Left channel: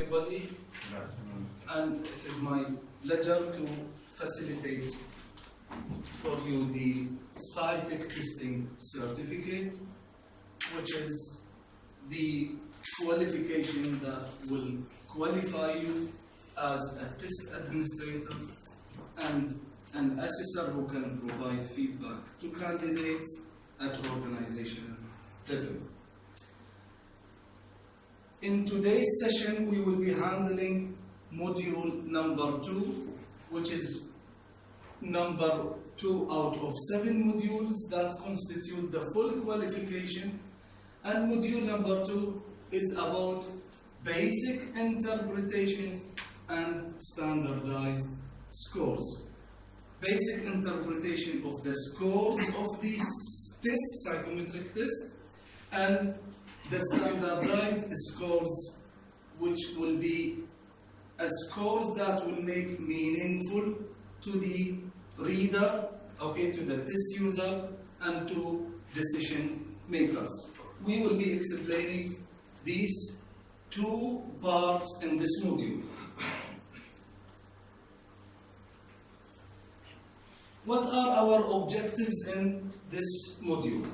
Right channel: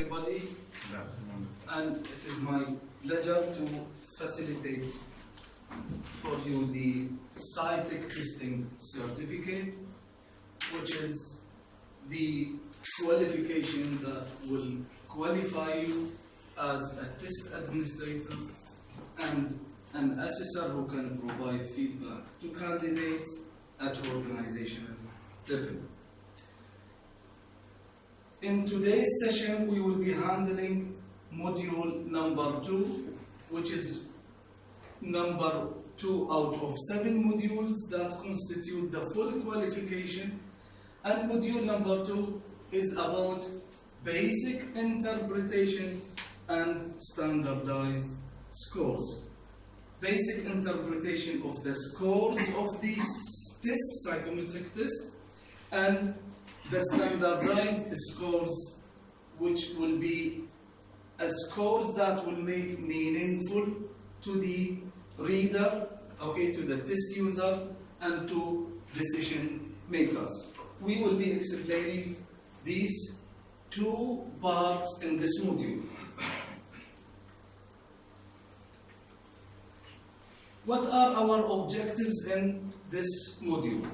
Everybody, and it is my pleasure to facilitate for you the SciTech testing certificate, which is the qualification that will qualify you as a test administrator and an assessor who can provide feedback to candidates at organizational level. In today's session, we will be handling module number 2, which is number 2 out of 7 modules that constitute the full qualification. And module number 2 is about basic interpretation and standardized scores. Basic interpretation of the scores of these tests, psychometric tests, and the standardized scores, which will be scores that will make meaningful to the reader, to the test user, and to decision makers. We will be explaining these two parts in this module. What are our objectives in this module?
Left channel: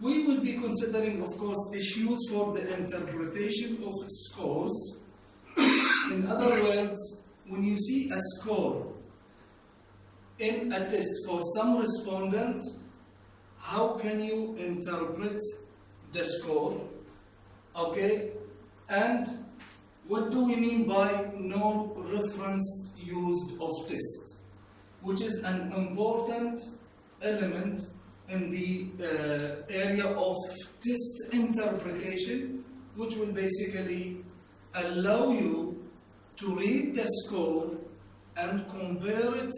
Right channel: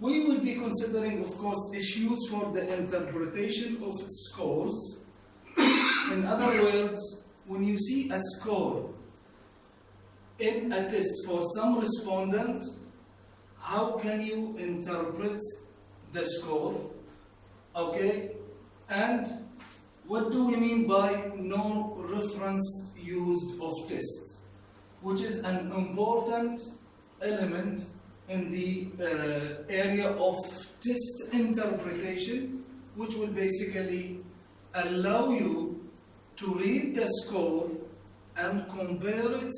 We will be considering, of course, issues for the interpretation of scores. In other words, when you see a score in a test for some respondent, how can you interpret the score? And what do we mean by no reference used of test, which is an important element in the area of test interpretation, which will basically allow you to read the score and compare it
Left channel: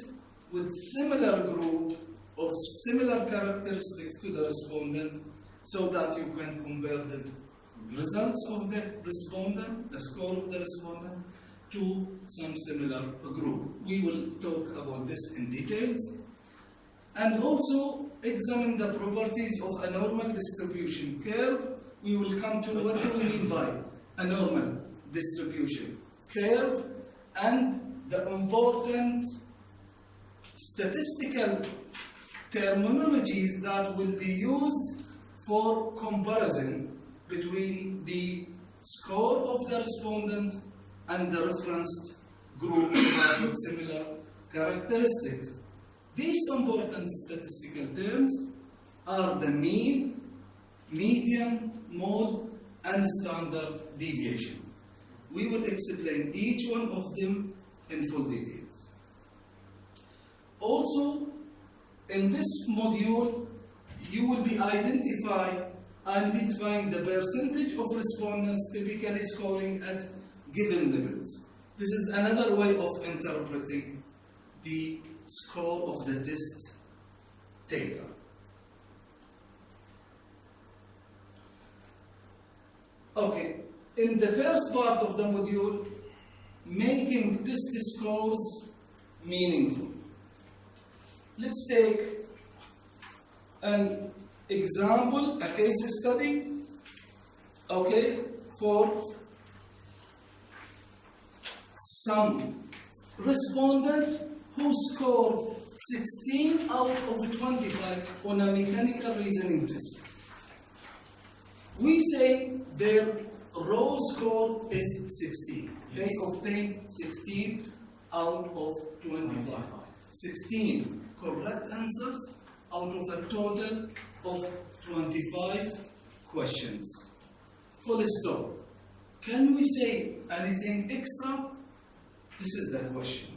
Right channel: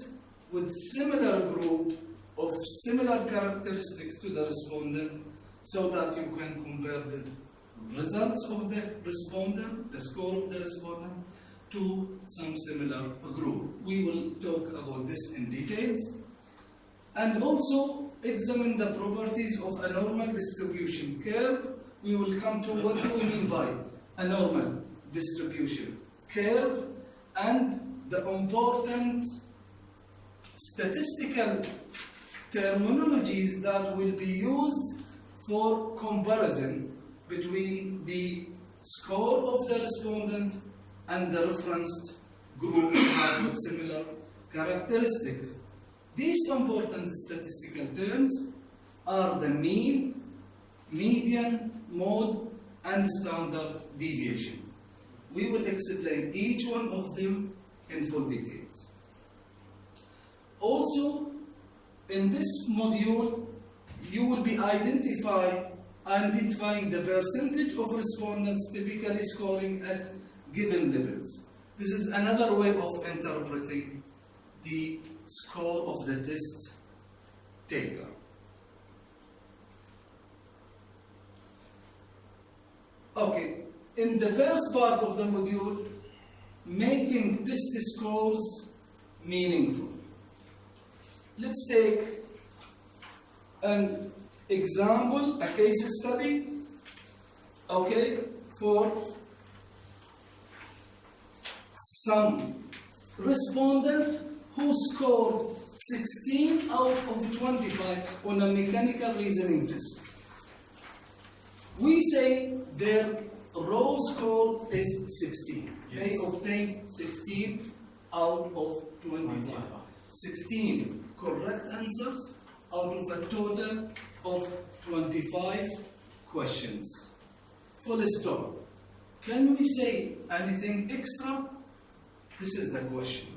with similar group of similar characteristics to the respondent, so that you can compare the results of the respondent, the score of the respondent, to some similar group. We will talk about this in details, and also examine the properties of a normal distribution curve. We will come to what do we mean by a normal distribution curve and the important statistical terminologies that will be used for comparison between the score of the respondent and the referenced group that with similar characteristics. These important statistical terms are the mean, median, mode, and standard deviation. We will explain each one of them in full details. Also, in this module, you will be identifying the percentage of respondents typically scoring at given levels. This is another way of interpreting the score of the test taker. In the first part of the module, making test scores meaningful. Let's take an example, a case study, for some respondent who scored 16 out of 25 on a mechanical reasoning test. We say their raw score is 16. Yes. They obtained 16 out of 25. 16 correct answers out of a total of 25 questions. Full stop. Can we say anything extra? This is the question.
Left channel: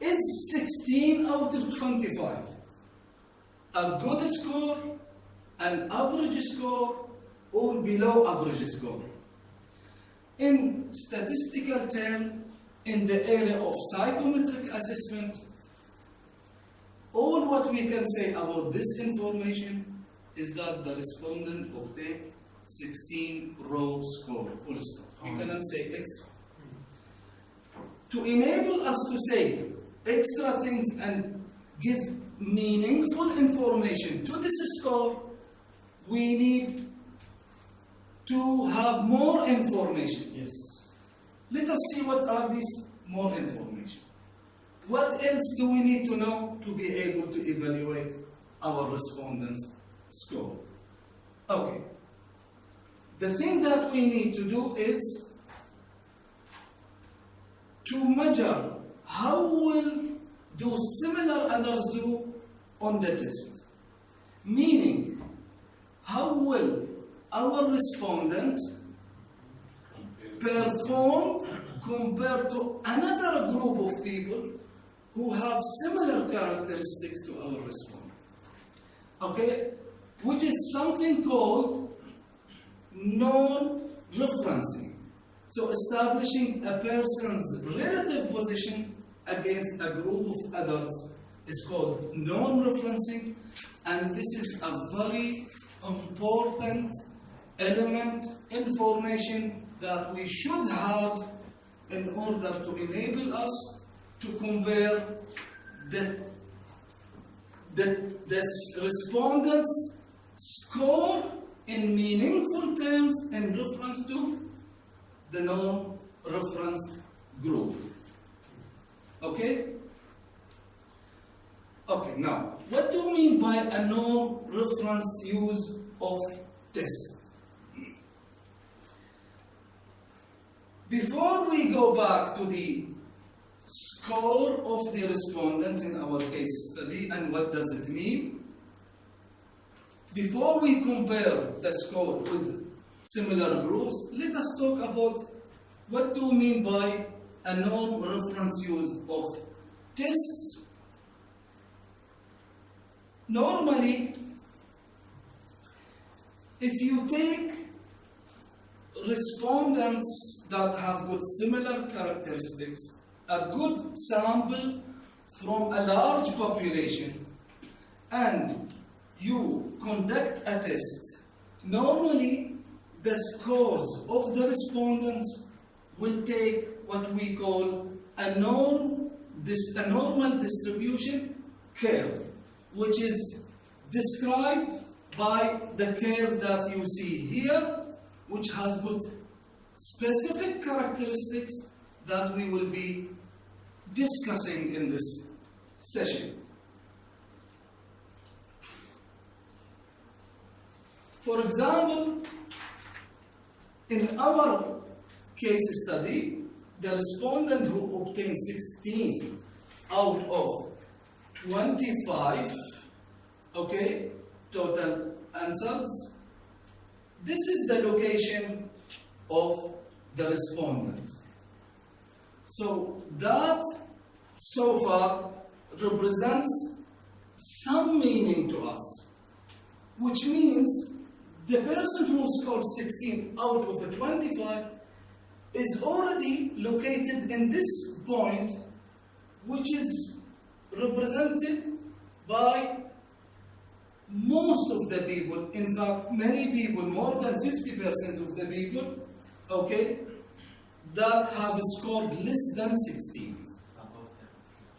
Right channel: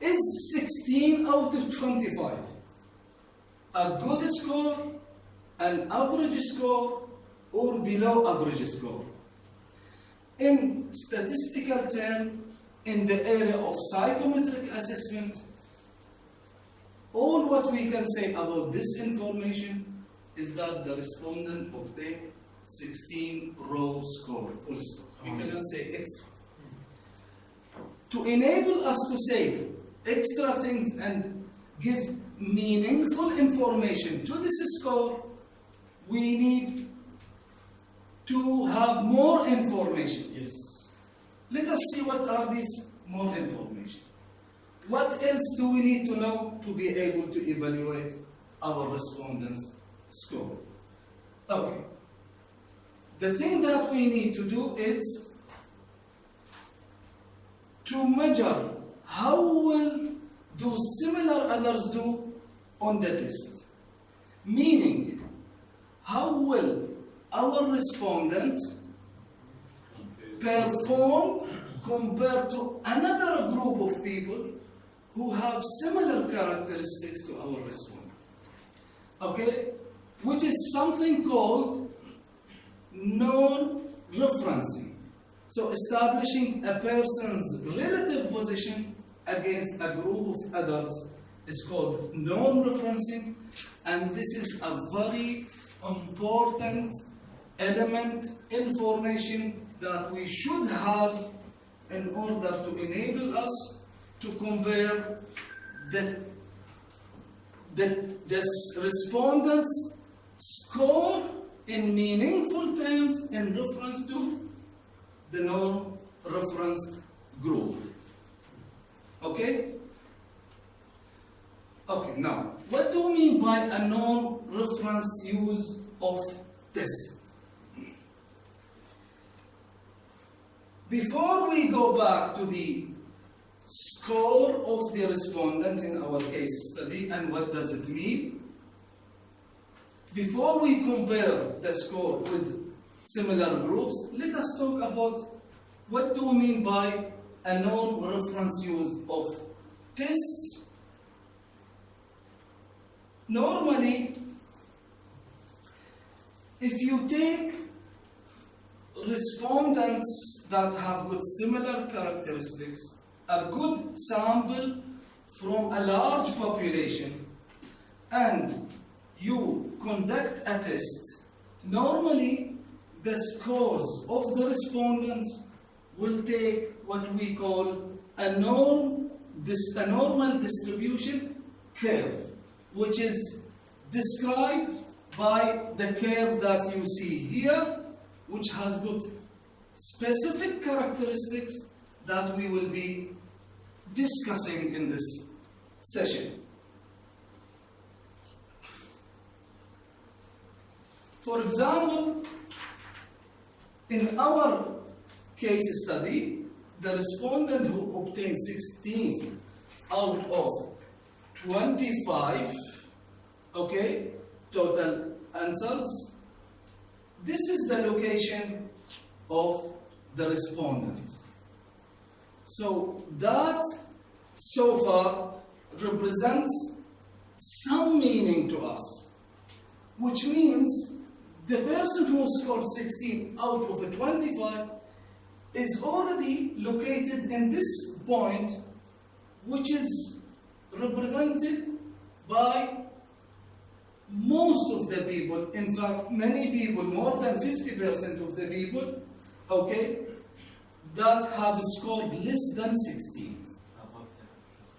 Is 16 out of 25 a good score, an average score, or below average score? In statistical terms, in the area of psychometric assessment, all what we can say about this information is that the respondent obtained 16 raw score, full stop. We cannot say extra. To enable us to say extra things and give meaningful information to this score, we need to have more information. Yes. Let us see what are these more information. What else do we need to know to be able to evaluate our respondents' score? Okay. The thing that we need to do is to measure how well do similar others do on the test. Meaning, how well our respondent performed compared to another group of people who have similar characteristics to our respondent. Okay? Which is something called non-referencing. So establishing a person's relative position against a group of others is called non-referencing, and this is a very important element, information that we should have in order to enable us to compare the respondents' score in meaningful terms in reference to the non-referenced group. Okay? Okay, now, what do we mean by a non-referenced use of tests? Before we go back to the score of the respondent in our case study and what does it mean, before we compare the score with similar groups, let us talk about what do we mean by a non-reference use of tests. Normally, if you take respondents that have got similar characteristics, a good sample from a large population, and you conduct a test, normally the scores of the respondents will take what we call a normal distribution curve, which is described by the curve that you see here, which has got specific characteristics that we will be discussing in this session. For example, in our case study, the respondent who obtained 16 out of 25, okay, total answers, this is the location of the respondent. So that so far represents some meaning to us, which means the person who scored 16 out of 25 is already located in this point, which is represented by most of the people. In fact, many people, more than 50% of the people, okay, that have scored less than 16.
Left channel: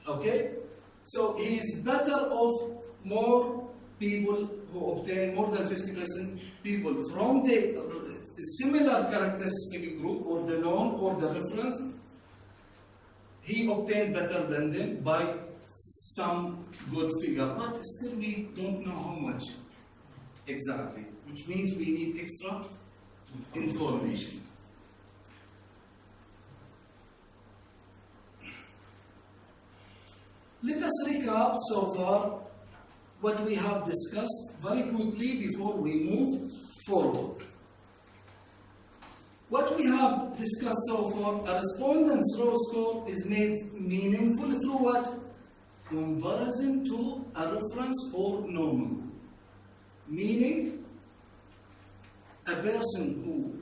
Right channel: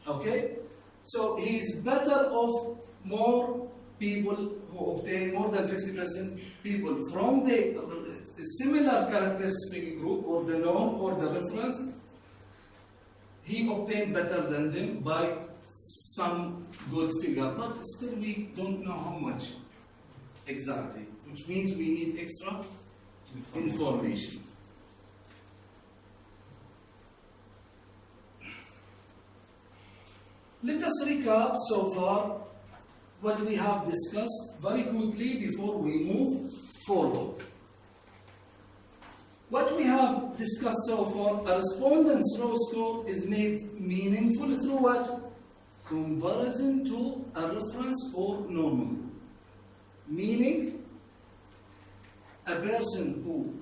Okay? So he is better off more people who obtain more than 50% people from the similar characteristic group or the norm or the reference. He obtained better than them by some good figure, but still we don't know how much exactly, which means we need extra information. Let us recap so far what we have discussed very quickly before we move forward. What we have discussed so far, a respondent's raw score is made meaningful through what? Comparison to a reference or normal. Meaning, a person who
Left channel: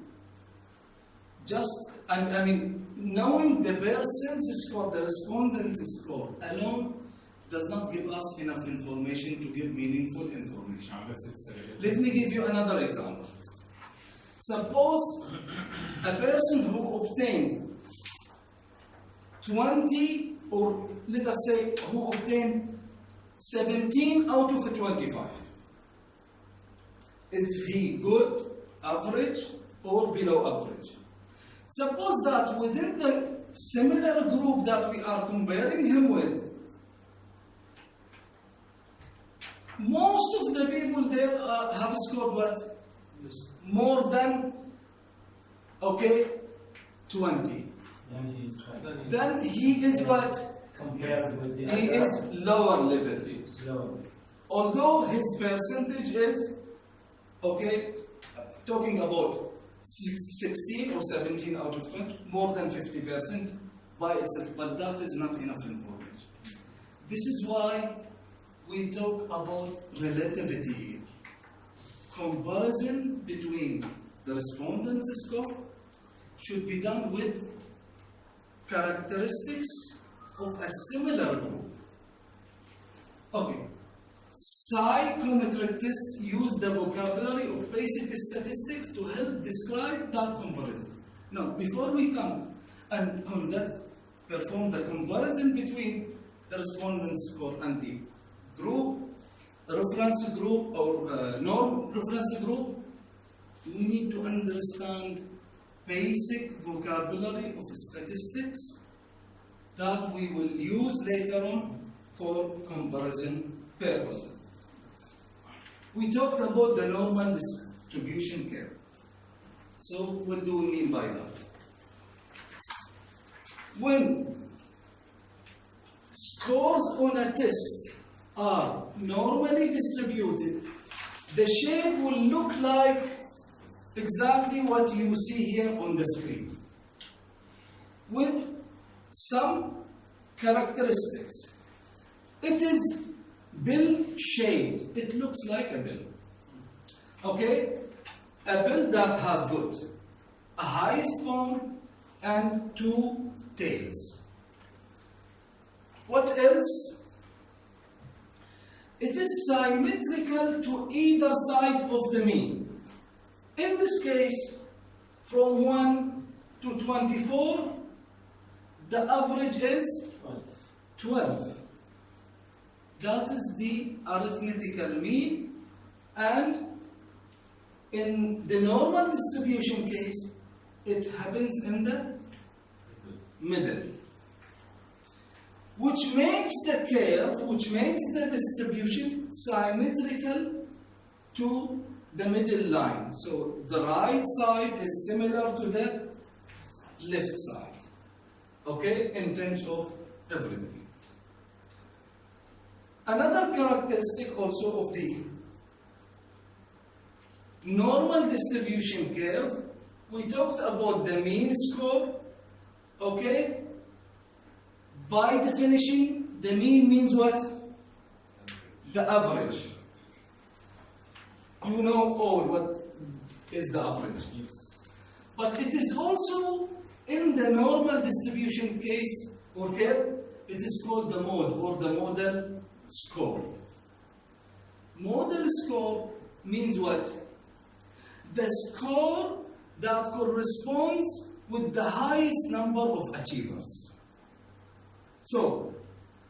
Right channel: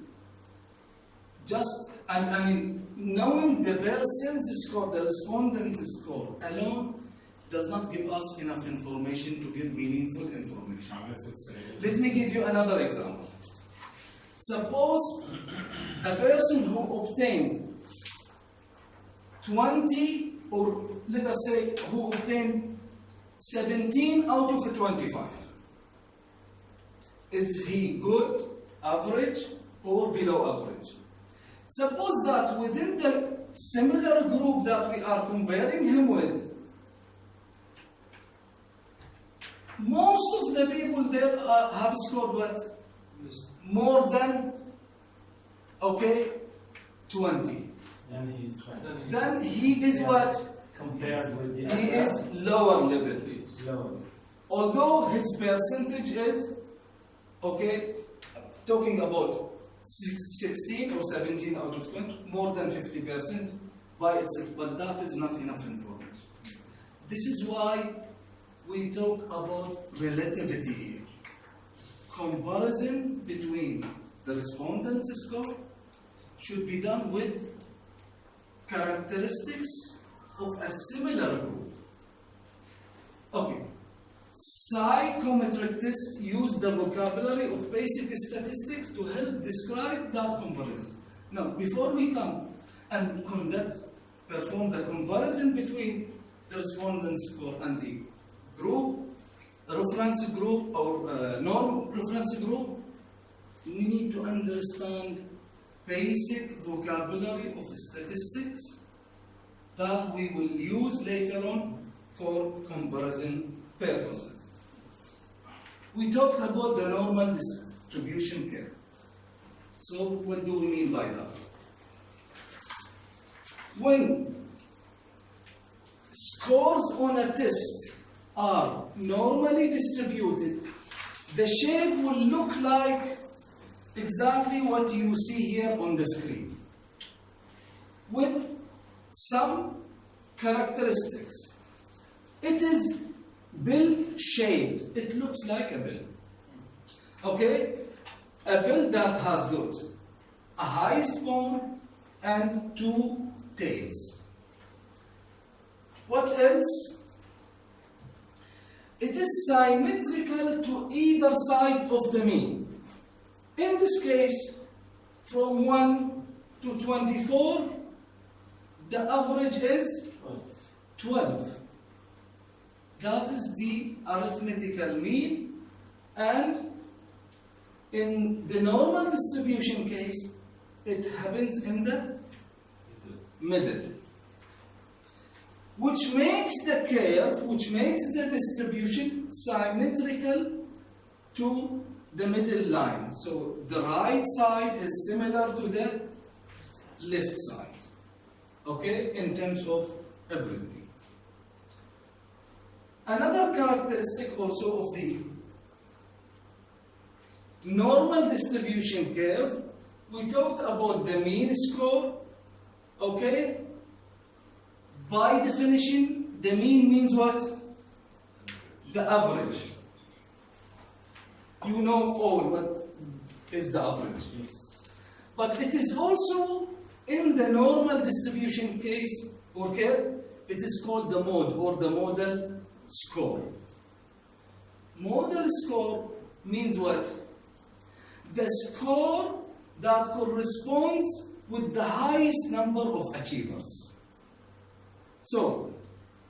knowing the person's score, the respondent's score alone does not give us enough information to give meaningful information. Let me give you another example. Suppose a person who obtained 20, or let us say who obtained 17 out of 25. Is he good, average, or below average. Suppose that within the similar group that we are comparing him with, most of the people there have scored what? More than, okay, 20. Then he is high. Then he is what? Compared with the He is lower level. lower. Although his percentage is, okay, talking about 16 or 17 out of 20, more than 50% by itself, but that is not enough information. This is why we talk about relativity here. Comparison between the respondents' score should be done with characteristics of a similar group. Okay. Psychometric tests use the vocabulary of basic statistics to help describe that comparison. Now, before we come and perform the comparison between the respondents' score and the group, reference group or norm reference group, we need to understand basic vocabulary of statistics that we will use later on for comparison purposes. We talked about the normal distribution curve. So what do we mean by that? When scores on a test are normally distributed, the shape will look like exactly what you see here on the screen, with some characteristics. It is bill-shaped. It looks like a bill. Okay? A bill that has got a highest bone and two tails. What else? It is symmetrical to either side of the mean. In this case, from 1 to 24, the average is 12. That is the arithmetical mean, and in the normal distribution case, it happens in the middle, which makes the curve, which makes the distribution symmetrical to the middle line. So the right side is similar to the left side, okay, in terms of everything. Another characteristic also of the normal distribution curve, we talked about the mean score, okay? By definition, the mean means what? The average. You know all what is the average. Yes. But it is also in the normal distribution case or curve, it is called the mode or the model score. Model score means what? The score that corresponds with the highest number of achievers. So,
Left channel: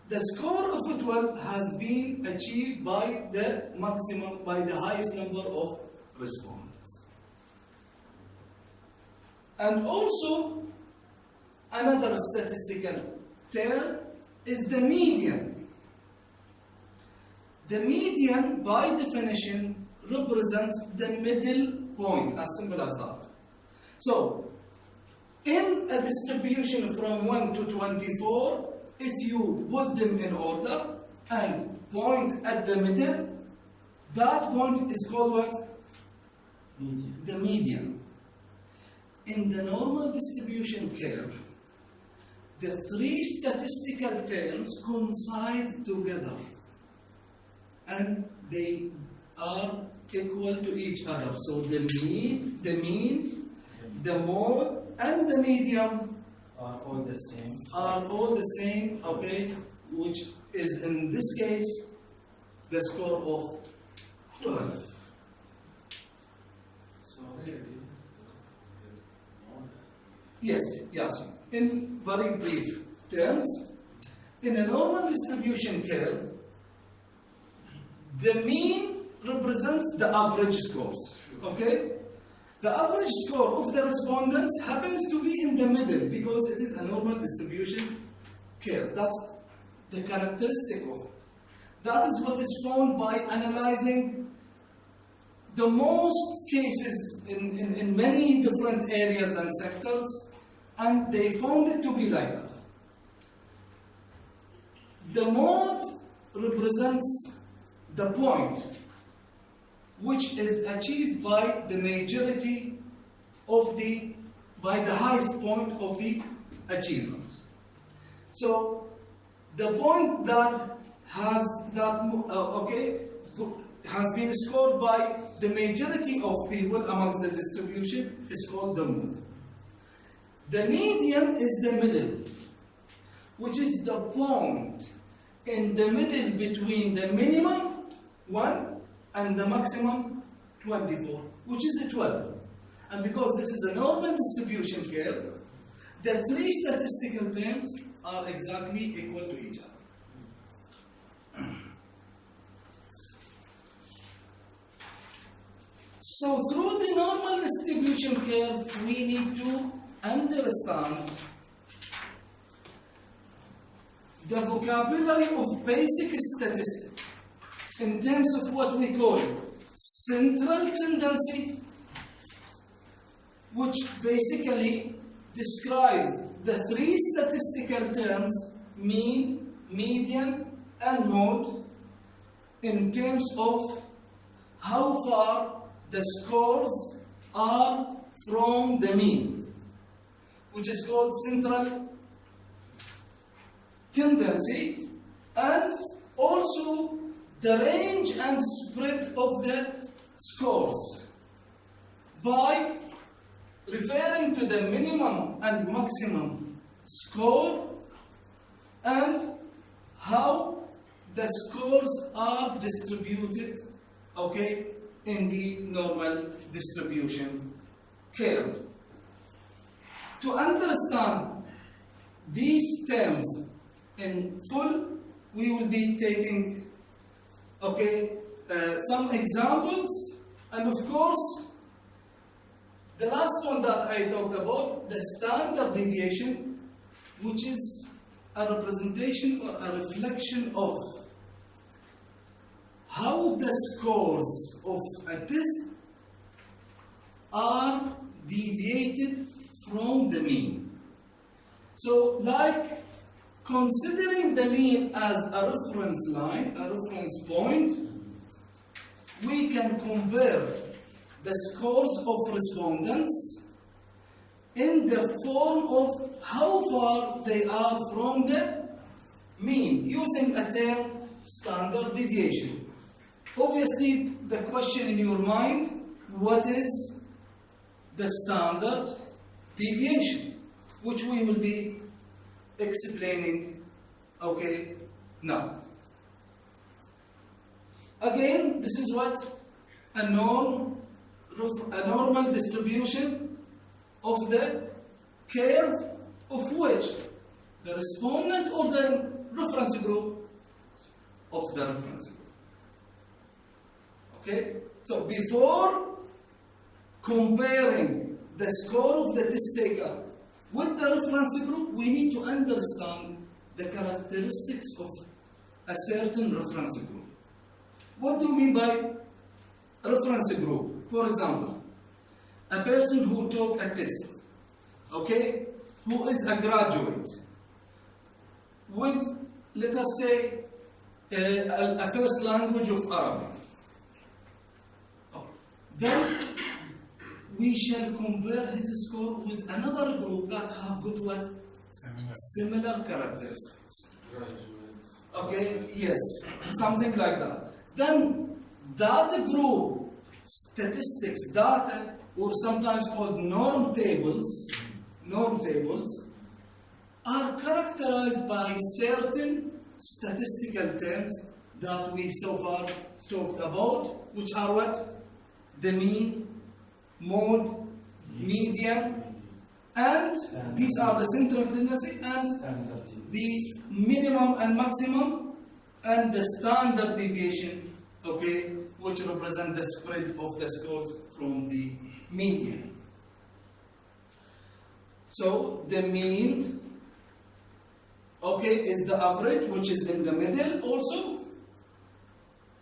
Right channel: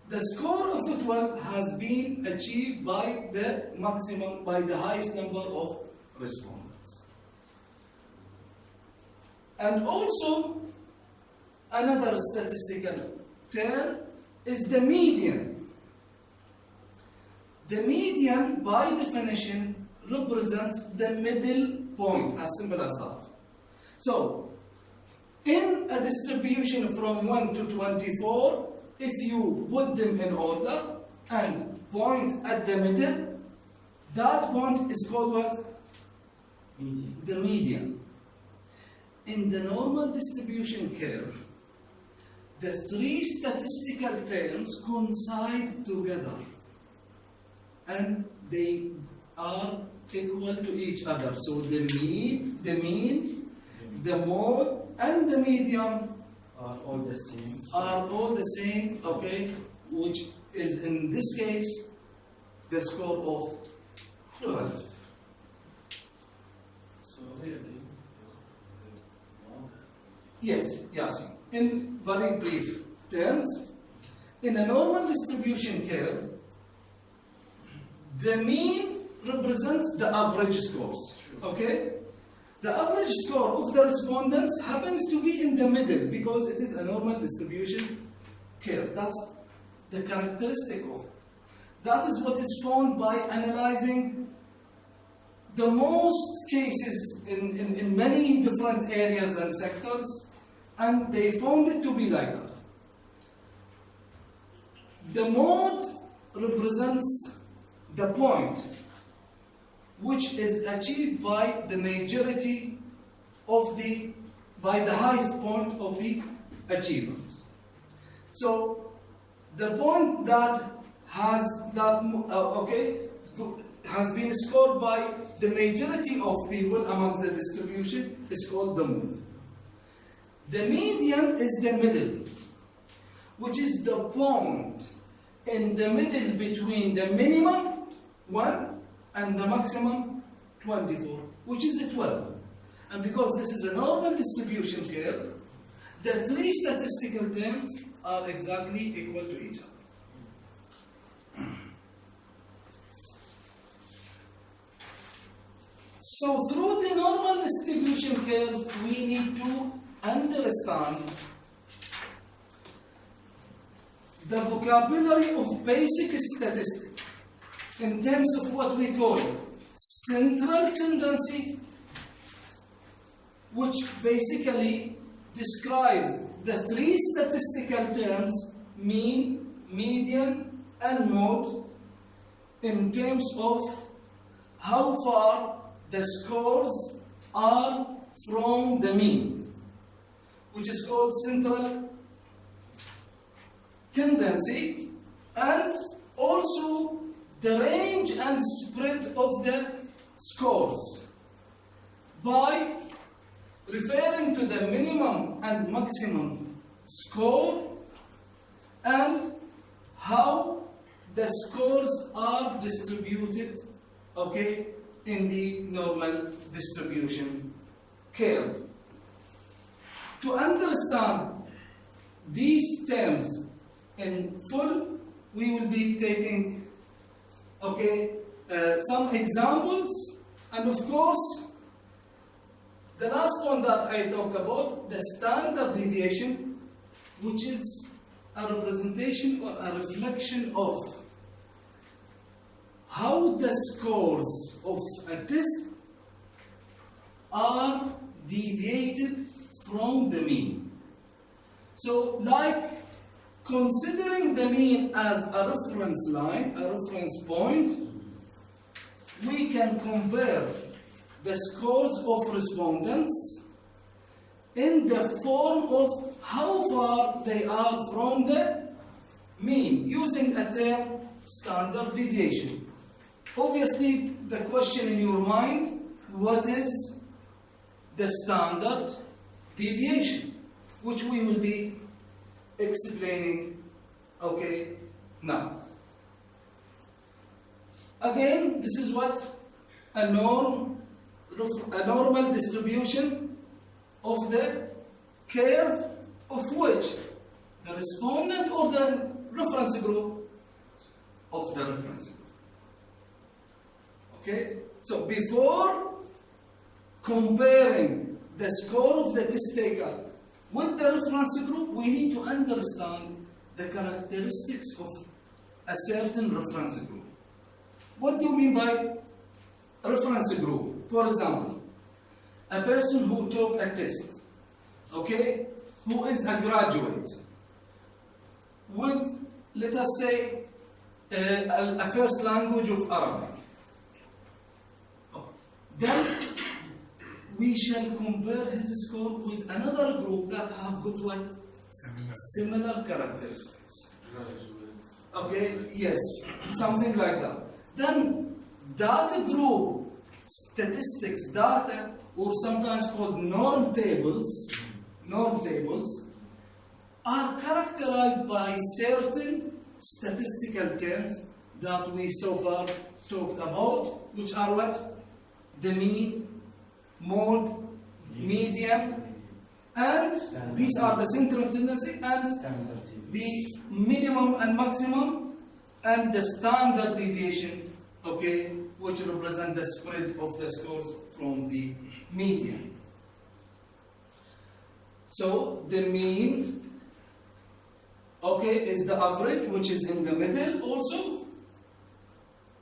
the score of 12 has been achieved by the maximum, by the highest number of respondents. And also, another statistical term is the median. The median, by definition, represents the middle point, as simple as that. So, in a distribution from 1 to 24, if you put them in order and point at the middle, that point is called what? Median. The median. In the normal distribution curve, the three statistical terms coincide together and they are equal to each other. So the mean, the mode, and the median Are all the same. are all the same, okay, which is in this case the score of 12. So really, Yes, yes. In very brief terms, in a normal distribution curve, the mean represents the average scores, okay? The average score of the respondents happens to be in the middle because it is a normal distribution curve. That's the characteristic of it. That is what is found by analyzing the most cases in many different areas and sectors, and they found it to be like that. The mode represents the point which is achieved by the majority of by the highest point of the achievers. So the point that has been scored by the majority of people amongst the distribution is called the mode. The median is the middle, which is the point in the middle between the minimum 1 and the maximum 24, which is a 12. And because this is a normal distribution curve, the three statistical terms are exactly equal to each other. So through the normal distribution curve, we need to understand the vocabulary of basic statistics in terms of what we call central tendency, which basically describes the three statistical terms, mean, median, and mode, in terms of how far the scores are from the mean, which is called central tendency, and also the range and spread of the scores by referring to the minimum and maximum score and how the scores are distributed, okay, in the normal distribution curve. To understand these terms in full, we will be taking, okay, some examples, and of course, the last one that I talked about, the standard deviation, which is a representation or a reflection of how the scores of a test are deviated from the mean. So, like considering the mean as a reference line, a reference point, we can compare the scores of respondents in the form of how far they are from the mean, using a term standard deviation. Obviously, the question in your mind, what is the standard deviation, which we will be explaining, okay, now. Again, this is what a normal distribution of the curve of which the respondent or the reference group of the reference group. Okay, so before comparing the score of the test taker with the reference group, we need to understand the characteristics of a certain reference group. What do we mean by reference group? For example, a person who took a test, okay, who is a graduate with, let us say, a first language of Arabic. Then we shall compare his score with another group that have got what? Similar characteristics. Okay, yes, something like that. Then that group statistics data, or sometimes called norm tables, are characterized by certain statistical terms that we so far talked about, which are what? The mean, mode, median, and these are the central tendency, and the minimum and maximum, and the standard deviation, okay, which represent the spread of the scores from the median. So the mean, okay, is the average, which is in the middle also.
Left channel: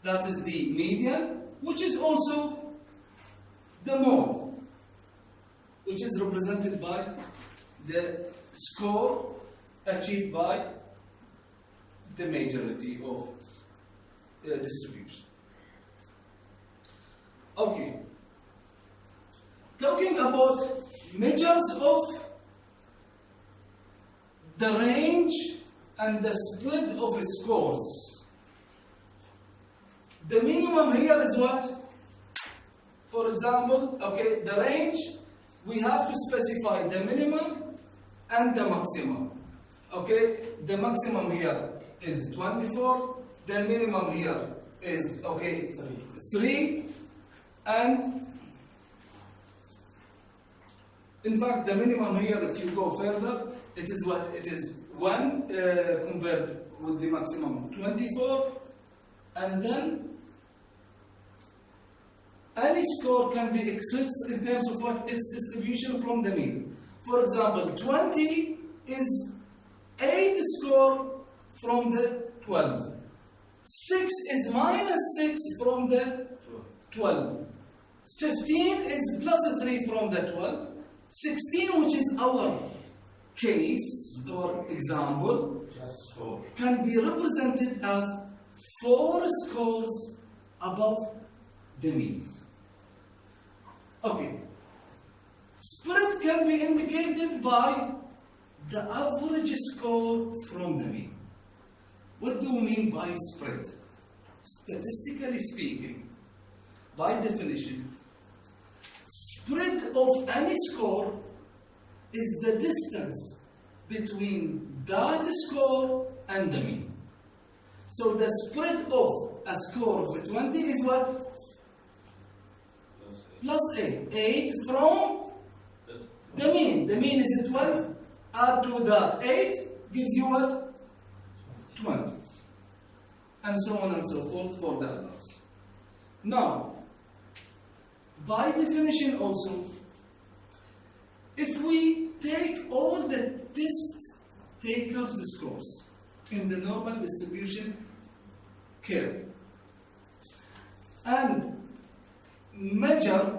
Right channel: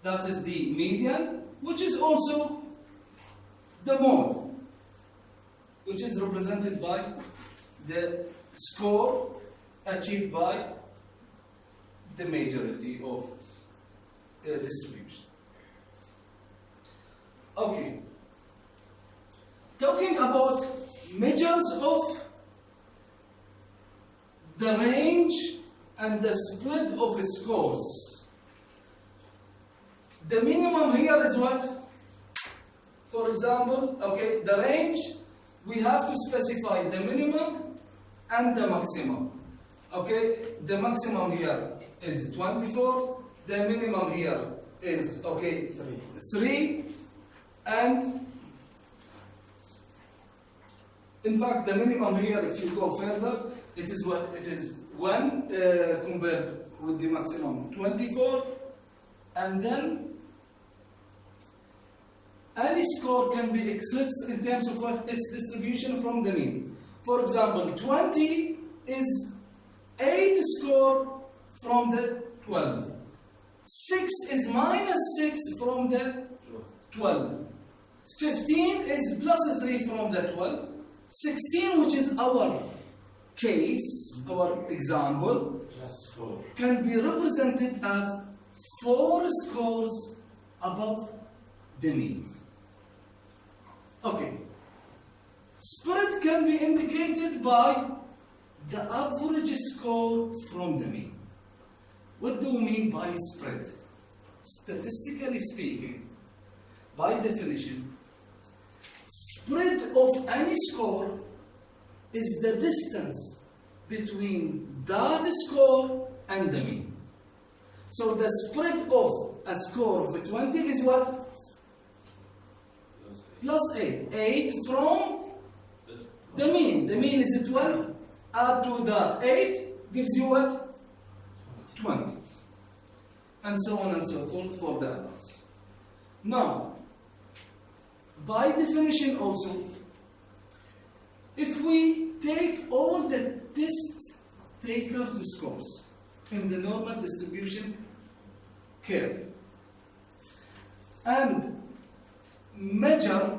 That is the median, which is also the mode, which is represented by the score achieved by the majority of distribution. Okay. Talking about measures of the range and the spread of scores. The minimum here is what? For example, okay, the range, we have to specify the minimum and the maximum. Okay, the maximum here is 24, the minimum here is, okay, 3, and in fact, the minimum here, if you go further, it is what? It is 1 compared with the maximum 24, and then any score can be expressed in terms of what? Its distribution from the mean. For example, 20 is 8 score from the 12. 6 is minus 6 from the 12. 15 is plus 3 from the 12. 16, which is our case, our example, can be represented as 4 scores above the mean. Okay. Spread can be indicated by the average score from the mean. What do we mean by spread? Statistically speaking, by definition, spread of any score is the distance between that score and the mean. So the spread of a score of 20 is what? Plus 8. 8 from the mean. The mean is 12. Add to that 8 gives you what? 20. And so on and so forth for the others. Now, by definition also, if we take all the test takers' scores in the normal distribution curve and measure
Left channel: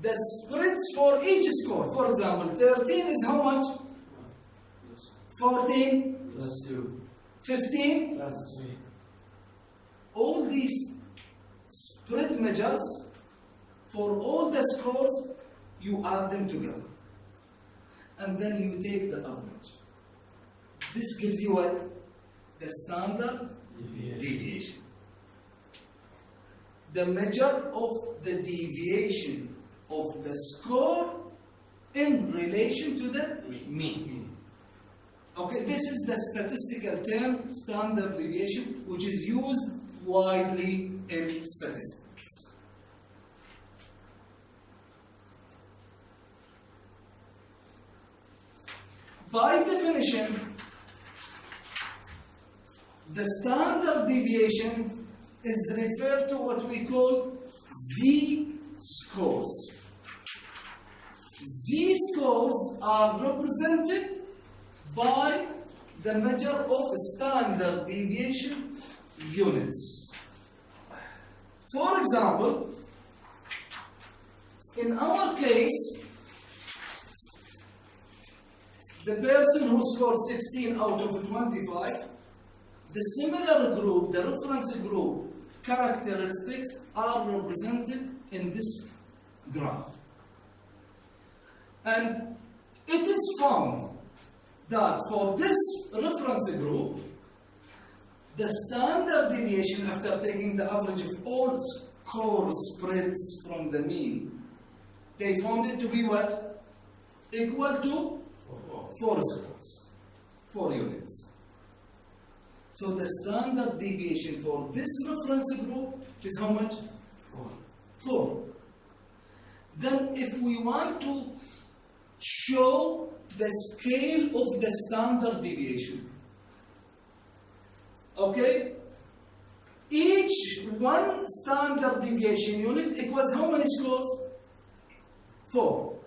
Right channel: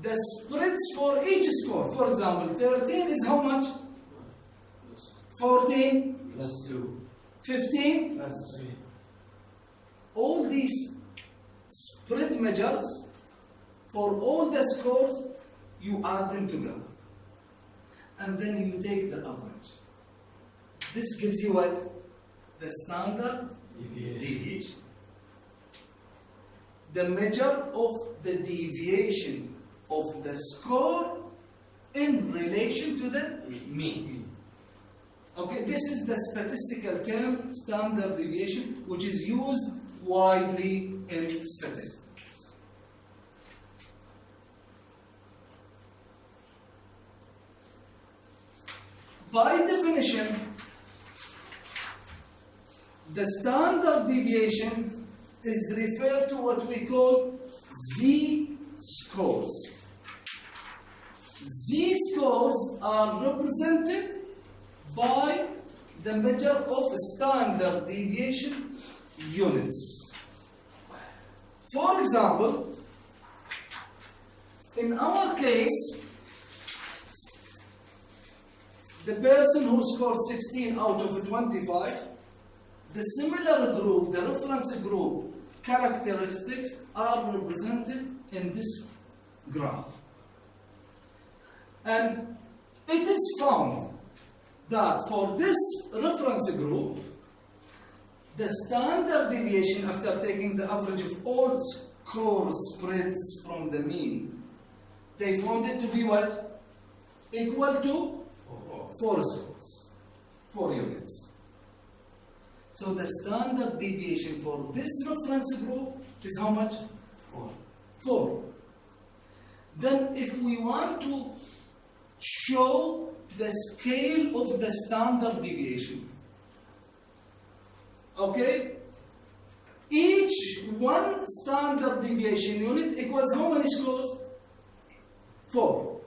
the spreads for each score, for example, 13 is how much? 14? Plus 2. 15? Plus 3. All these spread measures for all the scores, you add them together. And then you take the average. This gives you what? The standard deviation. The measure of the deviation of the score in relation to the mean. Okay, this is the statistical term, standard deviation, which is used widely in statistics. By definition, the standard deviation is referred to what we call z-scores. Z-scores are represented by the measure of standard deviation units. For example, in our case, the person who scored 16 out of 25, the similar group, the reference group characteristics are represented in this graph. And it is found that for this reference group, the standard deviation after taking the average of all score spreads from the mean, they found it to be what? Equal to 4 scores, 4 units. So the standard deviation for this reference group is how much? 4. Then if we want to show the scale of the standard deviation, okay, each each one standard deviation unit equals how many scores? 4.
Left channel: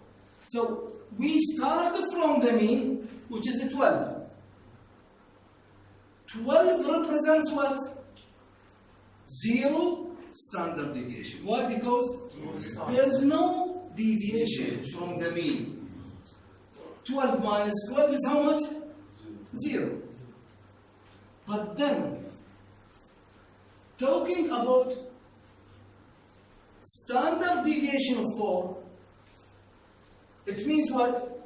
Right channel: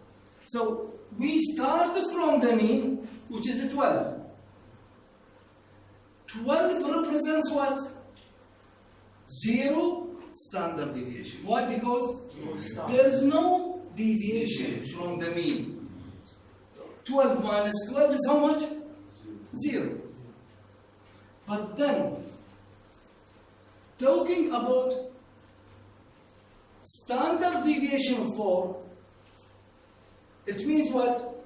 So we start from the mean, which is 12. 12 represents what? 0 standard deviation. Why? Because there is no deviation from the mean. 12 minus 12 is how much? 0. But then, talking about standard deviation of 4, it means what?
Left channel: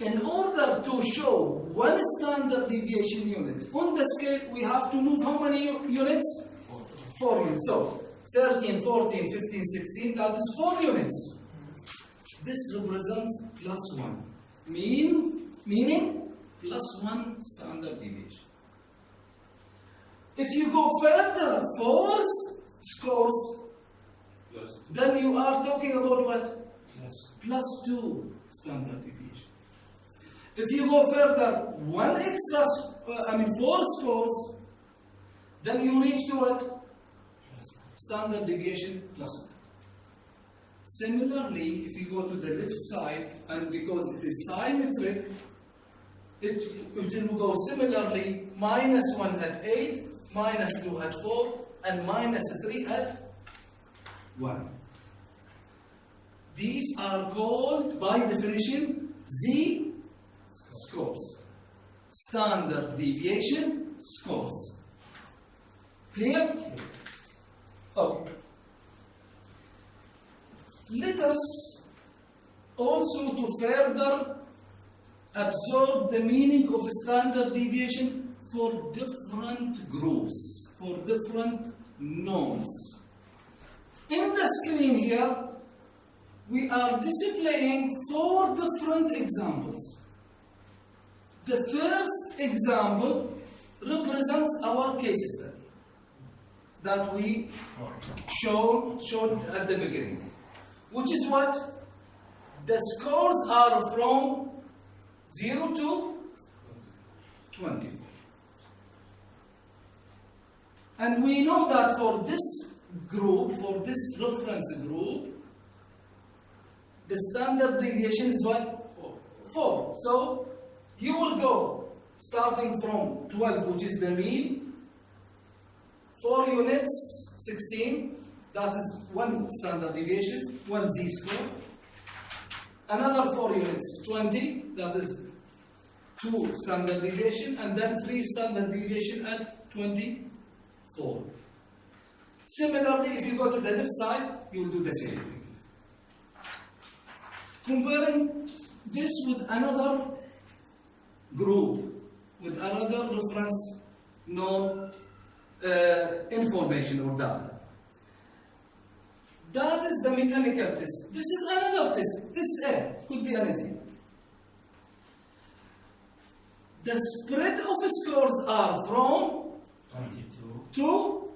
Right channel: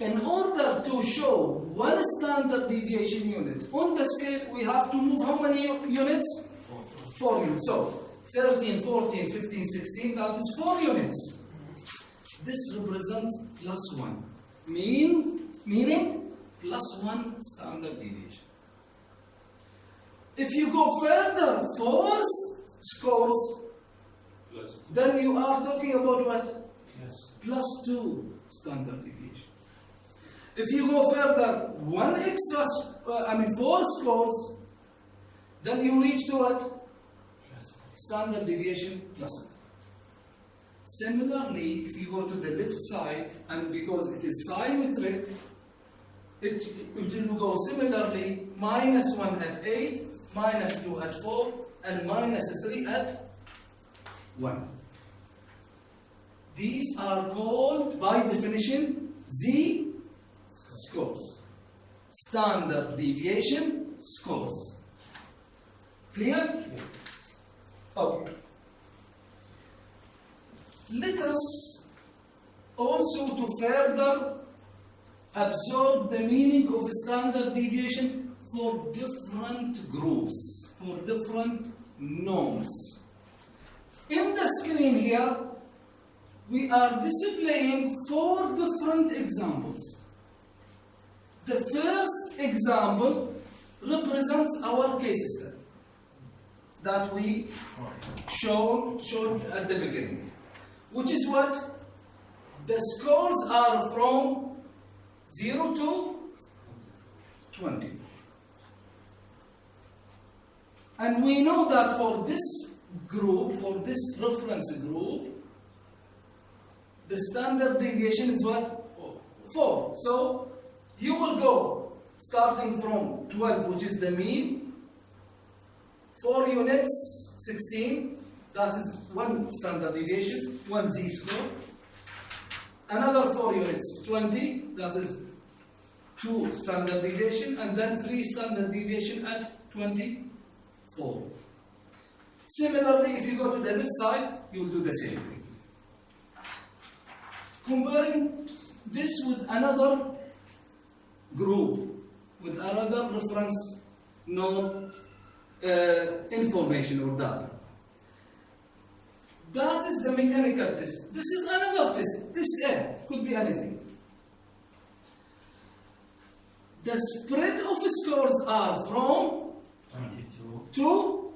In order to show one standard deviation unit on the scale, we have to move how many units? 4 units. So 13, 14, 15, 16, that is 4 units. This represents plus 1. Meaning plus 1 standard deviation. If you go further, 4 scores, then you are talking about what? Plus 2 standard deviation. If you go further, 4 scores, then you reach to what? Standard deviation plus 2. Similarly, if you go to the left side, and because it is symmetric, it will go similarly, minus 1 at 8, minus 2 at 4, and minus 3 at 1. These are called, by definition, Z-scores. Standard deviation scores. Clear? Okay. Let us also to further absorb the meaning of standard deviation for different groups, for different norms. In the screen here, we are displaying 4 different examples. The first example represents our case study that we showed at the beginning, which is what? The scores are from 0 to 20. And we know that for this group, for this reference group, the standard deviation is what? 4. So you will go starting from 12, which is the mean, 4 units, 16, that is 1 standard deviation, 1 z-score. Another 4 units, 20, that is 2 standard deviation, and then 3 standard deviation at 24. Similarly, if you go to the left side, you will do the same thing. Comparing this with another group, with another reference node information or data. That is the mechanical test. This is another test. Test A, could be anything. The spread of scores are from 22 to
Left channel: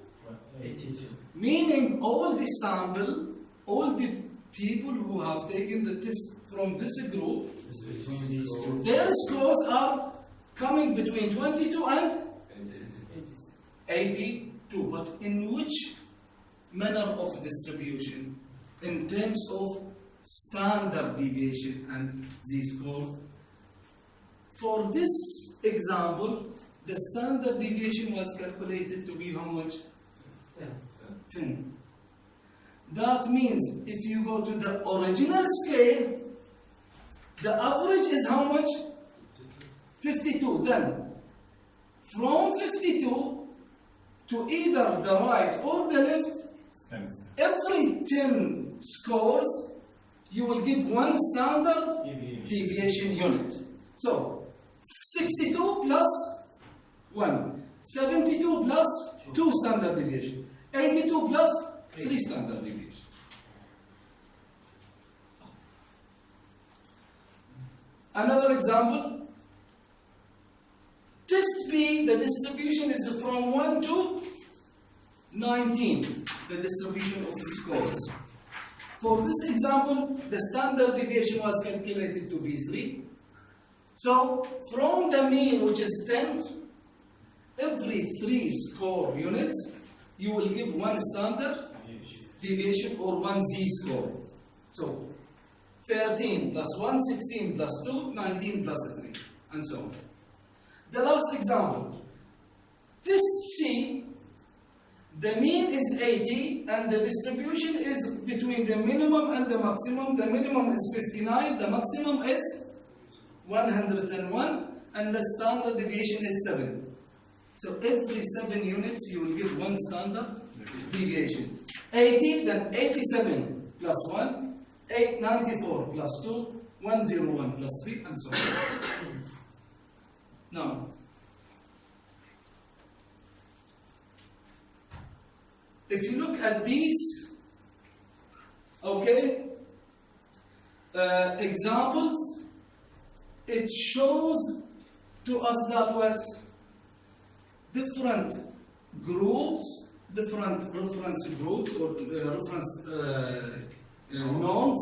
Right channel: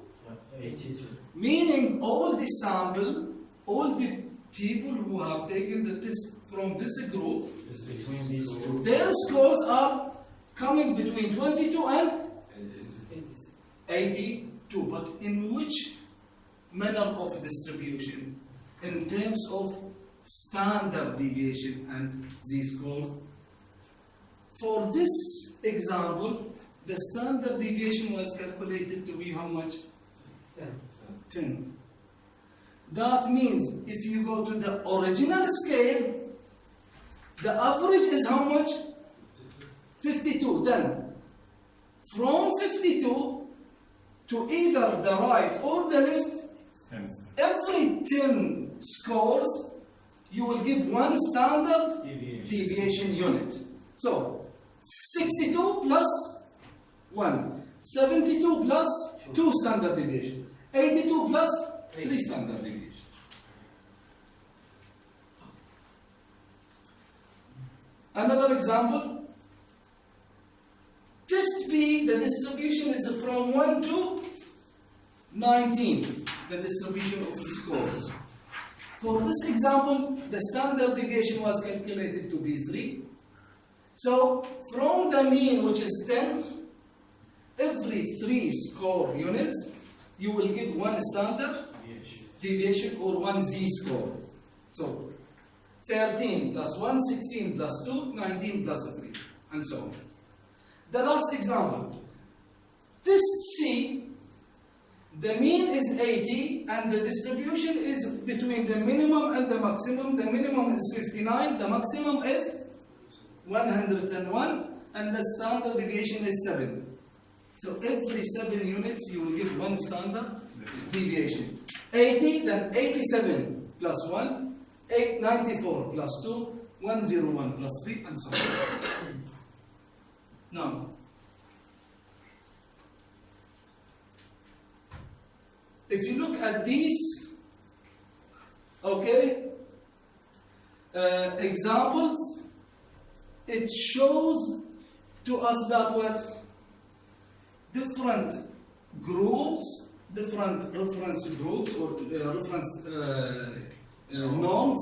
82. Meaning all the sample, all the people who have taken the test from this group, Is between these two. their scores are coming between 22 and 82. But in which manner of distribution? In terms of standard deviation and z-scores. For this example, the standard deviation was calculated to be how much? 10. That means if you go to the original scale, the average is how much? 52. Then, from 52 to either the right or the left, every 10 scores, you will give 1 standard deviation unit. So, 62 plus 1, 72 plus 2 standard deviation, 82 plus 3 standard deviation. Another example, test B, the distribution is from 1 to 19, the distribution of the scores. For this example, the standard deviation was calculated to be 3. So, from the mean, which is 10, every 3 score units, you will give one standard deviation or one z-score. So 13 plus 1, 16 plus 2, 19 plus 3, and so on. The last example. Test C, the mean is 80 and the distribution is between the minimum and the maximum. The minimum is 59, the maximum is 101, and the standard deviation is 7. So every 7 units you will get one standard deviation. 80, then 87 plus 1, 894 plus 2, 101 plus 3, and so on. Now, if you look at these, okay, examples, it shows to us that what? Different groups, different reference groups or reference norms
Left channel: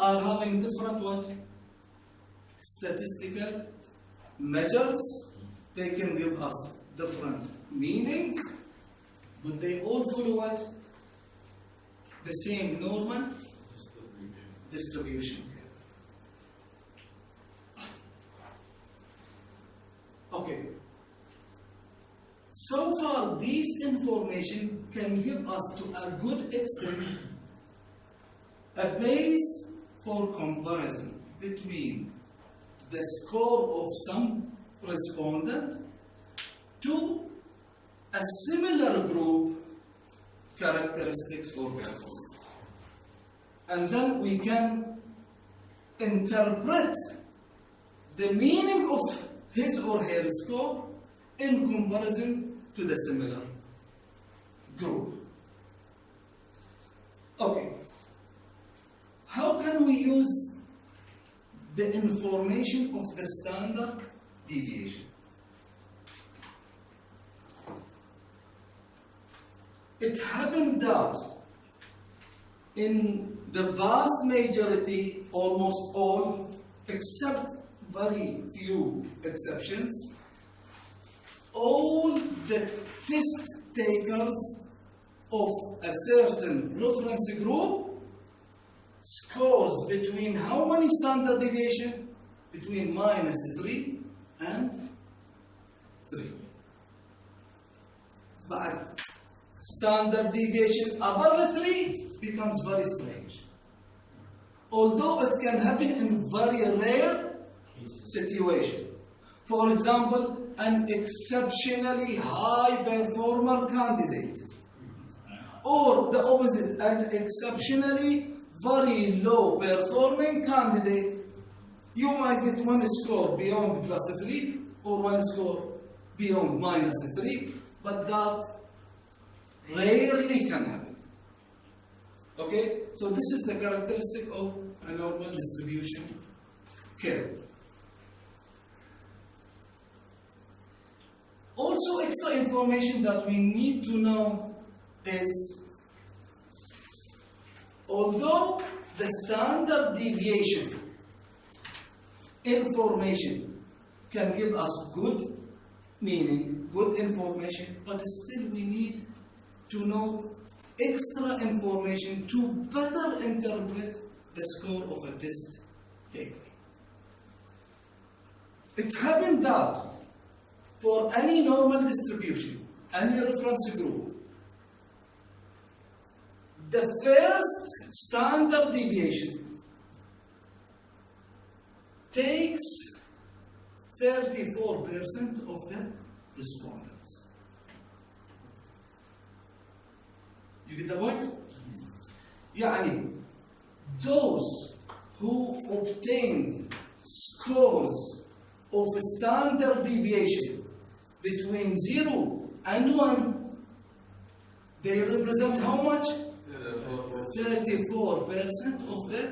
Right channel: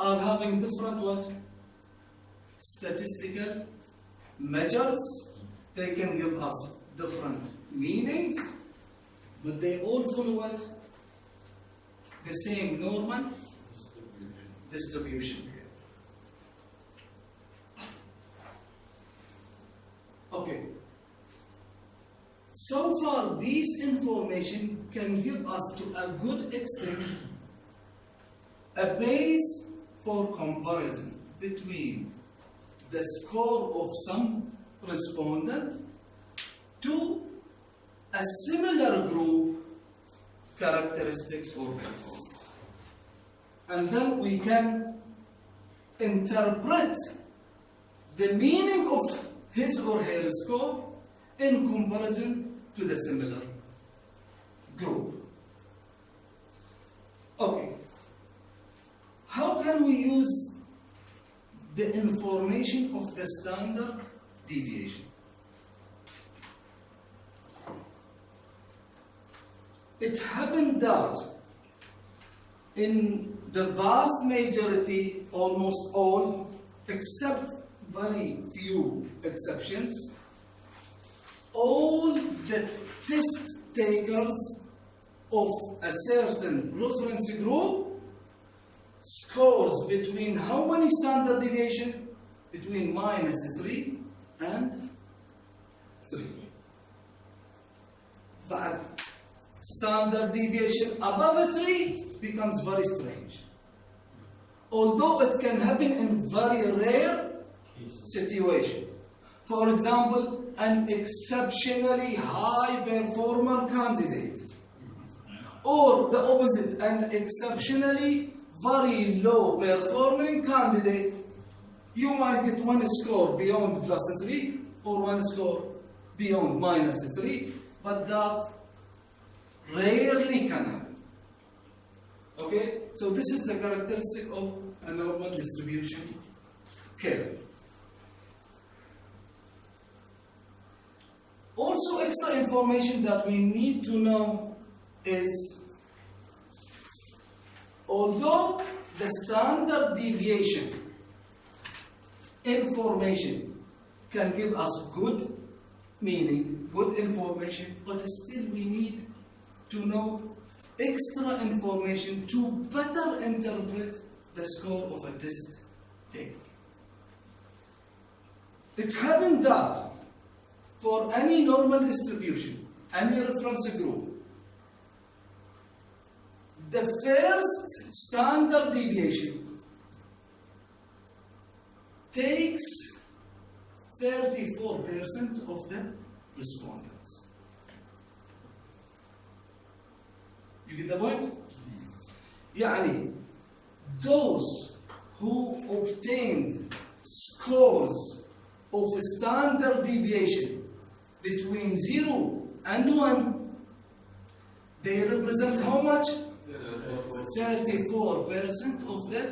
are having different what? Statistical measures. They can give us different meanings, but they all follow what? The same normal distribution. Okay. So far, this information can give us to a good extent a base for comparison between the score of some respondent to a similar group characteristics or performance. And then we can interpret the meaning of his or her score in comparison to the similar group. Okay. How can we use the information of the standard deviation? It happened that in the vast majority, almost all, except very few exceptions, all the test takers of a certain reference group scores between how many standard deviation? Between -3 and 3. But standard deviation above 3 becomes very strange. Although it can happen in very rare situation. For example, an exceptionally high performer candidate, or the opposite, an exceptionally very low performing candidate, you might get one score beyond +3 or one score beyond -3, but that rarely can happen. Okay, so this is the characteristic of a normal distribution curve. Also, extra information that we need to know is, although the standard deviation information can give us good meaning, good information, but still we need to know extra information to better interpret the score of a test taker. It happened that for any normal distribution, any reference group, the first standard deviation takes 34% of the respondents. You get the point? يعني, those who obtained scores of a standard deviation between 0 and 1, they represent how much? 34% of the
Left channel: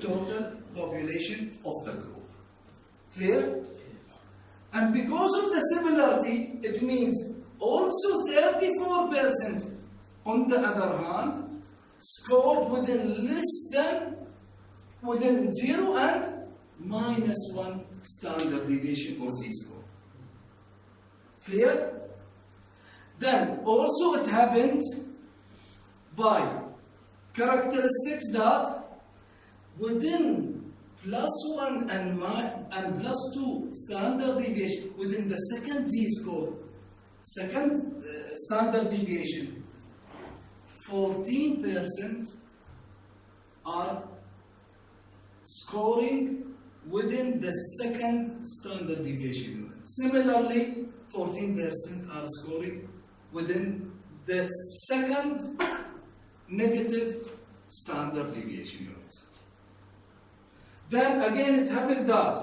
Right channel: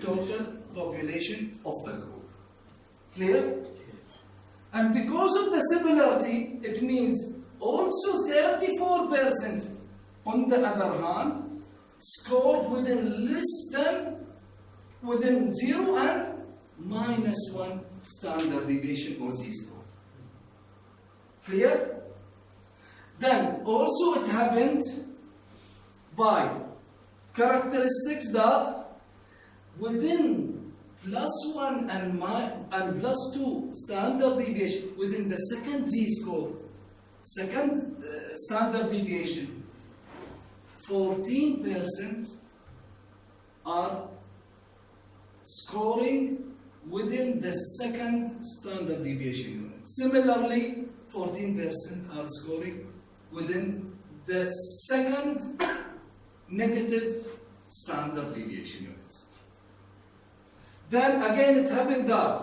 total population of the group. Clear? And because of the similarity, it means also 34% on the other hand scored within 0 and -1 standard deviation or z-score. Clear? Then also it happened by characteristics that within +1 and +2 standard deviation within the second z-score, second standard deviation, 14% are scoring within the second standard deviation unit. Similarly, 14% are scoring within the second negative standard deviation unit. Then again it happened that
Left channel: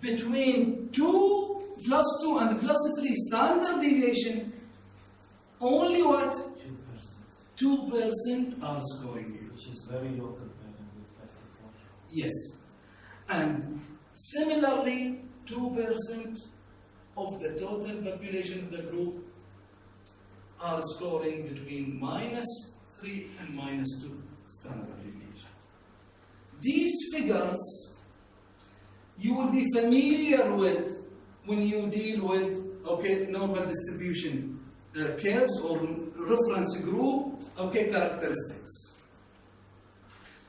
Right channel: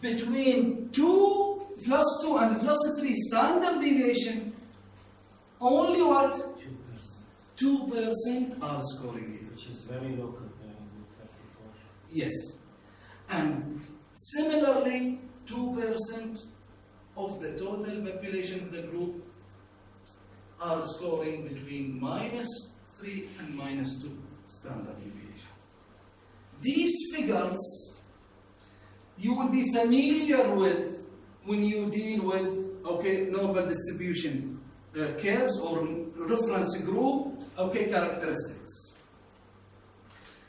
between +2 and +3 standard deviation, only what? 2% are scoring here. Which is very low compared with 54. Yes. And similarly, 2% of the total population of the group are scoring between -3 and -2 standard deviation. These figures you will be familiar with when you deal with normal distribution curves or reference group characteristics.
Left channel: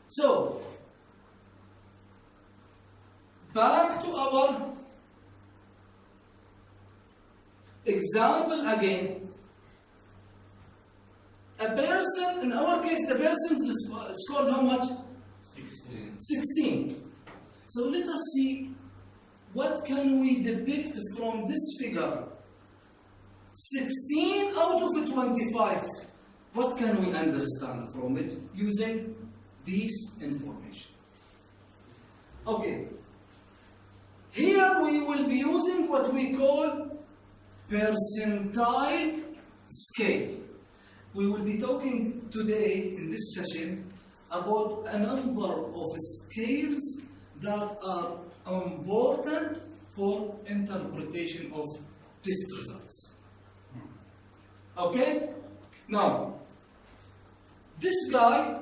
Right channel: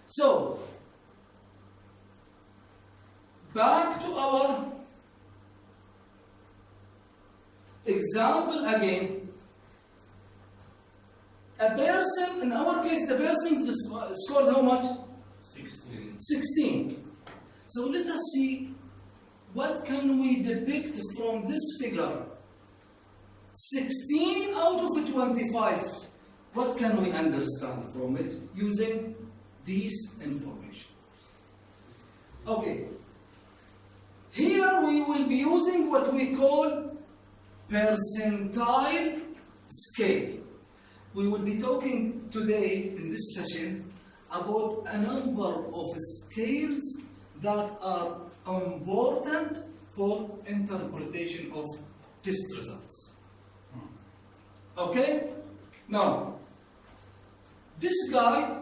So back to our example again. A person, in our case, the person scored how much? 16. So let us see what can we depict from this figure. 16 out of 25. What can we understand from it using this information? Okay. Here we will be using what we call percentile scale. We will be talking today in this session about a number of scales that are important for interpretation of test results. Okay? Now, this guy,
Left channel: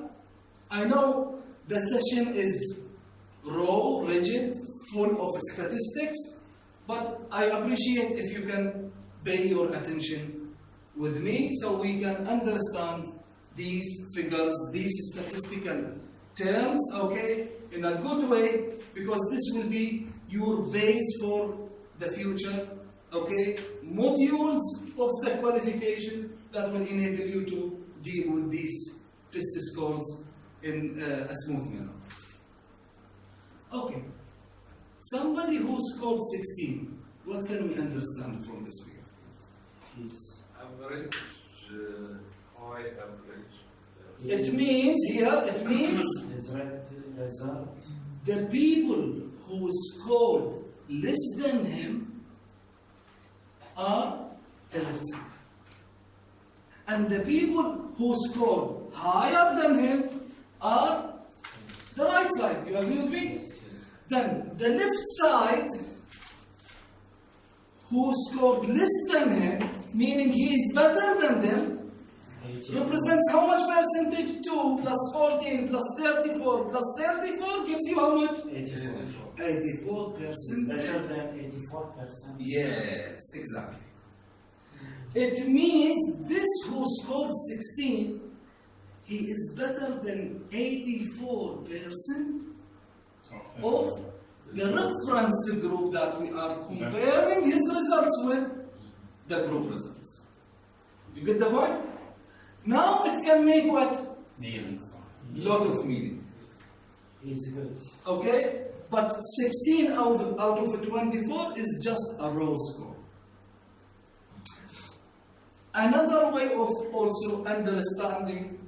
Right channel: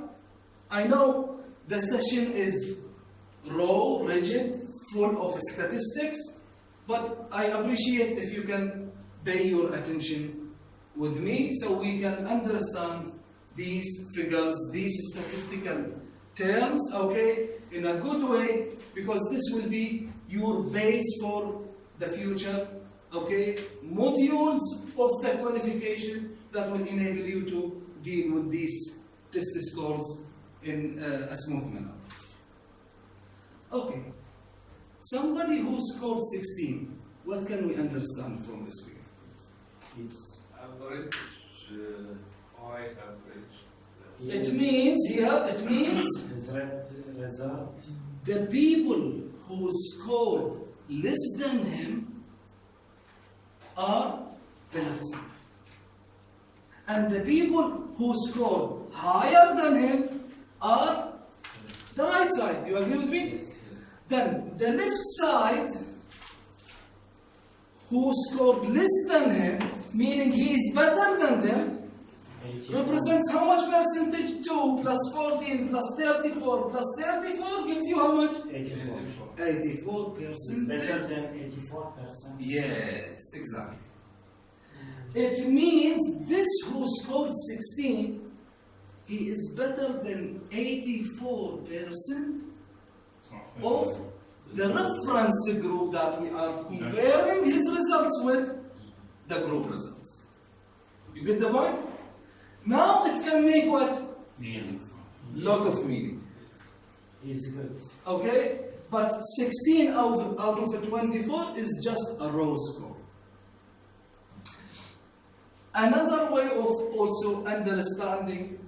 I know the session is raw, rigid, full of statistics, but I appreciate if you can pay your attention with me so we can understand these figures, these statistical terms, in a good way, because this will be your base for the future, modules of the qualification that will enable you to deal with these test scores in a smooth manner. Okay, somebody who scored 16, what can we understand from this figure? Is Average, high average. It means result. the people who scored less than him are the left side. And the people who scored higher than him are the right side. You agree with me? Yes. Then the left side who scored less than him, meaning he is better than them, 80. represents how much percentage? 2 plus 14 plus 34 plus 34 gives you how much? 84. 84%. Better than 84%. Yes, exactly. It means this who scored 16, he is better than 84% of the reference group that we are comparing his results with the group results. You get the point? Now it can make what? Lot of meaning. Is good. Okay? But 16 out of 24 is just a raw score. Another way of also understanding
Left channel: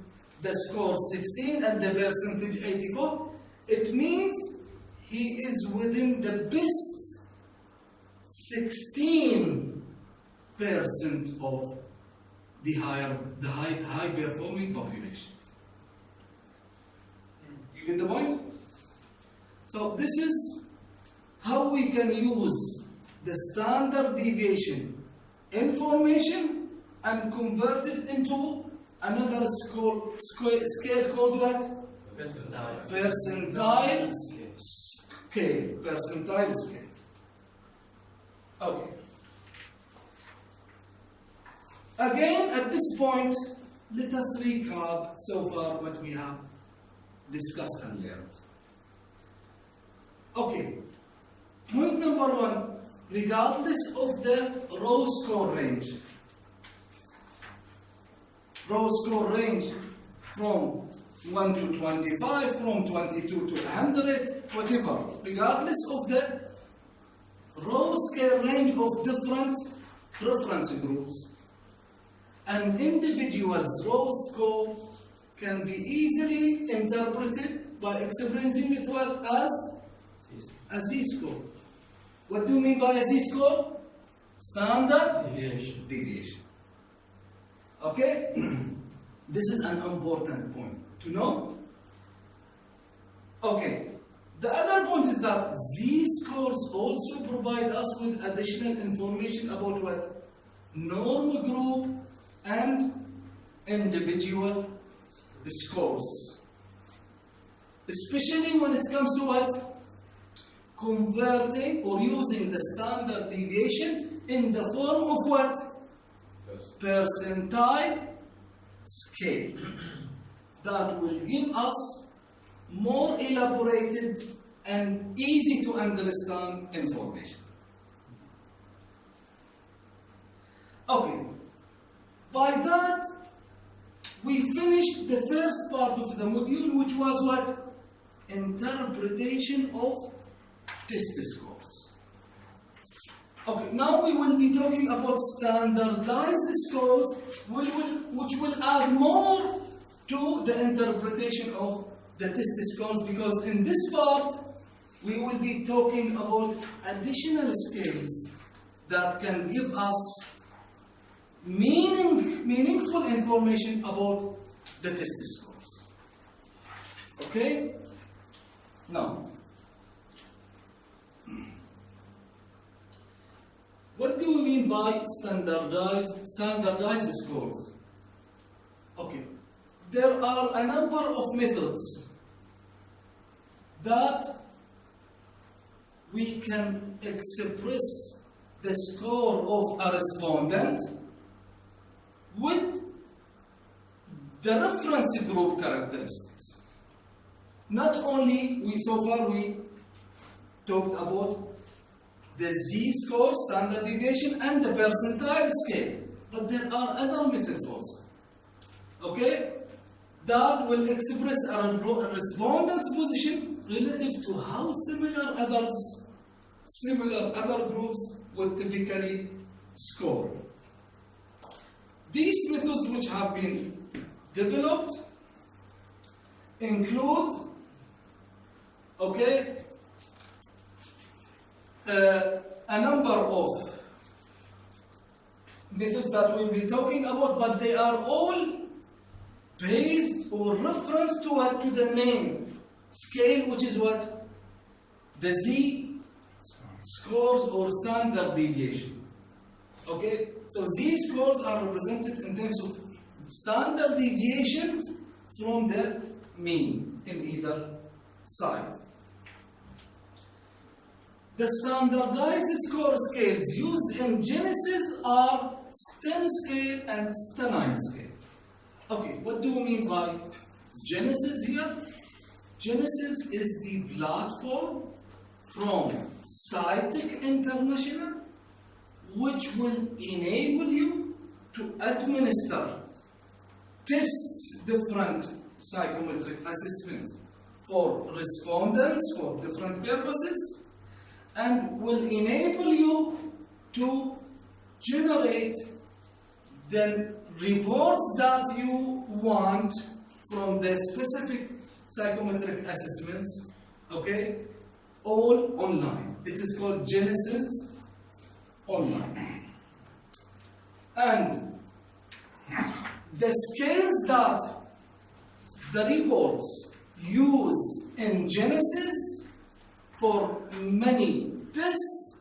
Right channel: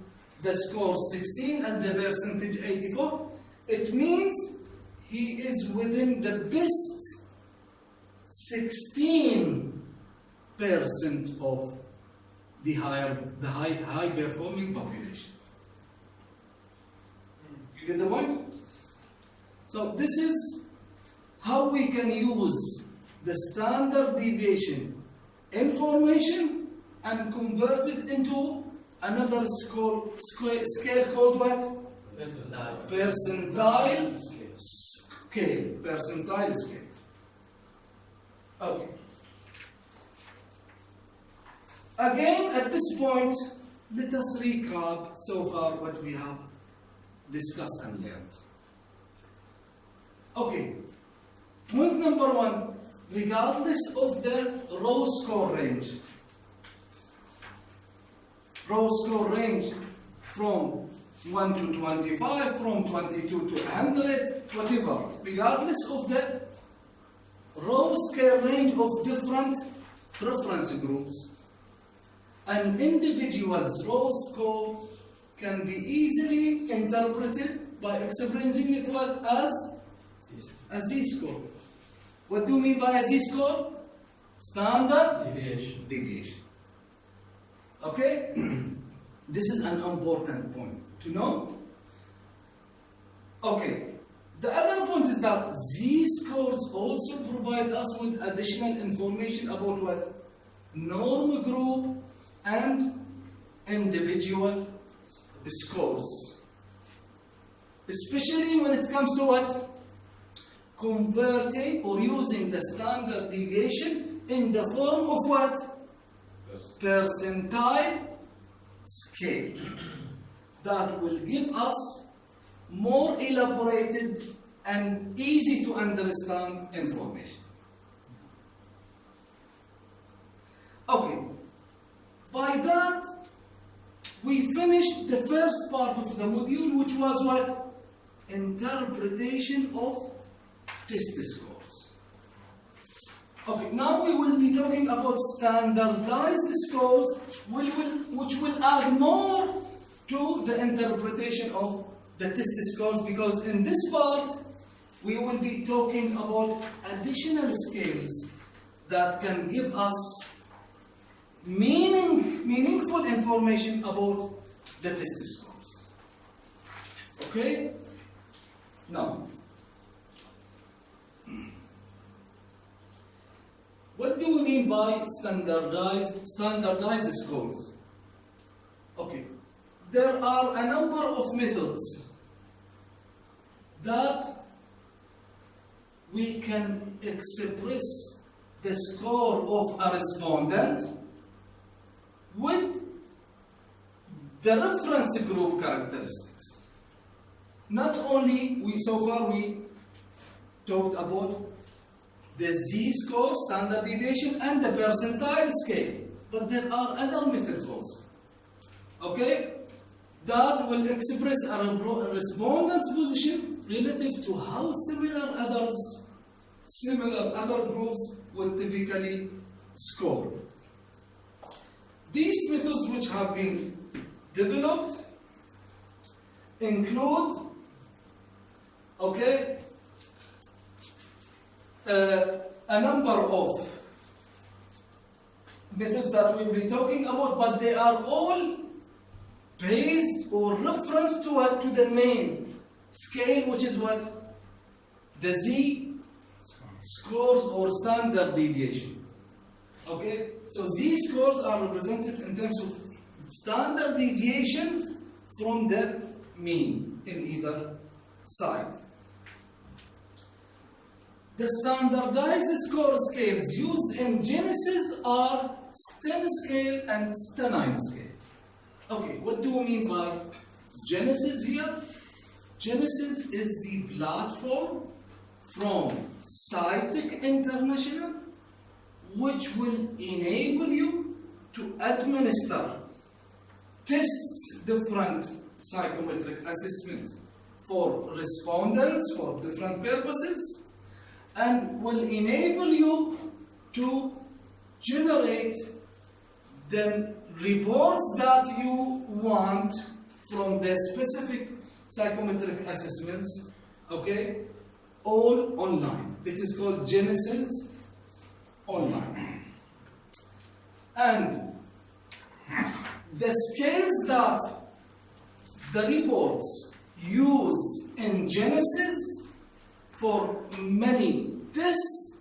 the score 16 and the percentage 84, it means he is within the best 16% of the high performing population. You get the point? So this is how we can use the standard deviation information and convert it into another scale called what? Percentile scale. Percentile scale. Okay. Again, at this point, let us recap so far what we have discussed and learned. Okay, point number one, regardless of the row score range from 1 to 25, from 22 to 100, whatever, regardless of the row scale range of different reference groups, an individual's row score can be easily interpreted by expressing it what as a z-score. What do you mean by a z-score? Standard deviation. Okay? This is an important point to know. Okay. The other point is that z-scores also provide us with additional information about what? Norm group and individual scores. Especially when it comes to what? Converting or using the standard deviation in the form of what? Percentile scale. That will give us more elaborated and easy to understand information. Okay, by that we finished the first part of the module, which was what? Interpretation of test scores. Okay, now we will be talking about standardized scores, which will add more to the interpretation of the test scores, because in this part we will be talking about additional scales that can give us meaningful information about the test scores. Okay? Now, what do we mean by standardized scores? Okay, there are a number of methods that we can express the score of a respondent with the reference group characteristics. Not only we talked about the z-score, standard deviation, and the percentile scale, but there are other methods also. Okay, that will express a respondent's position relative to how similar other groups would typically score. These methods which have been developed include, okay, a number of methods that we'll be talking about, but they are all based or reference to what? To the main scale, which is what? The z-scores or standard deviation. Okay, so z-scores are represented in terms of standard deviations from the mean in either side. The standardized score scales used in Genesis are Sten scale and Stenine scale. Okay, what do we mean by Genesis here? Genesis is the platform from Cytic International, which will enable you to administer, test different psychometric assessments for respondents for different purposes, and will enable you to generate the reports that you want from the specific psychometric assessments, okay, all online. It is called Genesis Online. And the scales that the reports use in Genesis for many tests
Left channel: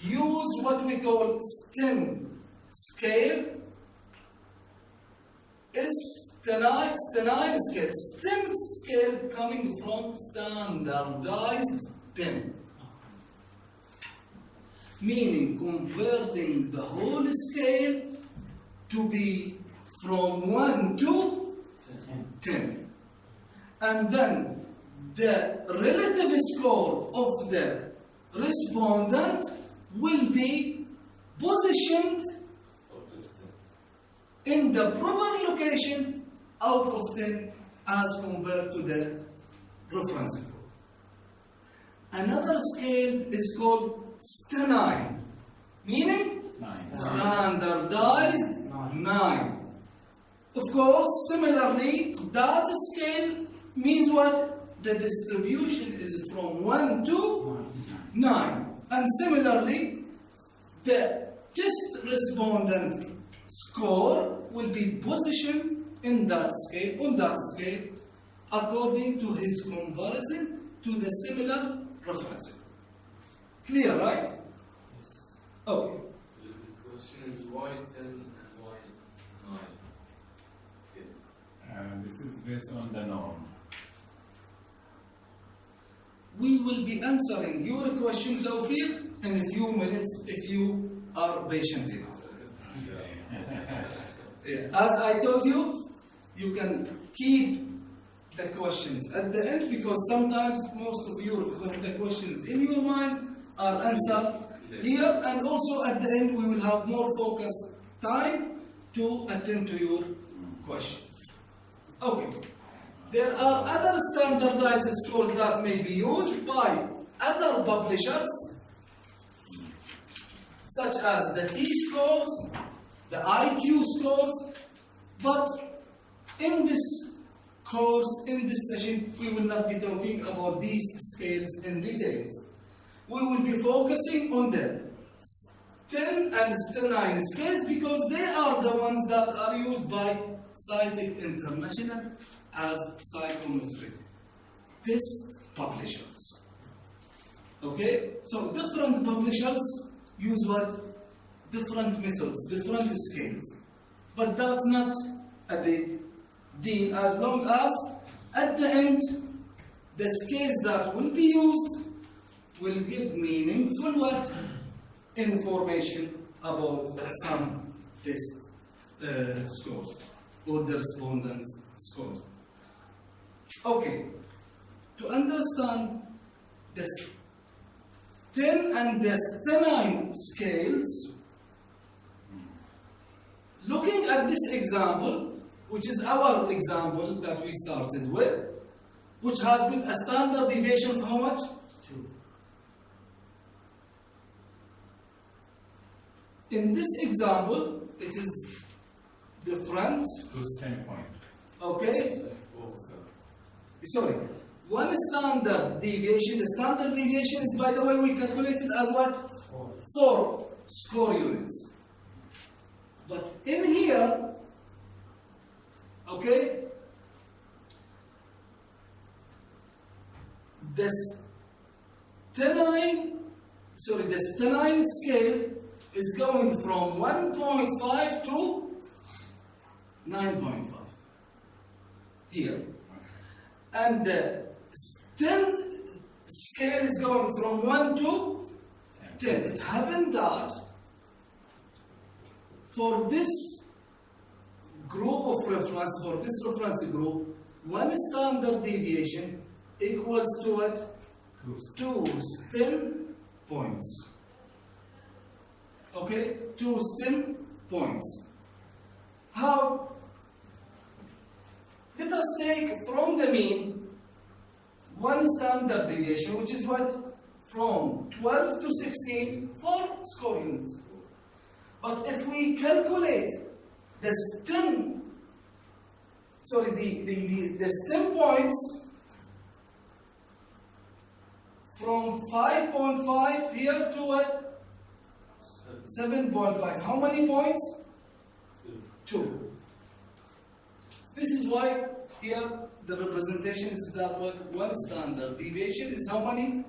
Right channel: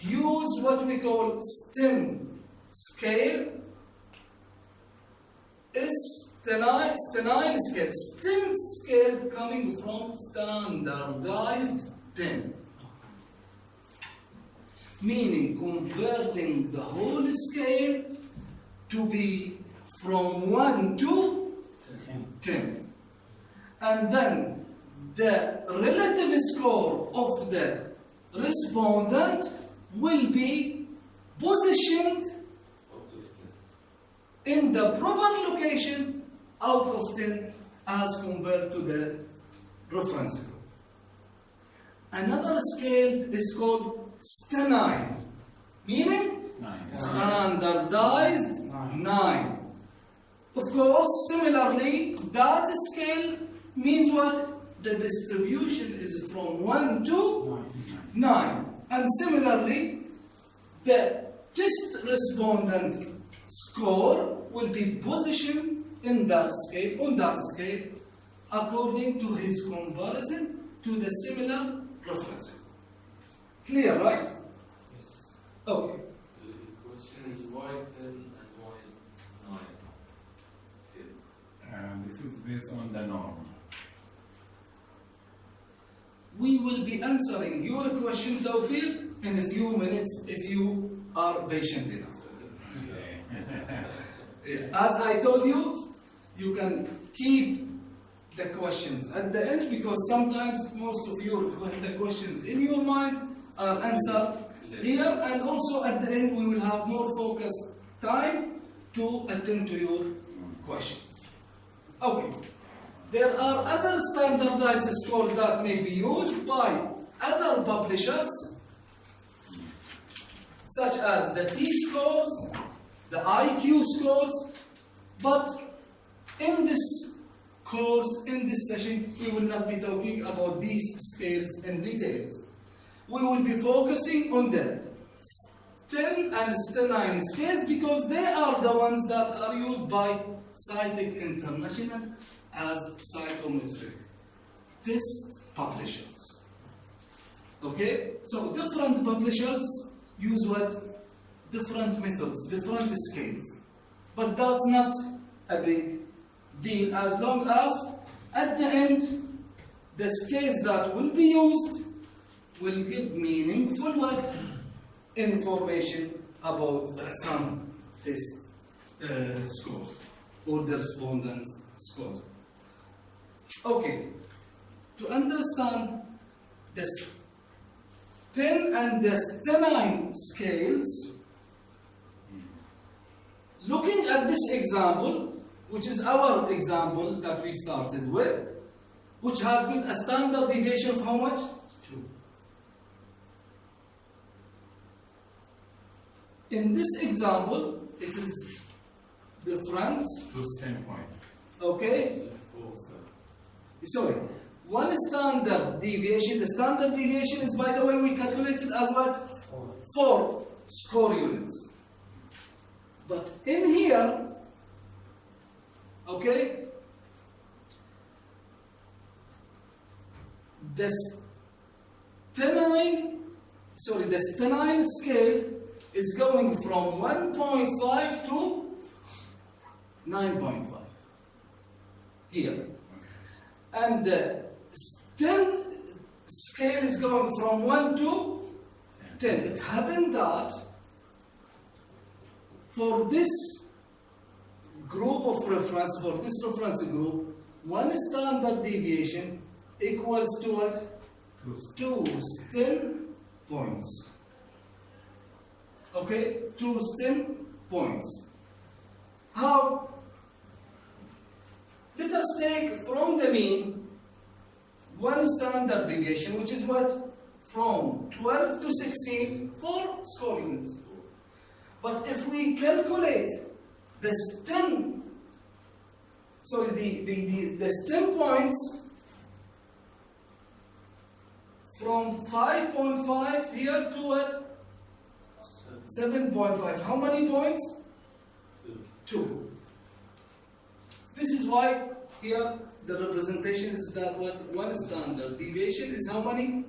use what we call STEM scale, Stenine scale. STEM scale coming from standardized 10, meaning converting the whole scale to be from 1 to 10. And then the relative score of the respondent will be positioned Out of 10. in the proper location out of 10 as compared to the reference group. Another scale is called STENI, meaning Standardized 9. Of course, similarly, that scale means what? The distribution is from 1 to 9. And similarly, the test respondent score will be positioned in that scale, on that scale, according to his comparison to the similar reference group. Clear, right? Yes. Okay. The question is why 10 and why 9? Scale. This is based on the norm. We will be answering your question, Tawfiq, in a few minutes if you are patient enough. As I told you, you can keep the questions at the end because sometimes most of the questions in your mind are answered here, and also at the end we will have more focused time to attend to your questions. Okay. There are other standardized scores that may be used by other publishers, such as the T-scores, the IQ scores, but in this course, in this session, we will not be talking about these scales in details. We will be focusing on the STEN and STEN9 scales because they are the ones that are used by Scientific International as psychometric test publishers. Okay? So different publishers use what? Different methods, different scales. But that's not a big deal as long as at the end the scales that will be used will give meaningful what? Information about some test scores or the respondents' scores. Okay, to understand the 10 and the 9 scales, looking at this example, which is our example that we started with, which has got a standard deviation of how much? 2. In this example, it is different, Plus 10 point. okay? Also. Sorry, one standard deviation, the standard deviation is, by the way, we calculated as what? 4 score units. But in here, okay, the STENI scale is going from 1.5 to 9.5 here. And the STEN scale is going from 1 to 10. It happened that for this group of reference, for this reference group, one standard deviation equals to what? 2 STEM points. Okay? 2 STEM points. How? Let us take from the mean one standard deviation, which is what? From 12 to 16, 4 score units. But if we calculate the STEM, the STEM points from 5.5 here to what? 7.5. How many points? 2. This is why here the representation is that one standard deviation is how many?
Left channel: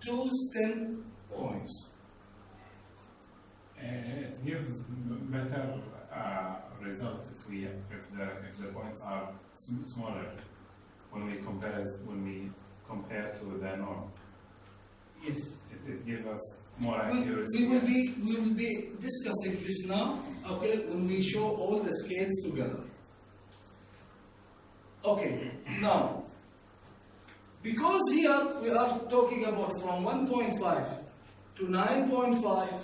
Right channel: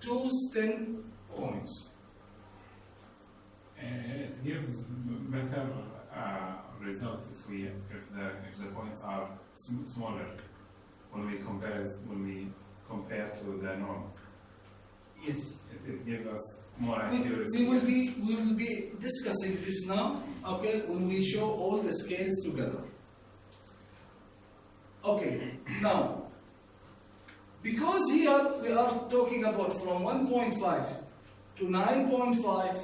2 STEM points. It gives better result if the points are smaller when we compare to the norm. Yes. It gives us more accuracy. We will be discussing this now okay, when we show all the scales together. Okay, now, because here we are talking about from 1.5 to 9.5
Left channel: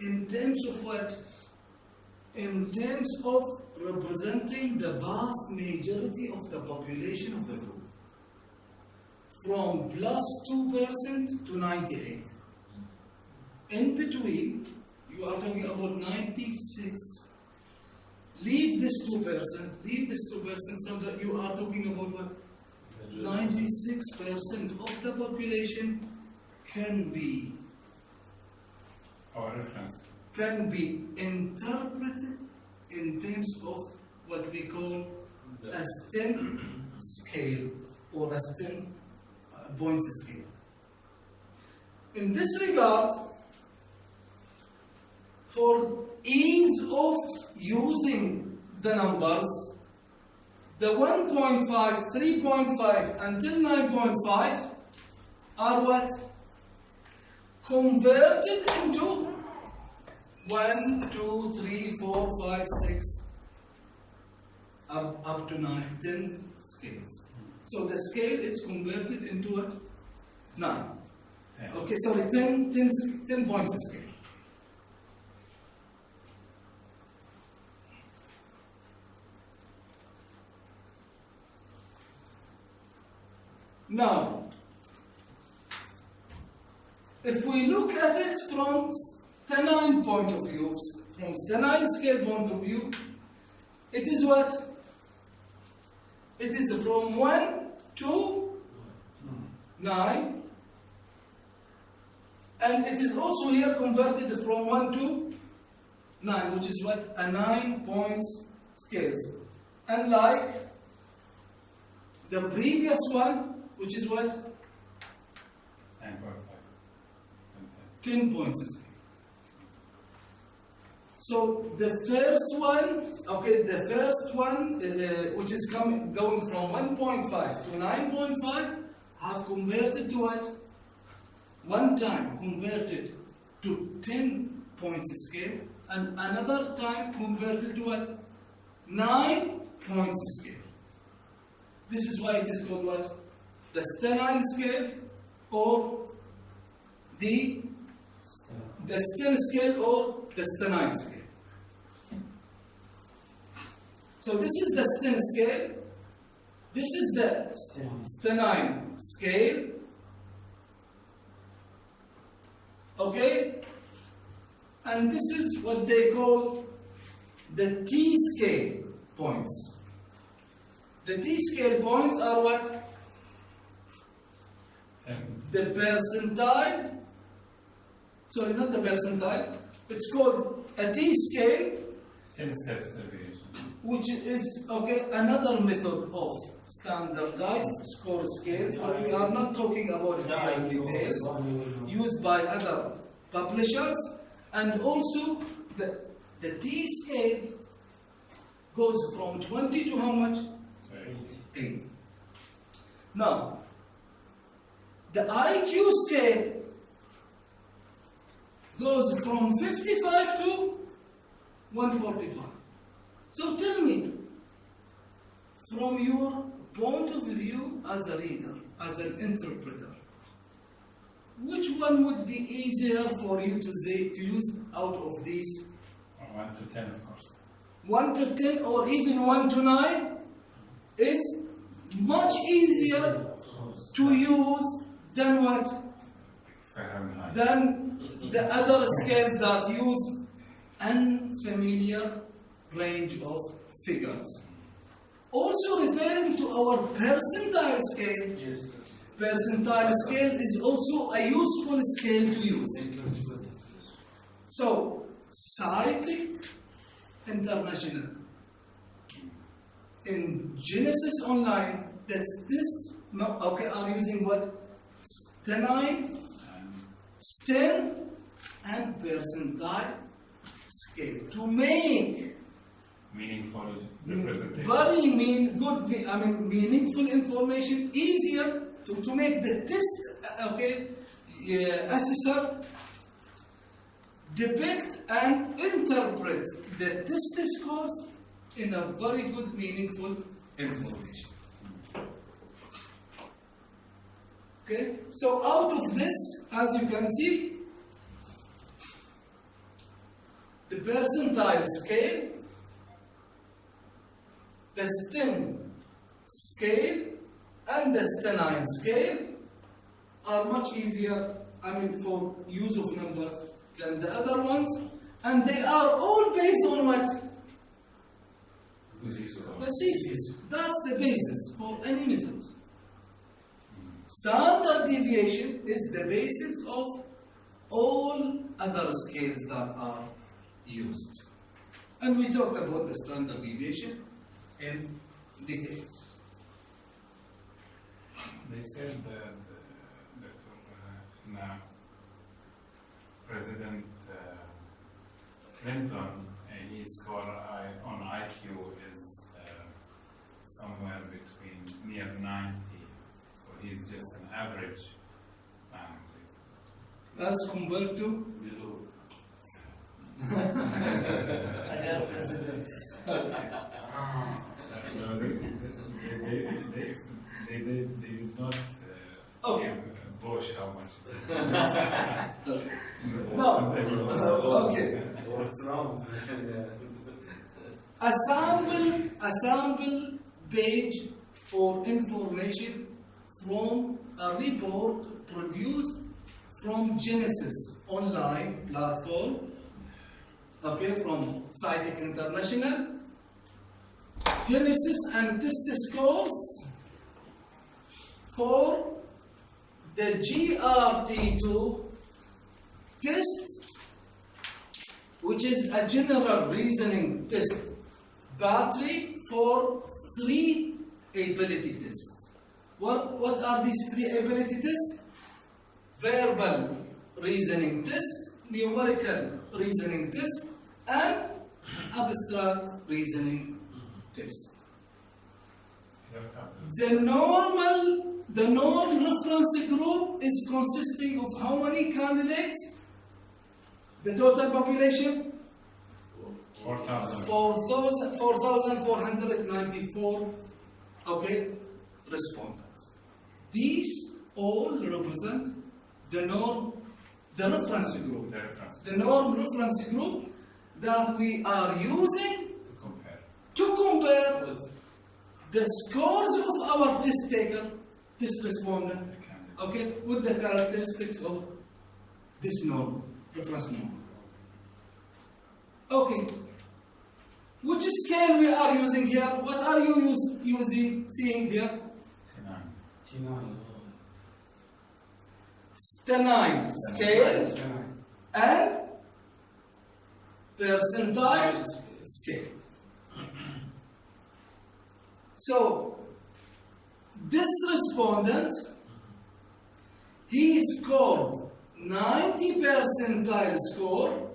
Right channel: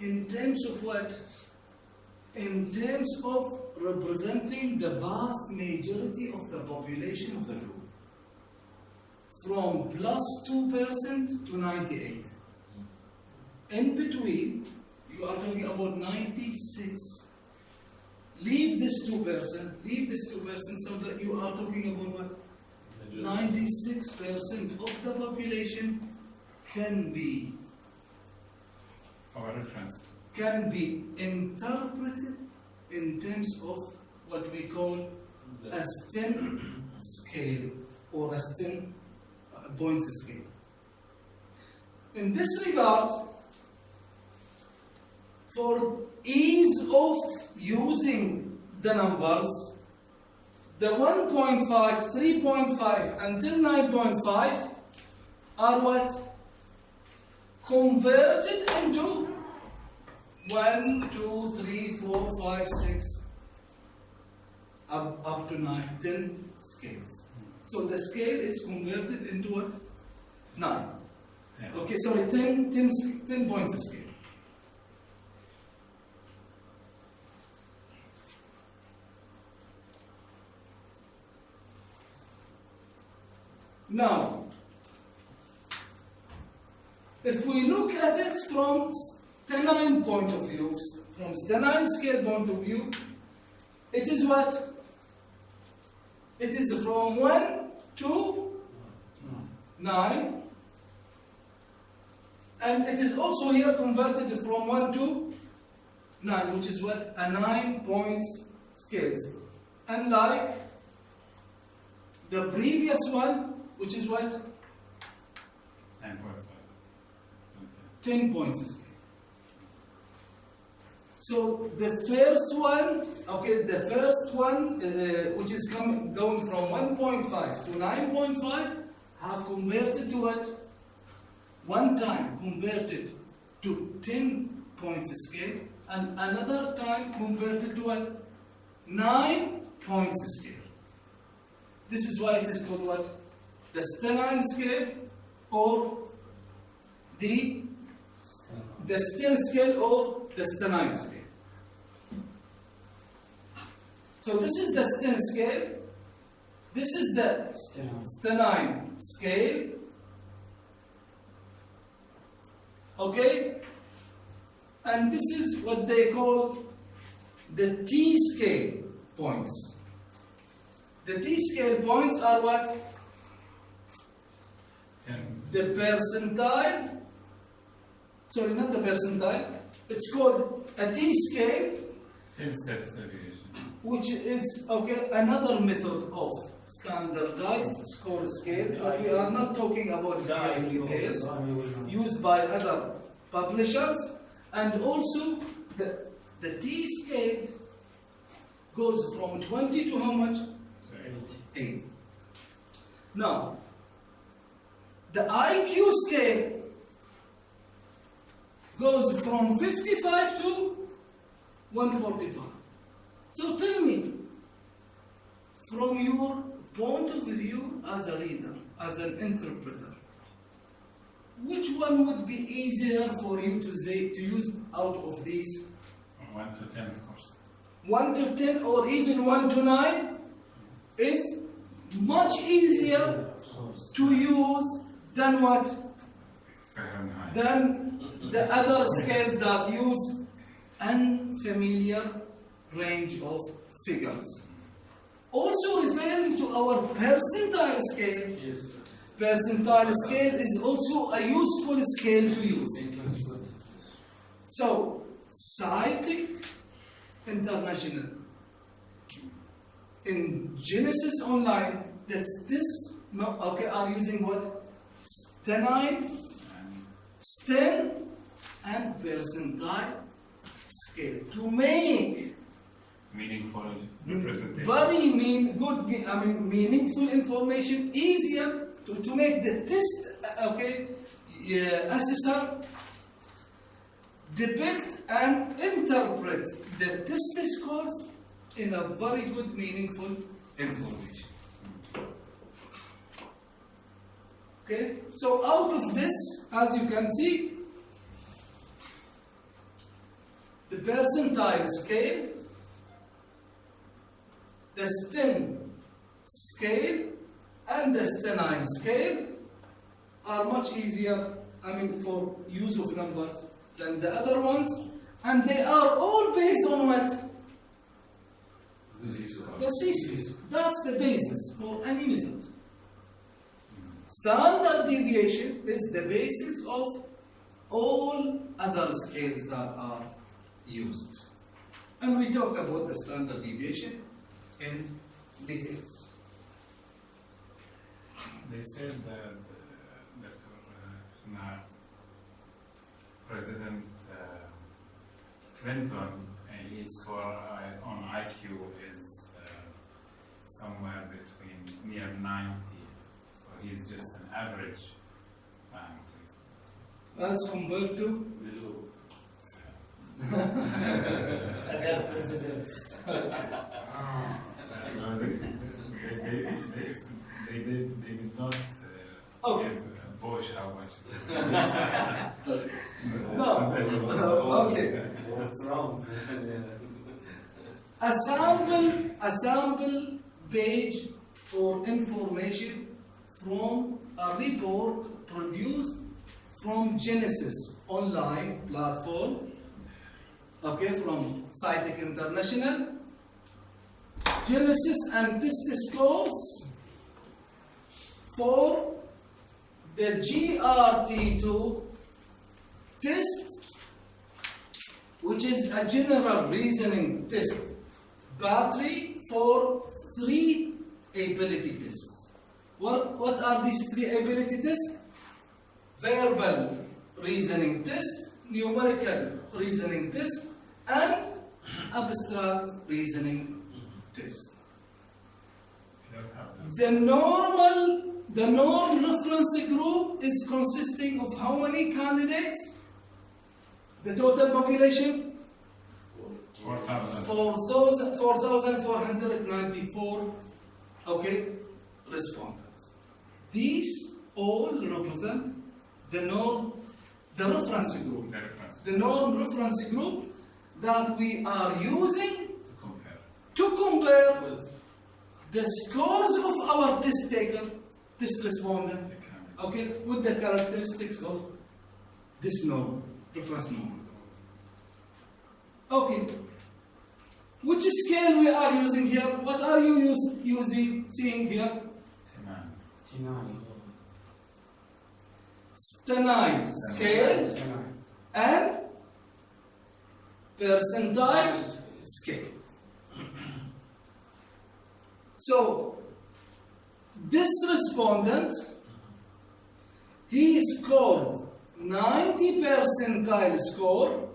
in terms of what? In terms of representing the vast majority of the population of the group. From plus 2% to 98. In between, you are talking about 96. Leave this 2%, so that you are talking about what? 96% of the population can be Our reference. interpreted in terms of what we call a STEM scale or a STEM points scale. In this regard, for ease of using the numbers, the 1.5, 3.5 until 9.5 are what? Converted into 1, 2, 3, 4, 5, 6, up to 9, 10 scales. So the scale is converted into what? 9. Okay, sorry, 10 points scale. Now, if we look at it from Stenine point of view, from Stenine scale point of view, it is what? It is from 1 to 9, and it is also here converted from 1 to 9, which is what? A 9 points scales. Unlike the previous one, which is what? 9.5. 10 points scale. So the first one, okay, which is going from 1.5 to 9.5, have converted to what? One time converted to 10 points scale, and another time converted to what? 9 points scale. This is why it is called what? The Stenine scale, or the Sten scale, or the Stenine scale. So this is the Sten scale. This is the Stenine scale. Okay? And this is what they call the T scale points. The T scale points are what? 10. The percentile. Sorry, not the percentile. It's called a T scale, 10 steps deviation. which is, okay, another method of standardized score scales, but we are not talking about it here in details, used by other publishers. And also the T scale goes from 20 to how much? 8. Now, the IQ scale goes from 55 to 145. So tell me, from your point of view as a reader, as an interpreter, which one would be easier for you to use out of these? 1 to 10, of course. 1 to 10 or even 1 to 9 is much easier to use than what? Fahrenheit. Than the other scales that use unfamiliar range of figures. Also referring to our percentile scale, Yes. percentile scale is also a useful scale to use. So, Scientific International in Genesis Online, are using what? Stenine, Sten, and percentile scale to make Meaningful representation. very meaningful information easier to make the test assessor depict and interpret the test scores in a very good, meaningful information. Okay, so out of this, as you can see, the percentile scale, the STEM scale, and the stenine scale are much easier, for use of numbers than the other ones, and they are all based on what? The thesis. That's the basis for any method. Standard deviation is the basis of all other scales that are used. And we talked about the standard deviation in details. They said that now President Clinton, his score on IQ is somewhere between near 90. So he's just an average. As compared to Other presidents. No, they did not give Bush how much. No. Okay. What's wrong? A sample page or information from a report produced from Genesis online platform, from Scitech International. Genesis and test scores for the GRT2 test, which is a general reasoning test battery for 3 ability tests. What are these 3 ability tests? Verbal reasoning test, numerical reasoning test, and abstract reasoning test. The norm reference group is consisting of how many candidates? The total population? 4,494 respondents. These all represent the reference group. The norm reference group that we are using to compare the scores of our test taker, test respondent, with the characteristics of this norm, reference norm. Okay. Which scale we are using here? What are you seeing here? Stenine scale and percentile scale. So, this respondent, he scored 90 percentile score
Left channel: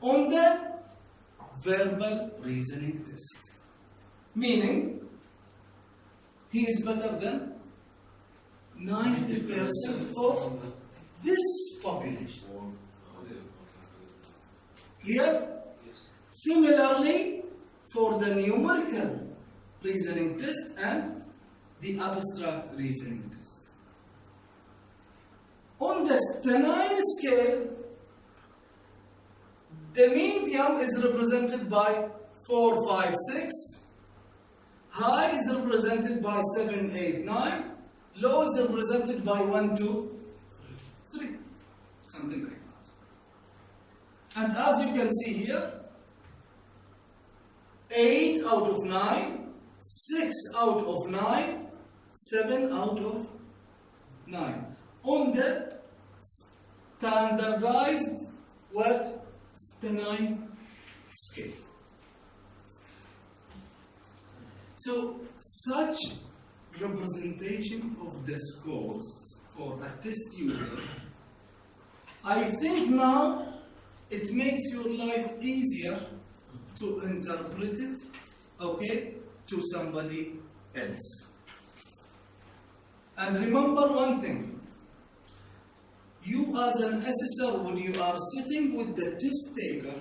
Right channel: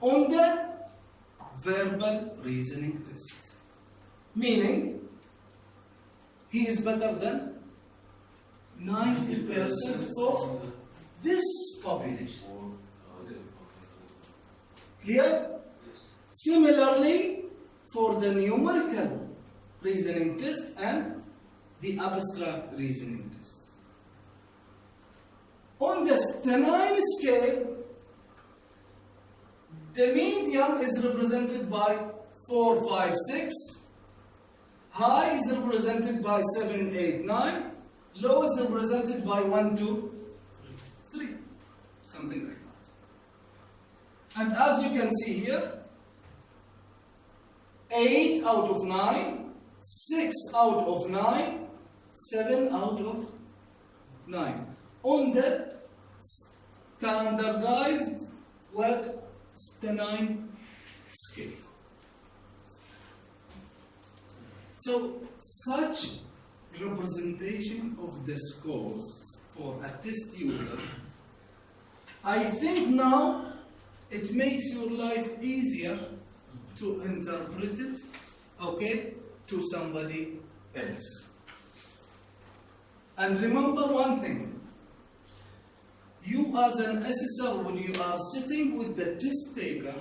on the verbal reasoning test. Meaning, he is better than 90% of this population. Clear? Similarly, for the numerical reasoning test and the abstract reasoning test. On the stenine scale, the medium is represented by 4, 5, 6. High is represented by 7, 8, 9. Low is represented by 1, 2, 3. Something like that. And as you can see here, 8 out of 9, 6 out of 9, 7 out of 9. On the standardized stenine scale. So such representation of the scores for a test user, I think now it makes your life easier to interpret it, to somebody else. And remember one thing, you you as an assessor, when you are sitting with the test taker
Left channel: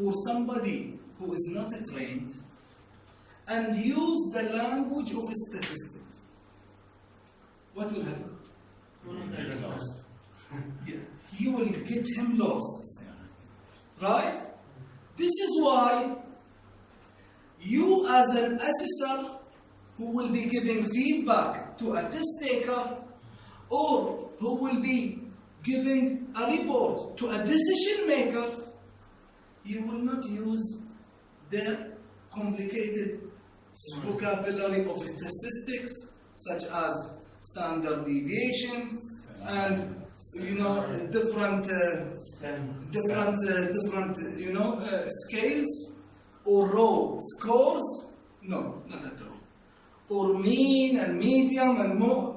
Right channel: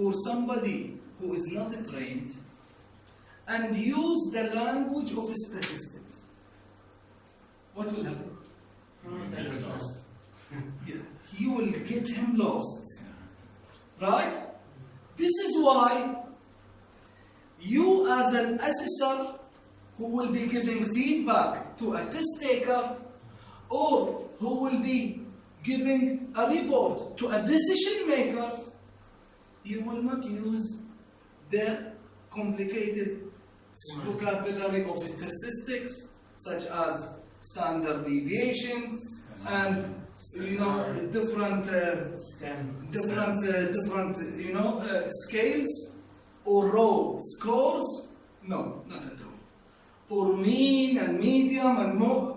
or somebody who is not trained and use the language of statistics, what will happen? Yeah, you will get him lost. Right? This is why you as an assessor who will be giving feedback to a test taker or who will be giving a report to a decision maker, you will not use their complicated vocabulary of statistics such as standard deviations and different scales or raw scores. No, not at all. Or mean and median and mode.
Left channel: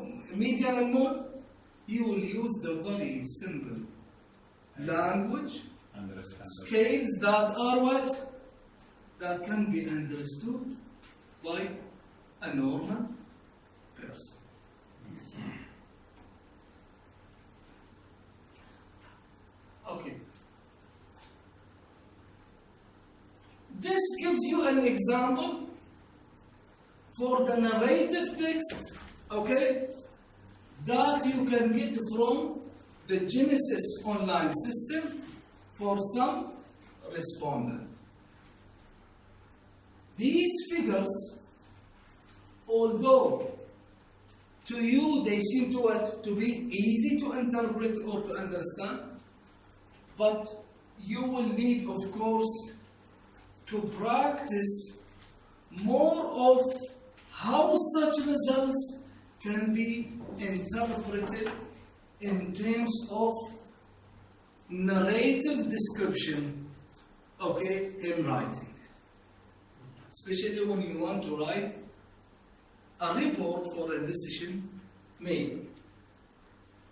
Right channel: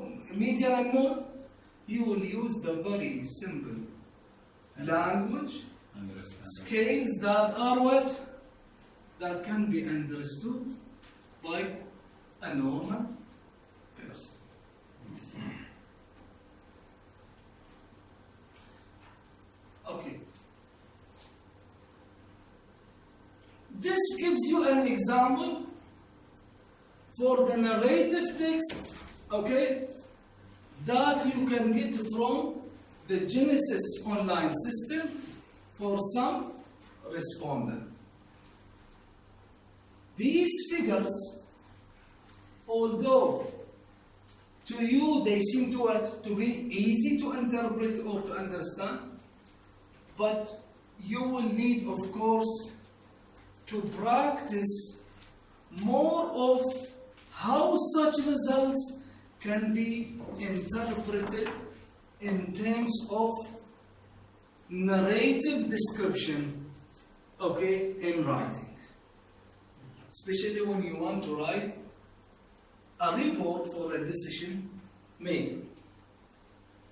You will use the very simple language, scales that are what? That can be understood by a normal person. Okay. This gives you an example for the narrative text, okay, that you can get from the Genesis online system for some respondent. These figures, although to you they seem to be easy to interpret or to understand, but you will need, of course, to practice more of how such results can be interpreted in terms of narrative description, okay, in writing. Especially when you want to write a report for a decision made.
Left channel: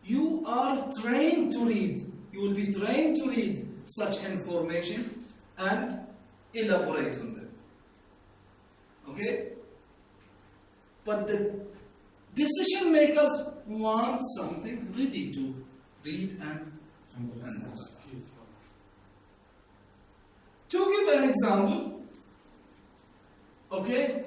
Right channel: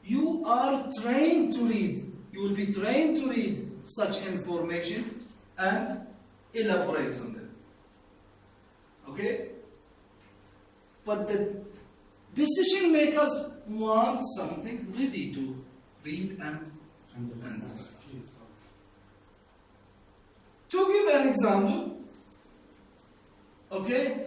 You are trained to read. You will be trained to read such information and elaborate on them. Okay? But the decision makers want something ready to read and understand. To give an example, okay,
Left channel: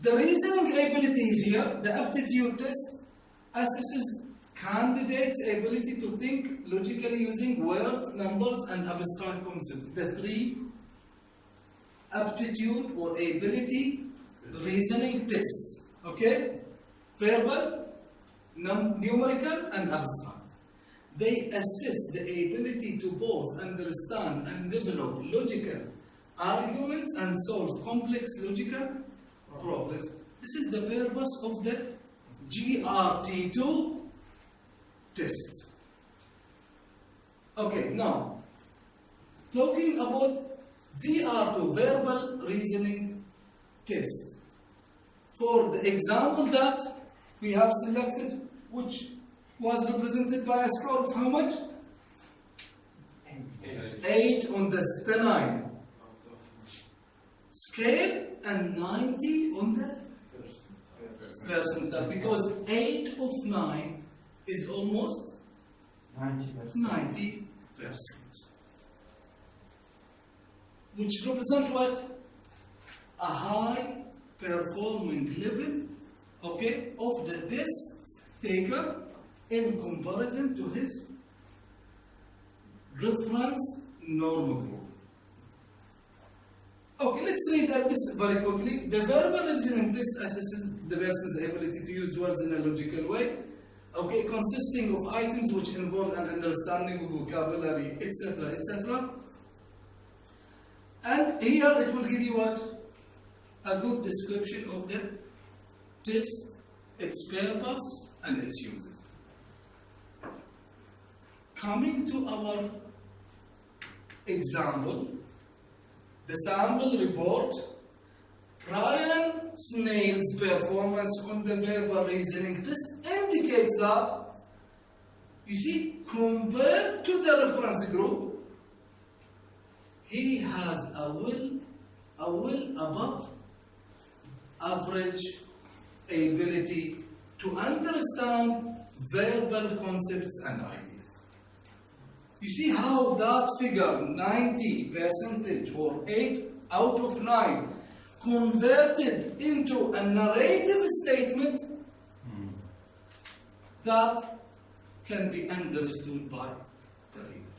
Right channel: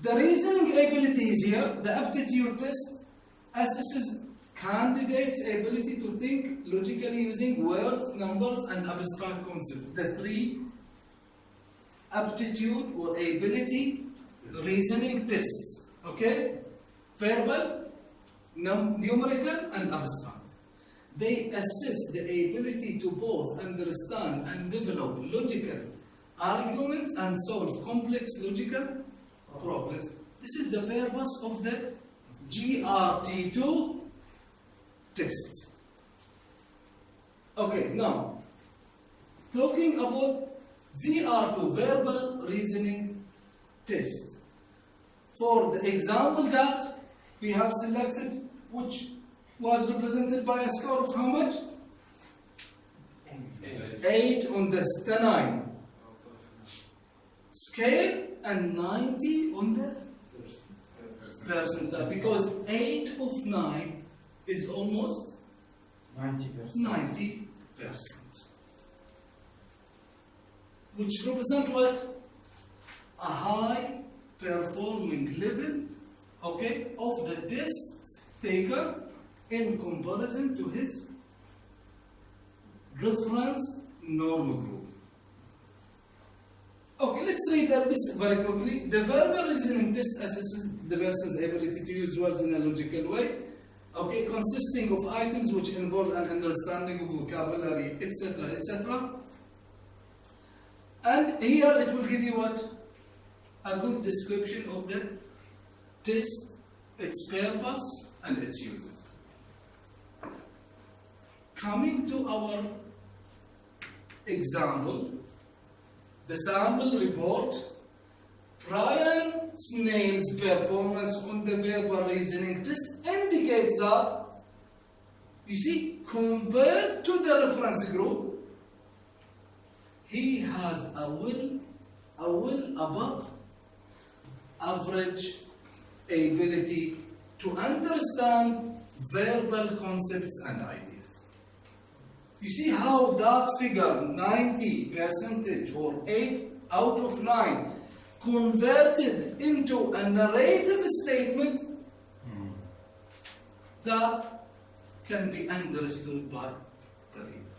the reasoning abilities here, the aptitude test assesses candidates' ability to think logically using words, numbers, and abstract concepts. The three aptitude or ability reasoning tests, okay? Verbal, numerical, and abstract. They assess the ability to both understand and develop logical arguments and solve complex logical problems. This is the purpose of the GRT2 test. Okay, now, talking about VR2, verbal reasoning test. For the example that we have selected, which was represented by a score of how much? 8 on the Stanine scale and 90 on the percentile, because 8 of 9 is almost 90%. Which represent what? A high performing level, okay, of the test taker in comparison to his reference norm group. Okay, let's read this very quickly. The verbal reasoning test assesses the person's ability to use words in a logical way, okay, consisting of items which involve an understanding of vocabulary, etc., etc. And here it will give you what? A good description of the test, its purpose, and its uses. Coming to our example, the sample report, Ryan Snail's performance on the verbal reasoning test indicates that, you see, compared to the reference group, he has a well above average ability to understand verbal concepts and ideas. You see how that figure, 90% or 8 out of 9, converted into a narrative statement that can be understood by the reader.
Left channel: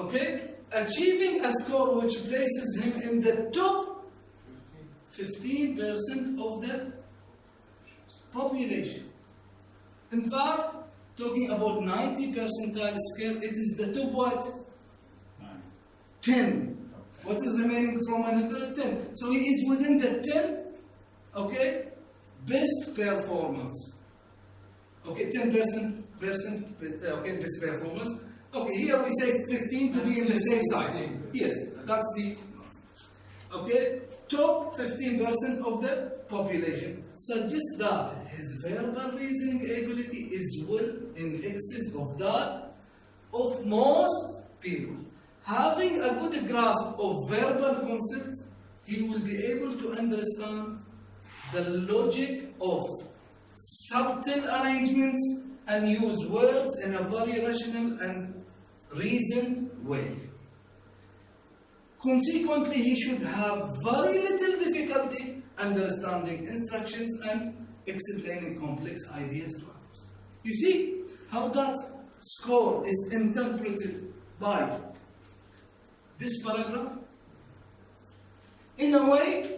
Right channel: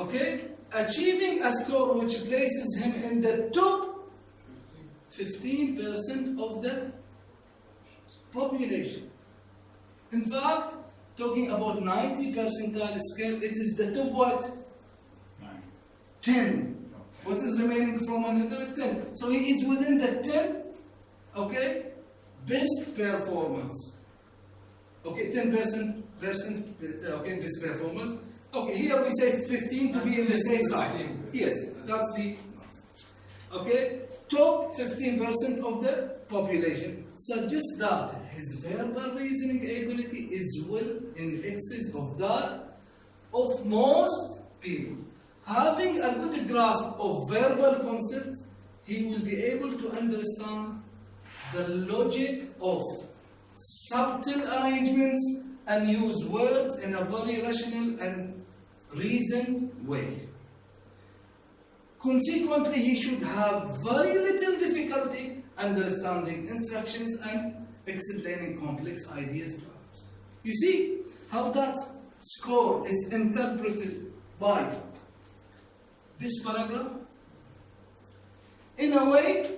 Okay? Achieving a score which places him in the top 15% of the population. In fact, talking about 90 percentile scale, it is the top what? 10. What is remaining from 110? So he is within the 10, okay? Best performance. Okay, 10%, okay, best performance. Okay, here we say 15 to be in the safe side. Yes, that's the okay. Top 15% of the population suggests that his verbal reasoning ability is well in excess of that of most people. Having a good grasp of verbal concepts, he will be able to understand the logic of subtle arrangements and use words in a very rational and reasoned way. Consequently, he should have very little difficulty understanding instructions and explaining complex ideas to others. You see how that score is interpreted by this paragraph? In a way,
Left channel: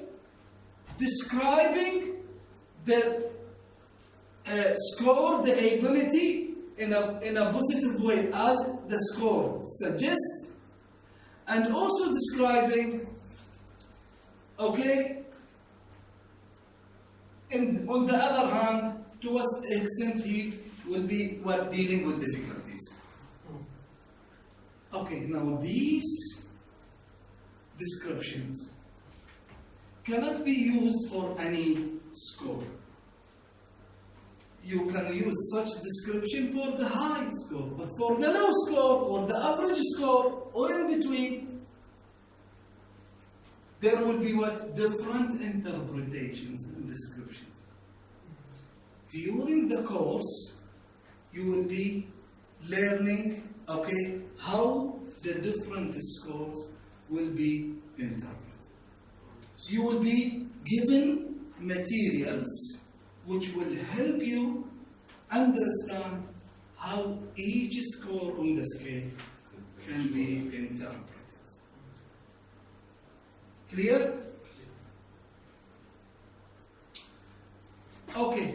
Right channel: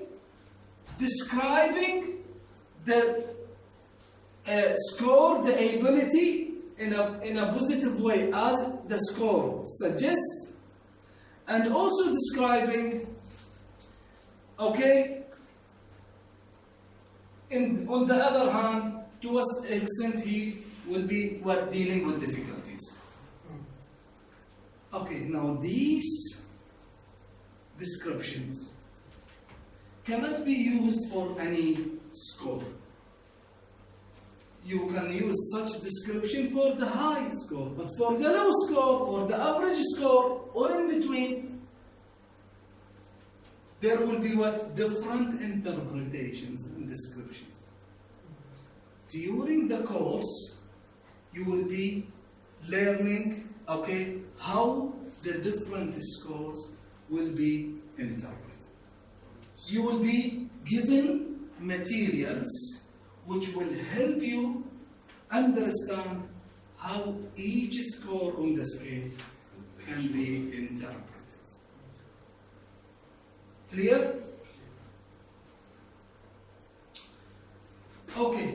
describing the score, the ability in a positive way as the score suggests, and also describing, okay, on the other hand, to what extent he will be dealing with difficulties. Okay, now these descriptions cannot be used for any score. You can use such description for the high score, but for the low score or the average score or in between, there will be different interpretations and descriptions. During the course, you will be learning, okay, how the different scores will be interpreted. You will be given materials which will help you understand how each score on the scale can be interpreted. Clear? Okay.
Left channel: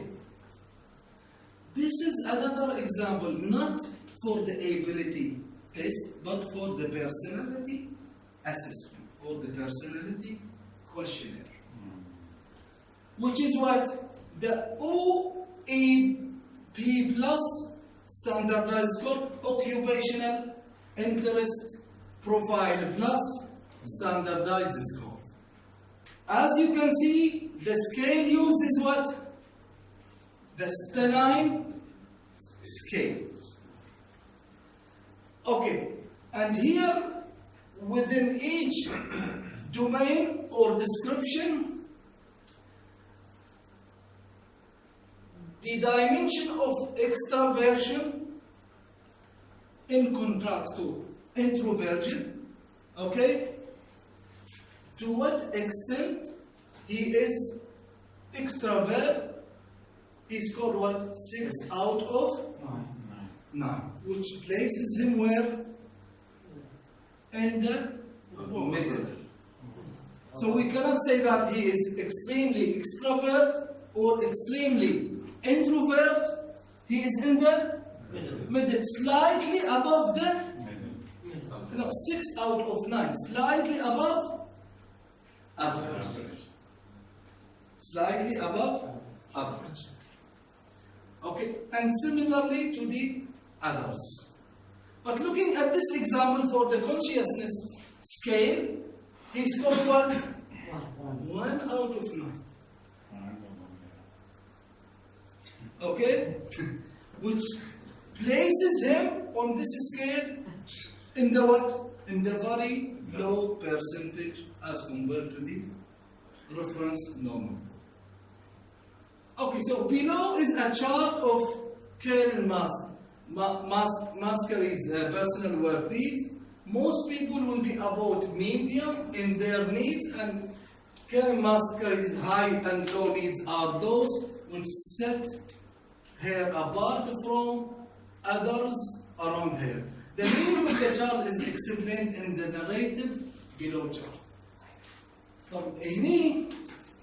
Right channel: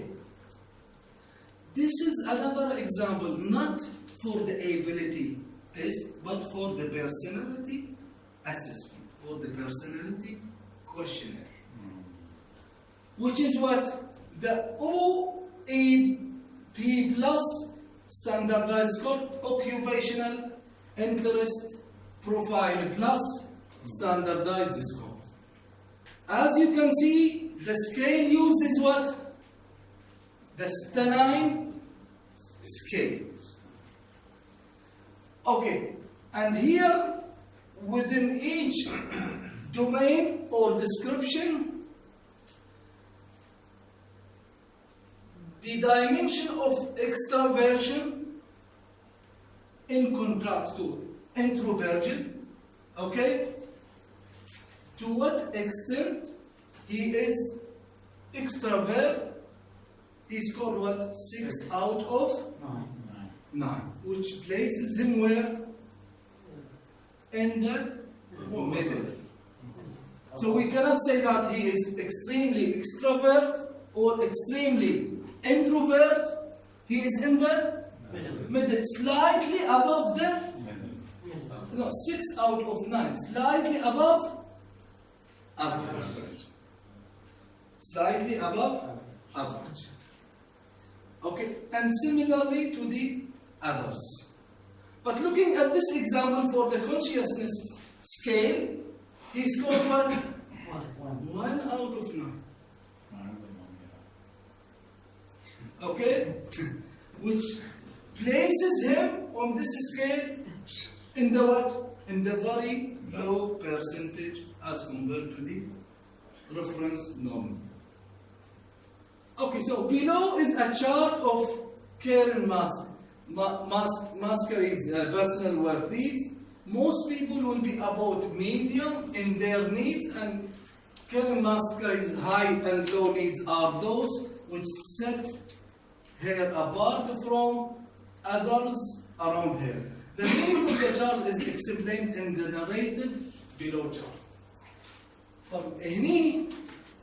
This is another example, not for the ability test, but for the personality assessment or the personality questionnaire. Which is what? The OAP plus standardized score, occupational interest profile plus standardized score. As you can see, the scale used is what? The Stanine scale. Okay, and here within each domain or description, the dimension of extraversion in contrast to introversion, okay? To what extent he is extrovert, he scored what? 6 out of 9, which places him where? In the middle. So we cannot say that he is extremely extrovert or extremely introvert. He is in the middle, slightly above the 6 out of 9, slightly above average. Slightly above average. Okay, and similarly to the others. But looking at this example for the consciousness scale, he scored what? 1 out of 9. Okay? Which places him on this scale in the what? In the very low percentage as compared to the reference normal. Okay, so below is a chart of Karen Mascari's personal work needs. Most people will be about medium in their needs, and Karen Mascari's high and low needs are those which set her apart from others around her. The meaning of the chart is explained in the narrative below chart.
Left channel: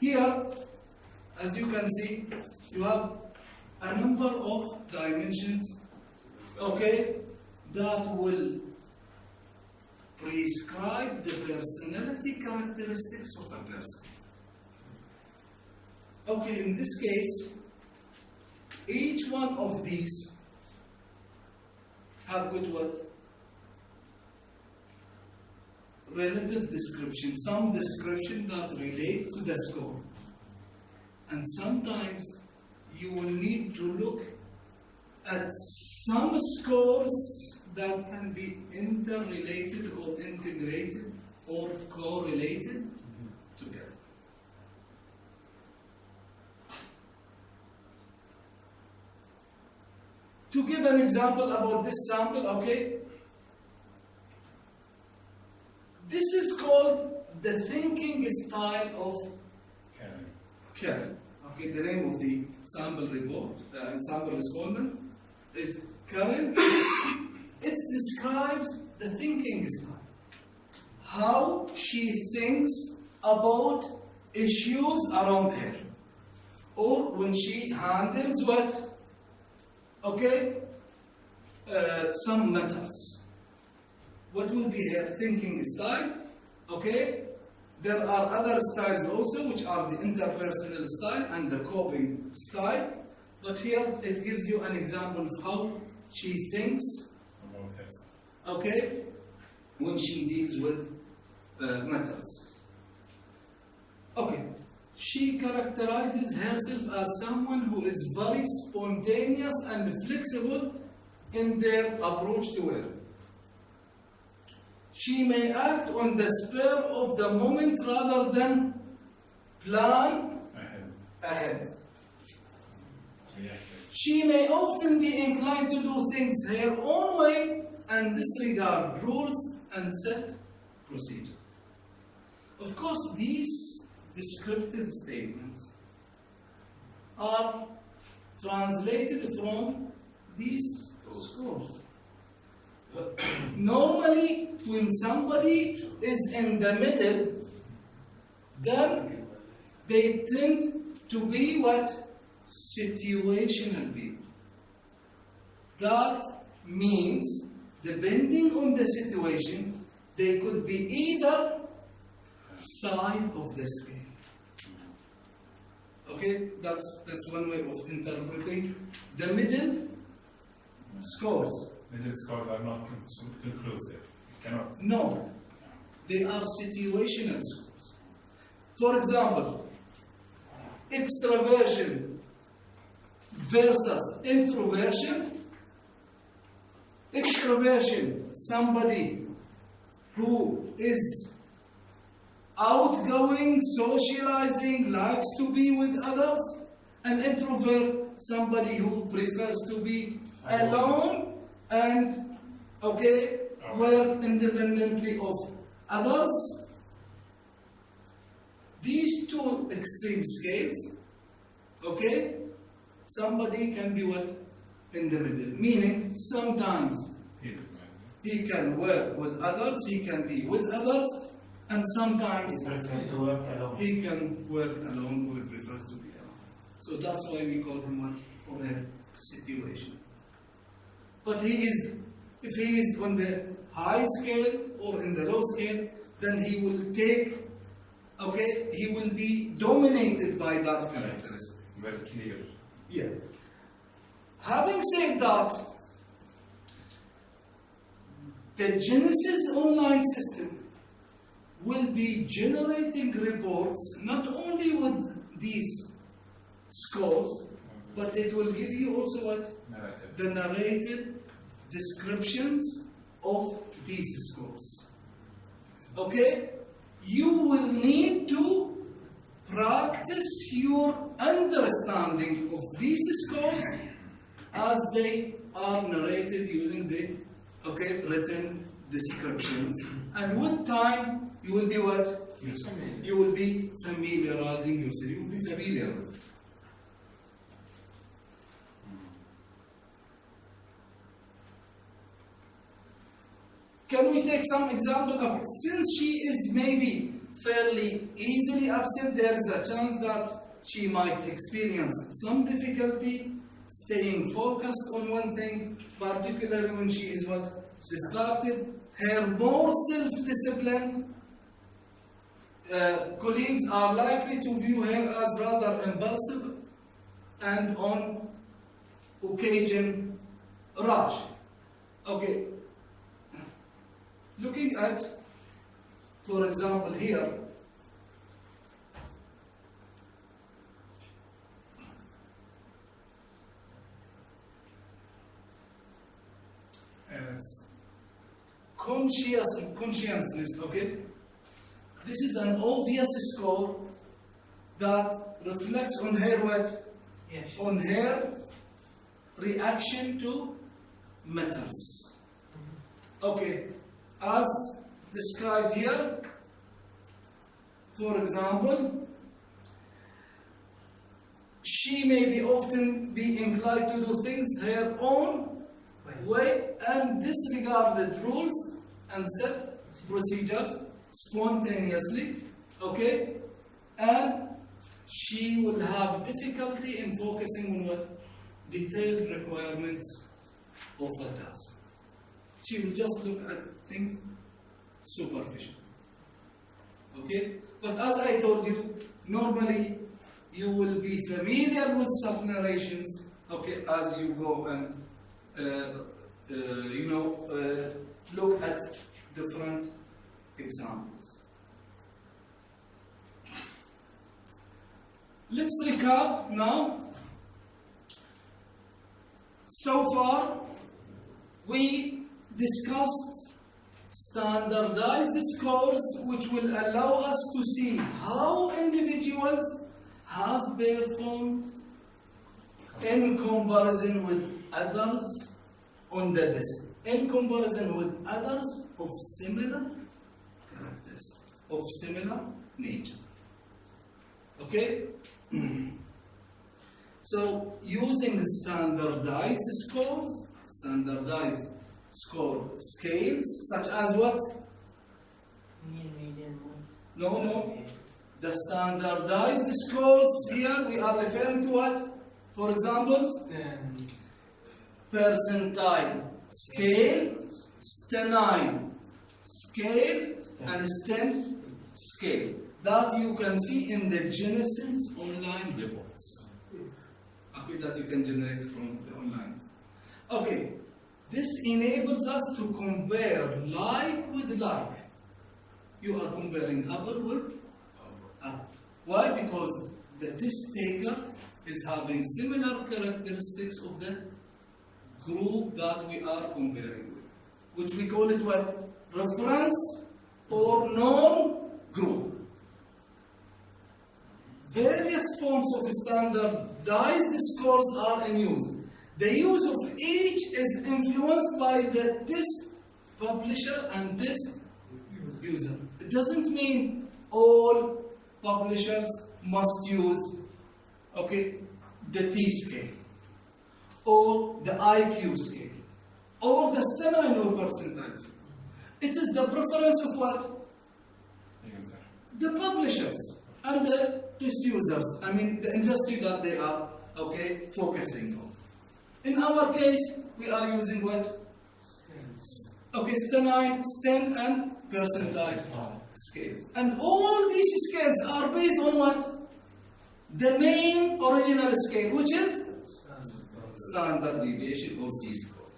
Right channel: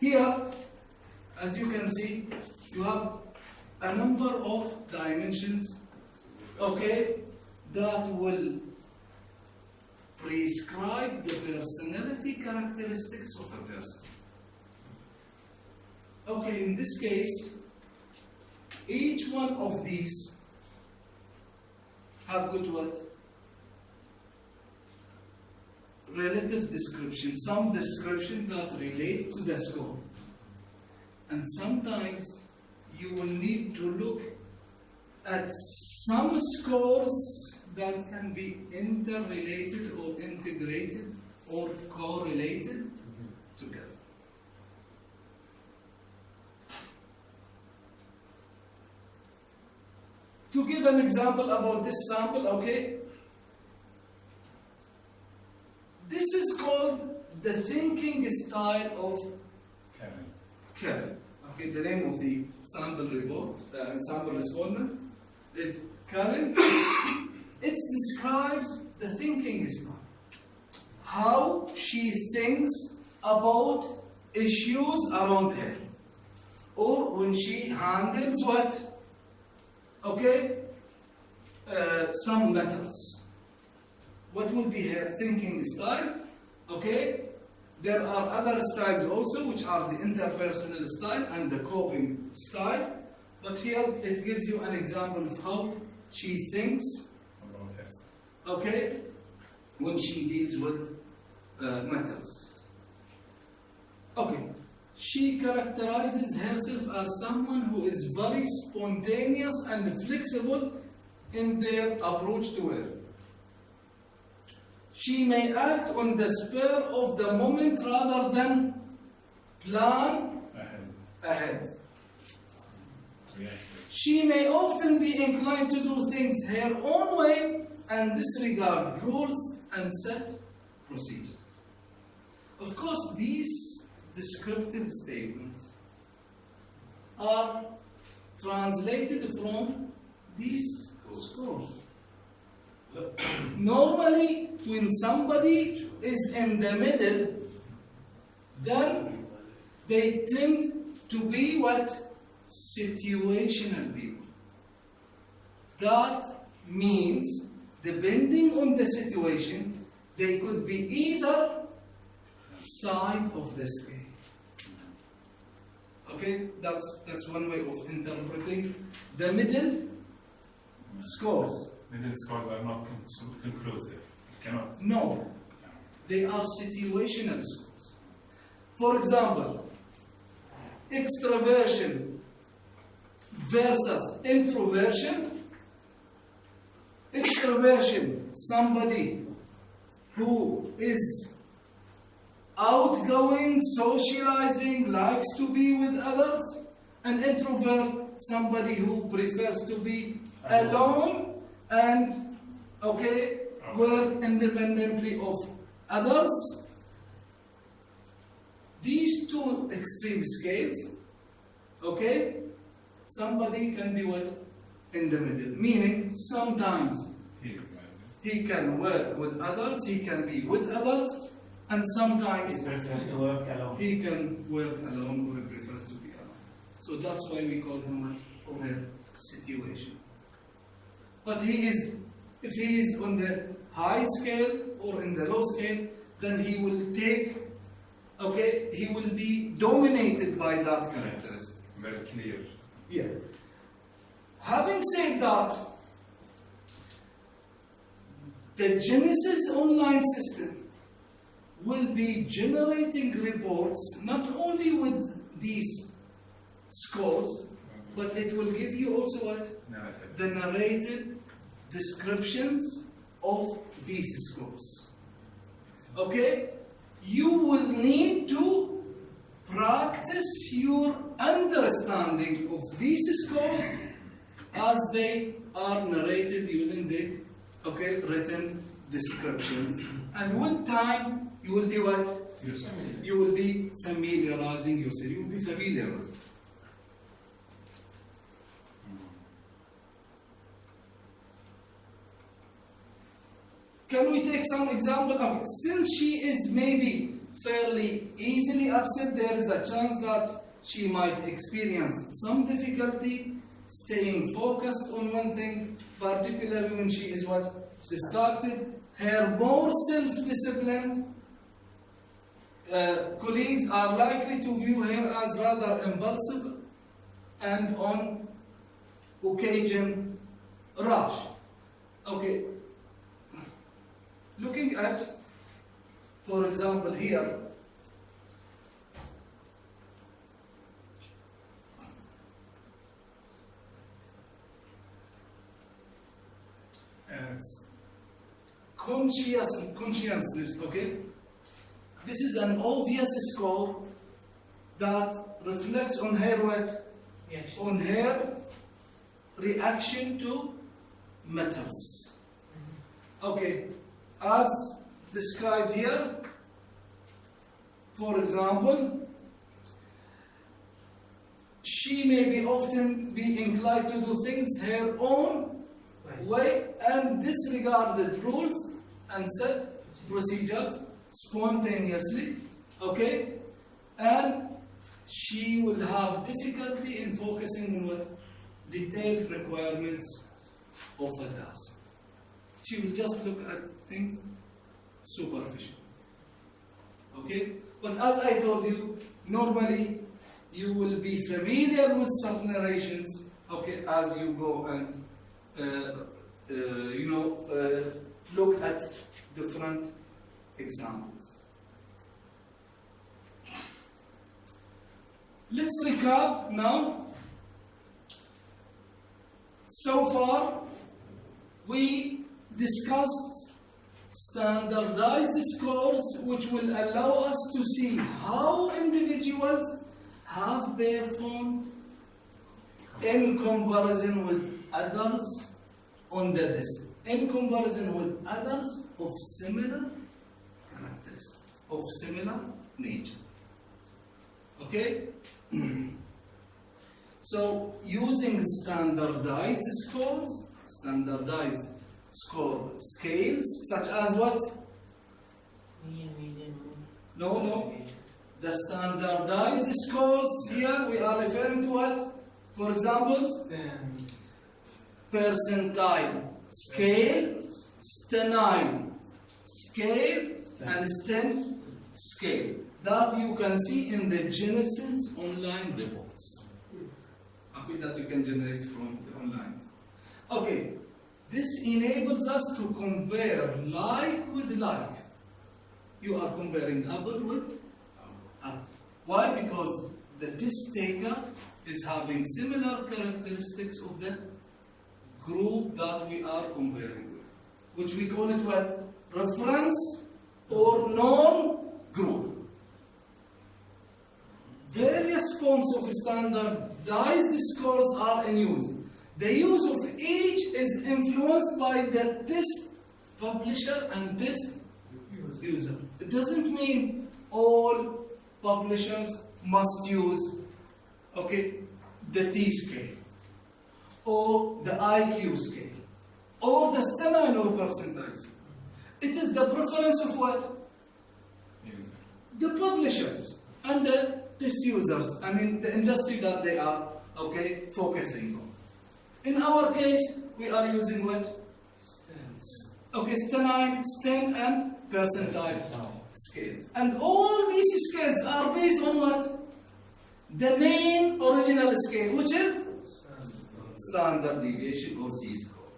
Here, as you can see, you have a number of dimensions, okay, that will prescribe the personality characteristics of a person. Okay, in this case, each one of these have got what? Relative description, some description that relate to the score. And sometimes you will need to look at some scores that can be interrelated or integrated or correlated together. To give an example about this sample, okay? This is called the thinking style of Karen. Okay, the name of the sample report, sample respondent is Karen. It describes the thinking style, how she thinks about issues around her, or when she handles what? Okay, some matters. What will be her thinking style? Okay, there are other styles also, which are the interpersonal style and the coping style. But here it gives you an example of how she thinks about herself. Okay, when she deals with matters. Okay, she characterizes herself as someone who is very spontaneous and flexible in their approach to work. She may act on the spur of the moment rather than plan ahead. She may often be inclined to do things her own way and disregard rules and set procedures. Of course, these descriptive statements are translated from these scores. Normally, when somebody is in the middle, then they tend to be what? Situational people. That means, depending on the situation, they could be either side of the scale. Okay, that's one way of interpreting the middle scores. Middle scores are not conclusive. You cannot. No, they are situational scores. For example, extraversion versus introversion. Extraversion, somebody who is outgoing, socializing, likes to be with others. An introvert, somebody who prefers to be alone and work independently of others. These two extreme scales, somebody can be what? In the middle. Meaning, sometimes he can work with others, he can be with others, and sometimes he can work alone or prefers to be alone. So that's why we call him what? On a situation. But if he is on the high scale or in the low scale, then he will he will be dominated by that characteristic. Very clear. Yeah. Having said that, the Genesis online system will be generating reports not only with these scores, but it will give you also what? Narrative. The narrated descriptions of these scores. Okay? You will need to practice your understanding of these scores as they are narrated using the written descriptions. And with time, you will be what? You will be familiarizing yourself. You will be familiar with it. Can we take some example? Okay, since she is maybe fairly easily upset, there is a chance that she might experience some difficulty staying focused on one thing, particularly when she is what? Distracted. Her more self-disciplined colleagues are likely to view her as rather impulsive and on occasion rash. Okay. Looking at, for example, here, conscientiousness, okay? This is an obvious score that reflects on her what? Yes. On her reaction to matters. Okay, as described here, for example, she may be often be inclined to do things her own way and disregarded rules and set procedures spontaneously, okay? And she will have difficulty in focusing on what? Detailed requirements of a task. She will just look at things superficial. Okay? But as I told you, normally you will be familiar with such narrations, okay, as you go and look at different examples. Let's recap now. So far, we discussed standardized scores, which will allow us to see how individuals have performed in comparison with others on the list, in comparison with others of similar characteristics, of similar nature. Okay? So, using standardized scores, standardized score scales, such as what? Mean, median, No. The standardized scores here, we are referring to what? For example, percentile scale, stenine scale, and STEM scale. That you can see in the Genesis online reports. Okay, that you can generate from the online. Okay, this enables us to compare like with like. You are comparing apple with apple. Why? Because the test taker is having similar characteristics of the group that we are comparing with, which we call it what? Reference or known group. Various forms of standardized scores are in use. The use of each is influenced by the test publisher and test user. It doesn't mean all publishers must use the T scale or the IQ scale or the stenine or percentile scale. It is the preference of what? User. The publishers and the test users. I mean the industry that they are focusing on. In our case, we are using what? Stenine, STEM, and percentile scales. And all these scales are based on what? The main original scale, which is standard deviation or Z score.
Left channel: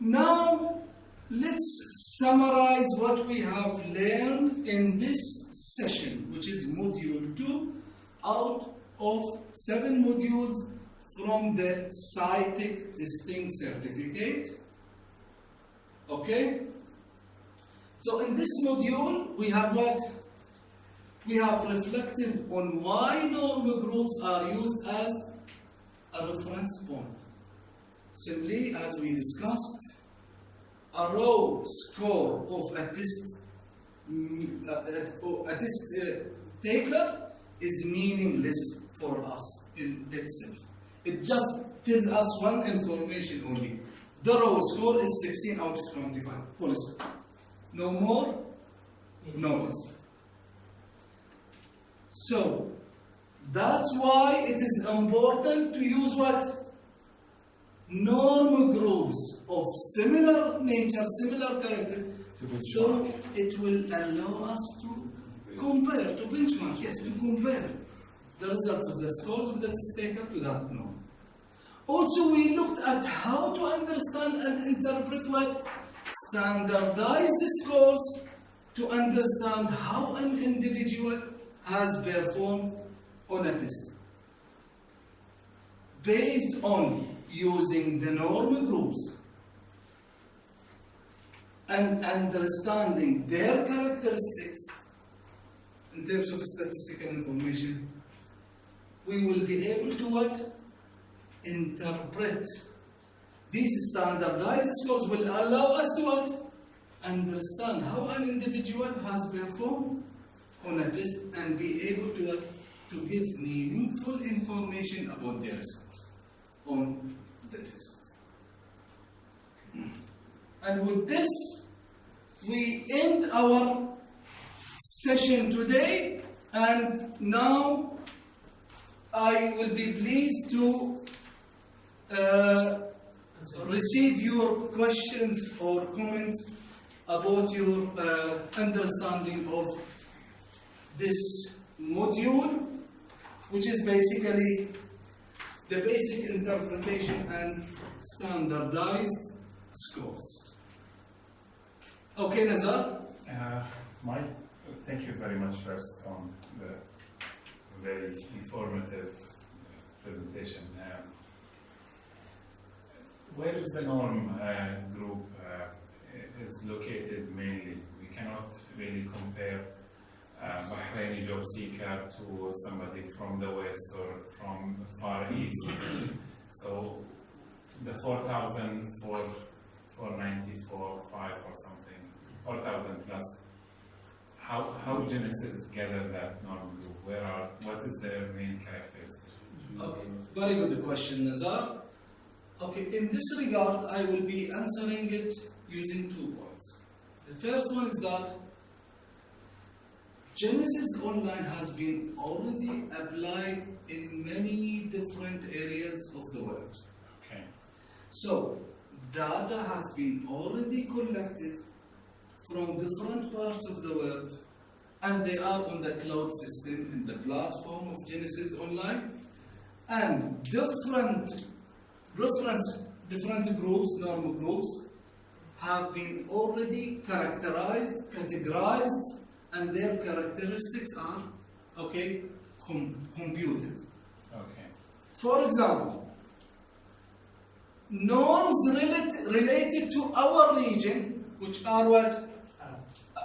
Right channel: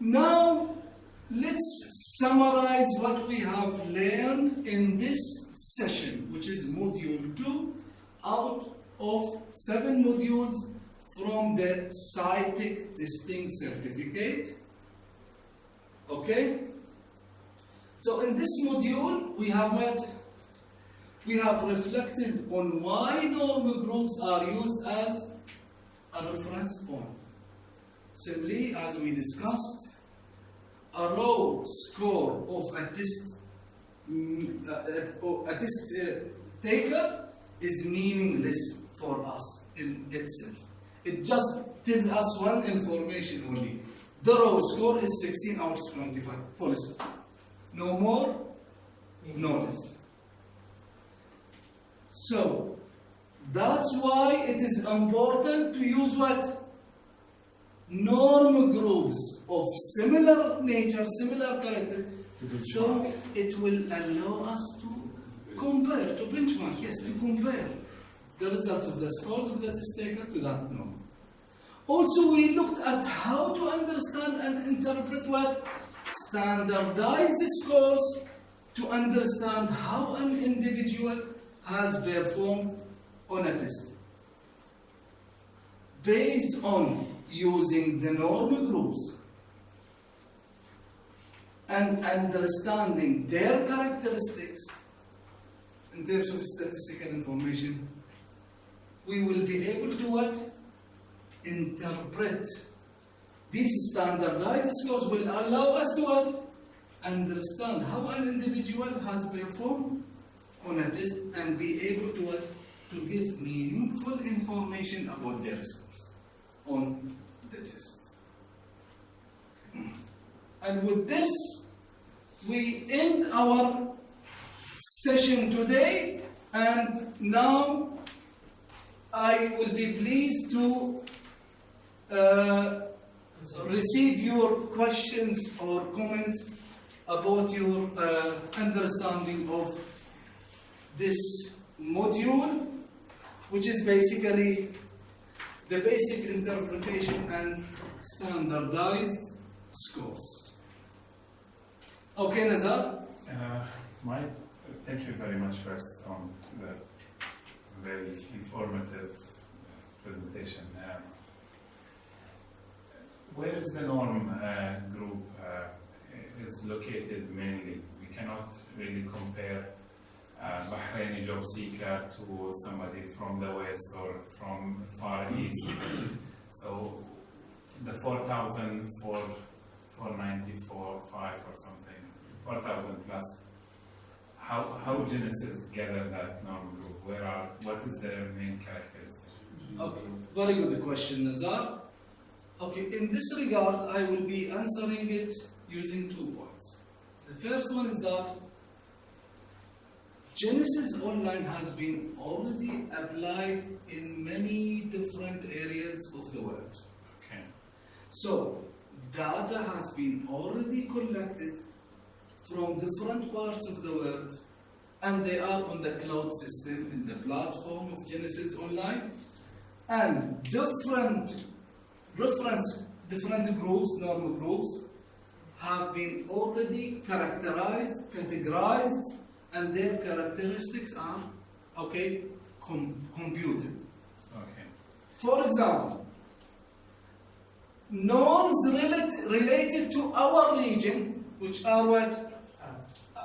Now, let's summarize what we have learned in this session, which is module 2 out of 7 modules from the SciTech testing certificate. Okay? So in this module, we have what? We have reflected on why normal groups are used as a reference point. Simply, as we discussed, a raw score of a test taker is meaningless for us in itself. It just tells us one information only. The raw score is 16 out of 25. Full stop. No more, no less. So, that's why it is important to use what? Norm groups of similar nature, similar character, so it will allow us to compare, to benchmark, yes, to compare the results of the scores of the test taker to that norm. Also, we looked at how to understand and interpret what? Standardized scores to understand how an individual has performed on a test. Based on using the normal groups and understanding their characteristics in terms of statistical information, we will be able to what? Interpret. These standardized scores will allow us to what? Understand how an individual has performed on a test and be able to what? To give meaningful information about their scores on the test. And with this, we end our session today, and now I will be pleased to receive your questions or comments about your understanding of this module, which is basically the basic interpretation and standardized scores. Okay, Nazar? Mike, thank you very much first on the very informative presentation. Where is the norm group is located mainly? We cannot really compare Bahraini job seeker to somebody from the West or from Far East. So the 4,000, 494, 5 or something, 4,000 plus. How Genesis gather that norm group? What is their main characteristic? Okay, very good question, Nazar. Okay, in this regard, I will be answering it using 2 points. The first one is that Genesis Online has been already applied in many different areas of the world. Okay. So, data has been already collected from different parts of the world, and they are on the cloud system in the platform of Genesis Online, and different groups, normal groups, have been already characterized, categorized, and their characteristics are, computed. Okay. For example, norms related to our region, which are what?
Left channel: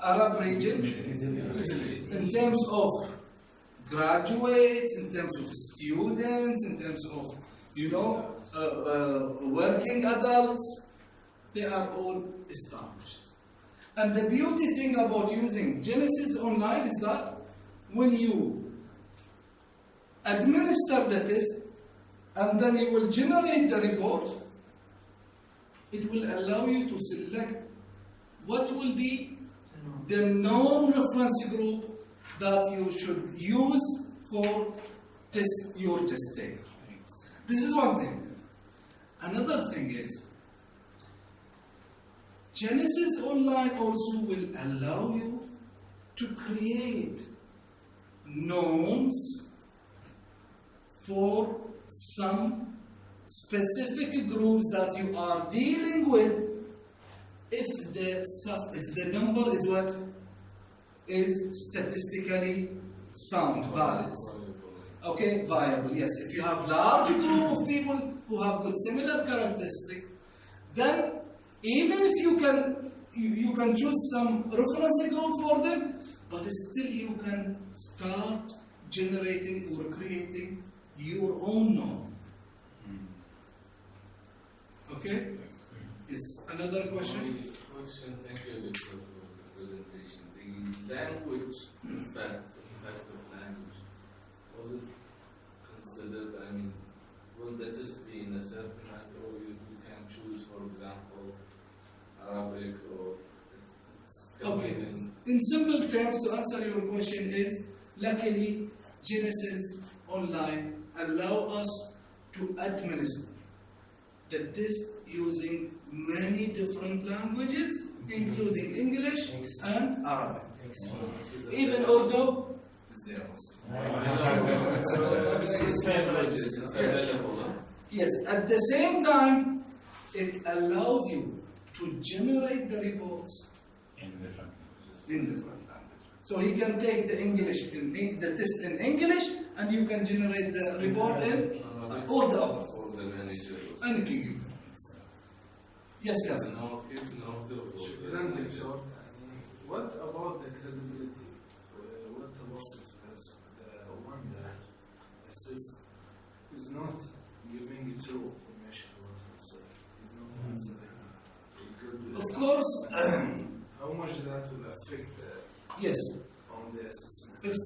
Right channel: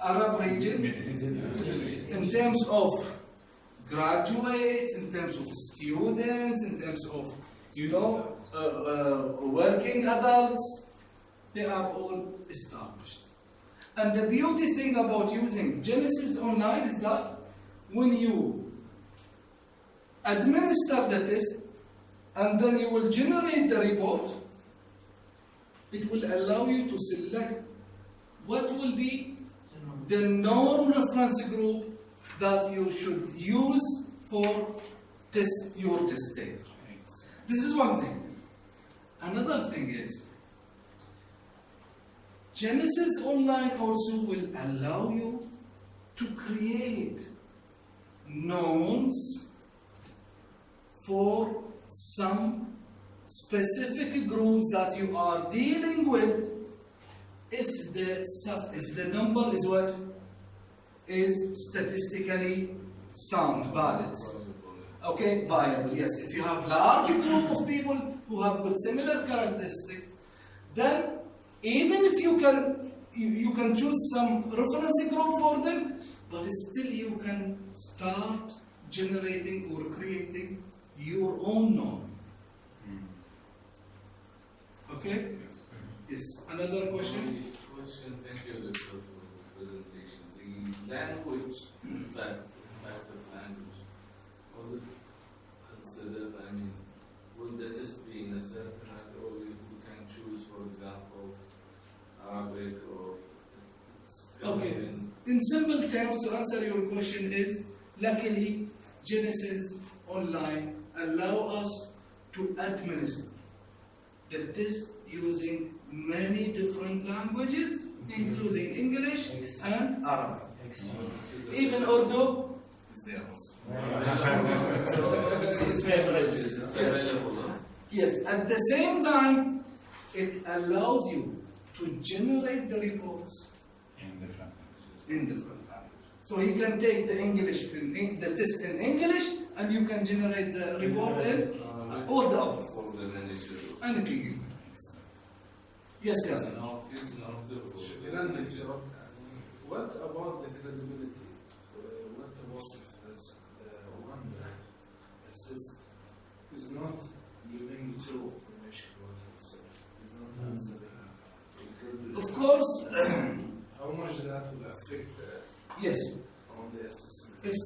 Arab region, in terms of graduates, in terms of students, in terms of, working adults, they are all established. And the beauty thing about using Genesis Online is that when you administer the test and then you will generate the report, it will allow you to select what will be the norm reference group that you should use for your test taker. This is one thing. Another thing is, Genesis Online also will allow you to create norms for some specific groups that you are dealing with if the number is what is statistically sound, valid. Okay, viable, yes. If you have large group of people who have got similar characteristics, then even if you can you can choose some reference group for them, but still you can start generating or creating your own norm. Okay? That's good. Yes. Another question? Thank you, Doctor, for the presentation. The language impact of language, was it considered, I mean, will the test be in a certain language, or you can choose, for example, Arabic, or it's Okay. in In simple terms, to answer your question is, luckily, Genesis Online allow us to administer the test using many different languages, including English and Arabic. Even Urdu is there also. It's languages, it's Yes. available, huh? Yes, at the same time, it allows you to generate the reports In different languages. in different languages. So he can take the English, the test in English, and you can generate the report in or the opposite. For the manager. Anything you can. Yes, yes. No, it's not the شكرا دكتور. What about the credibility? What about if the one that assists is not giving true information about himself? Is not answering. Of course, How much that will affect yes. on the assessment?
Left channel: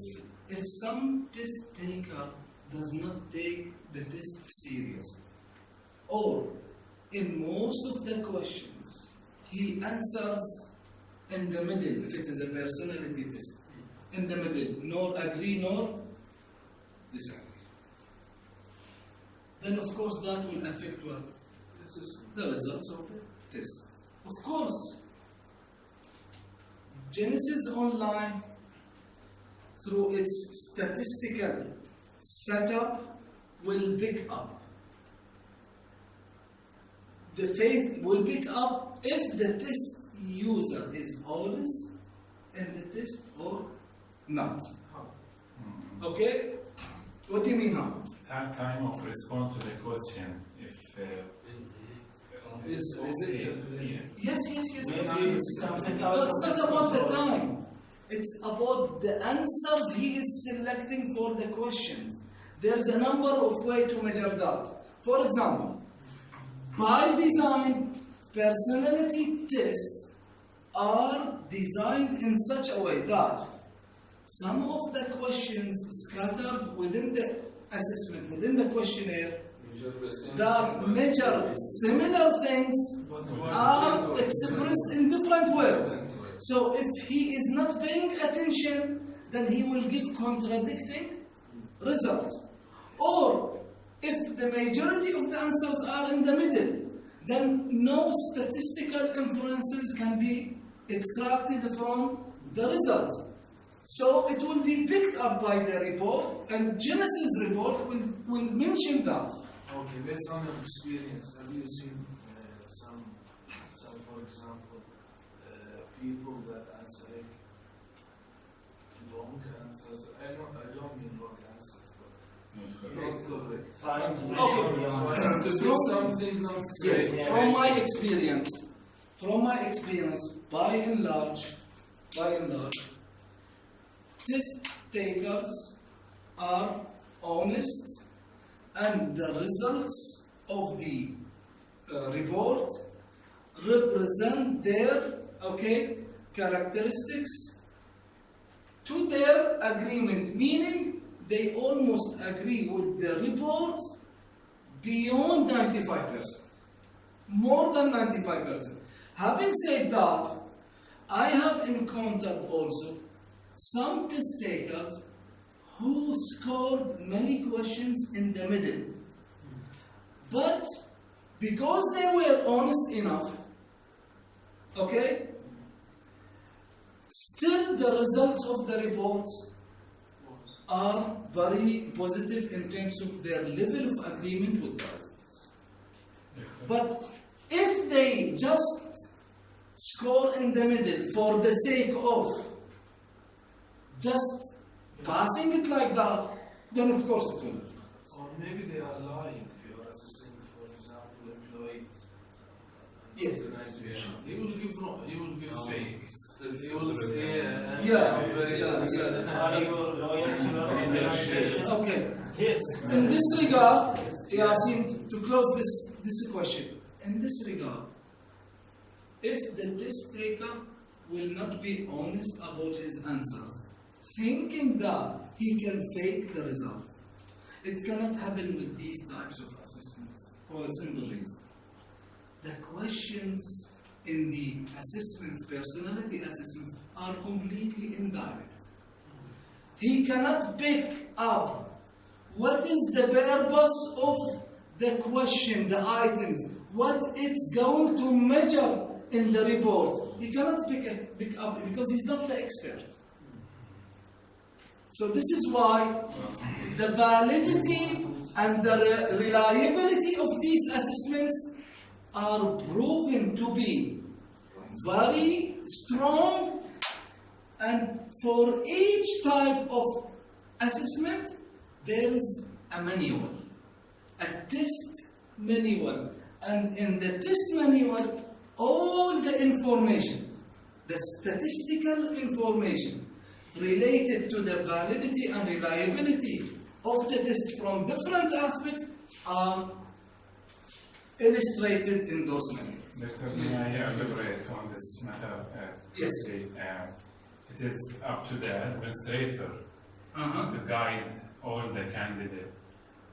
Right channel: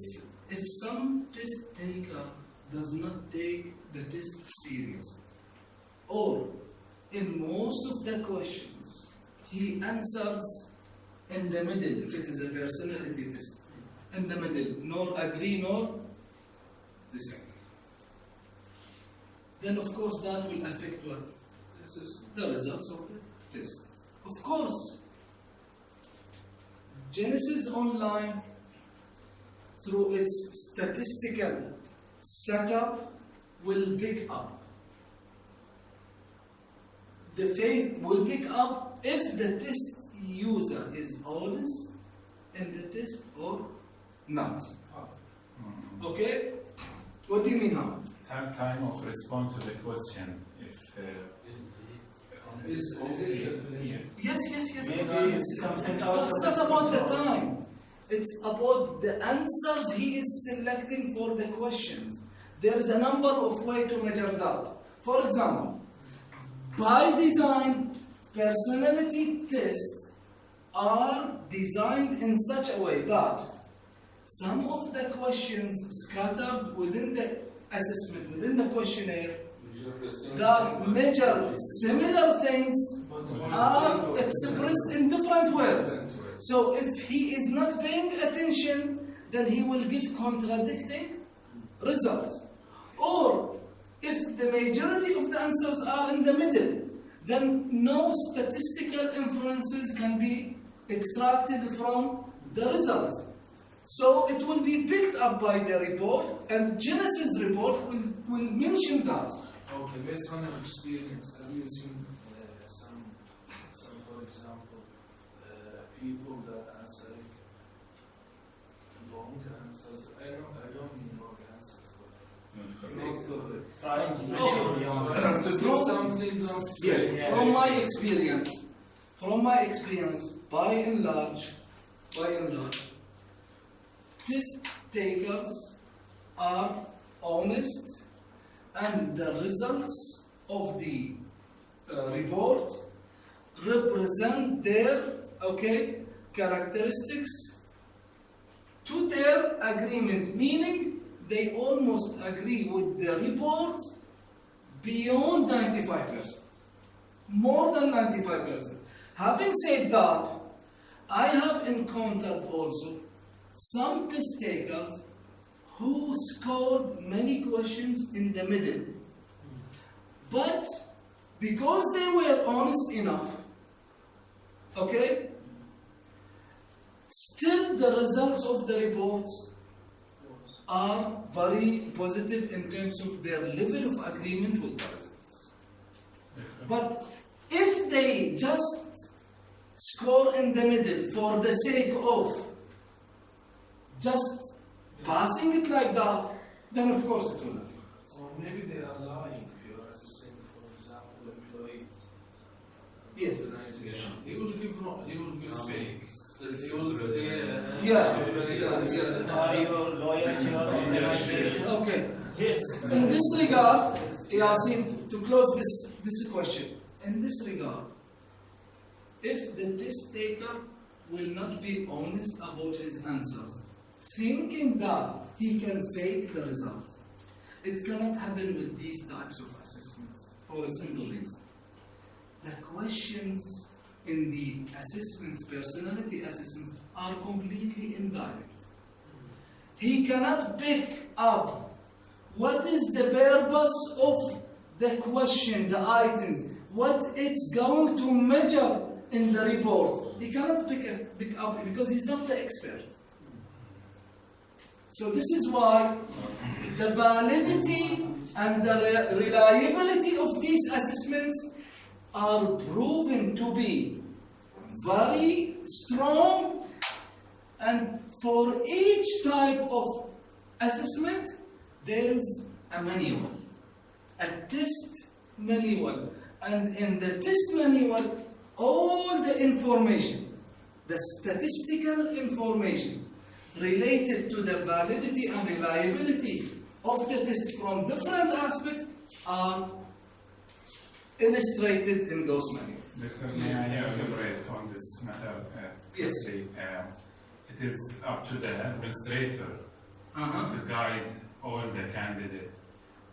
If some test taker does not take the test serious, or in most of the questions he answers in the middle, if it is a personality test, in the middle, nor agree nor disagree, then of course that will affect what? Assessment. The results of the test. Of course, Genesis Online, through its statistical setup, will pick up. The phase will pick up if the test user is honest in the test or not. How? Okay? What do you mean how? Time of response to the question. If Is it calculated? Yes, yes, yes. Maybe it's something out No, it's of not his about the control. time. It's about the answers he is selecting for the questions. There is a number of ways to measure that. For example, by design, personality tests are designed in such a way that some of the questions scattered within the assessment, within the questionnaire, that measure similar things But what are about- expressed in different words. So if he is not paying attention, then he will give contradicting results. Or if the majority of the answers are in the middle, then no statistical inferences can be extracted from the results. So it will be picked up by the report, and Genesis report will mention that. Okay, based on your experience, have you seen some, for example, people that answering wrong answers? I don't mean wrong answers, but not correct. Trying to make Okay. it from So your- I have to do something not Yes, fair. Yeah. from my experience, by and large, test takers are honest, and the results of the report represent their characteristics to their agreement, meaning they almost agree with the report beyond 95%, more than 95%. Having said that, I have encountered also some test takers who scored many questions in the middle. But because they were honest enough, still the results of the reports are very positive in terms of their level of agreement with the results. But if they just score in the middle for the sake of just passing it like that, then of course it will affect. Or maybe they are lying. If you are assessing, for example, employees. Yes. Organization. He will give Yeah, Very yeah, good. yeah. Are you loyal to your organization? Okay. Yes. In this regard, Yasin, to close this question, in this regard, if the test taker will not be honest about his answers, thinking that he can fake the results, it cannot happen with these types of assessments for a simple reason. The questions in the assessments, personality assessments, are completely indirect. He cannot pick up what is the purpose of the question, the items, what it's going to measure in the report. He cannot pick up because he's not the expert. So this is why the validity and the reliability of these assessments are proven to be very strong, and for each type of assessment there is a manual, a test manual, and in the test manual all the information, the statistical information related to the validity and reliability of the test from different aspects are illustrated in those manuals. Doctor, may I elaborate on this matter? Yes. Quickly? It is up to the administrator Uh-huh. to guide all the candidates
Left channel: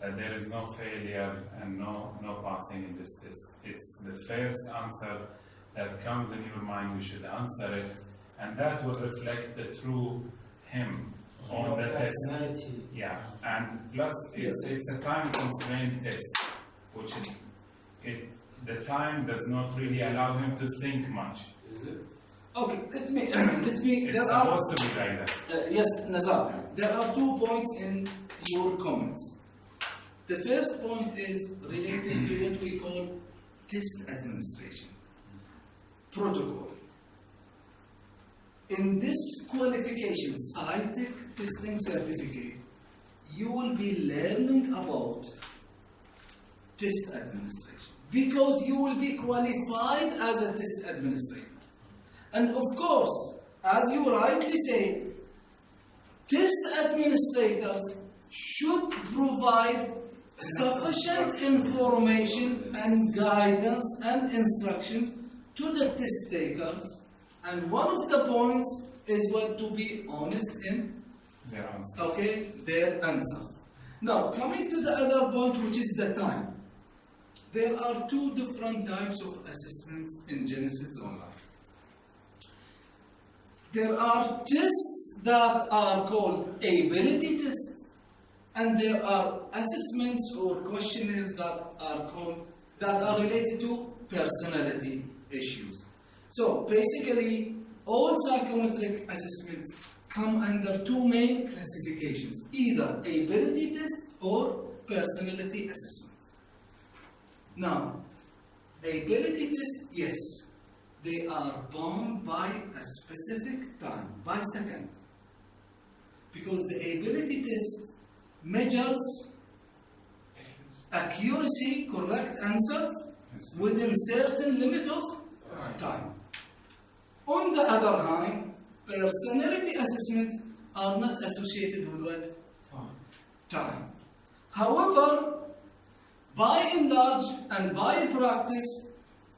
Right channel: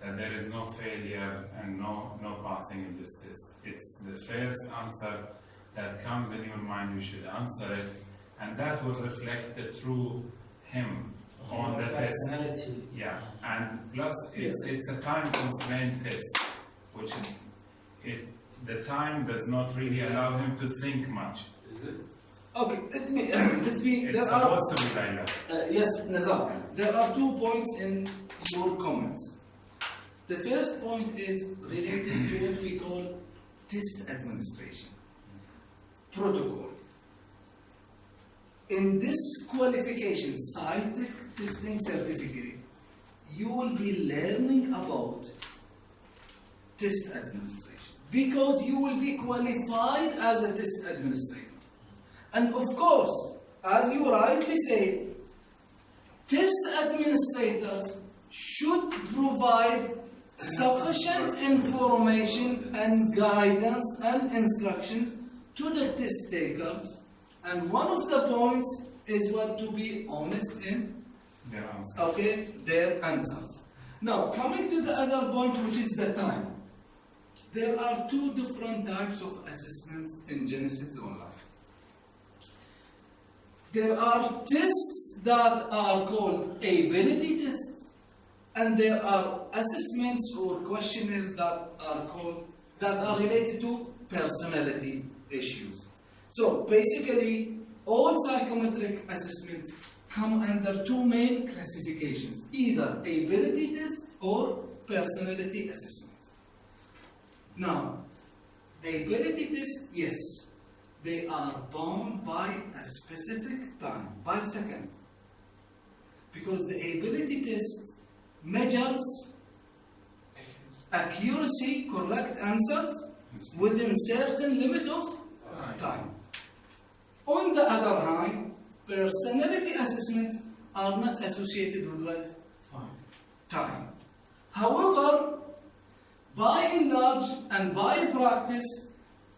that there is no failure and no passing in this test. It's the first answer that comes in your mind, you should answer it, and that will reflect the true him on the test. Personality. Yeah, and plus it's a time constrained test, which is, the time does not really allow him to think much. Is it? Okay, let me. It's supposed to be like that. Yes, Nazar. There are 2 points in your comments. The first point is related to what we call test administration protocol. In this qualification, SciTech testing certificate, you will be learning about test administration because you will be qualified as a test administrator. And of course, as you rightly say, test administrators should provide sufficient information and guidance and instructions to the test takers. And one of the points is what to be honest in Their answer. their answers. Now, coming to the other point, which is the time. There are 2 different types of assessments in Genesis Online. There are tests that are called ability tests, and there are assessments or questionnaires that are related to personality issues. So basically, all psychometric assessments come under 2 main classifications, either ability test or personality assessments. Now, ability test, yes, they are bound by a specific time, by second. Because the ability test measures accuracy, correct answers within certain limit of time. On the other hand, personality assessments are not associated with what? Time. However, by and large and by practice,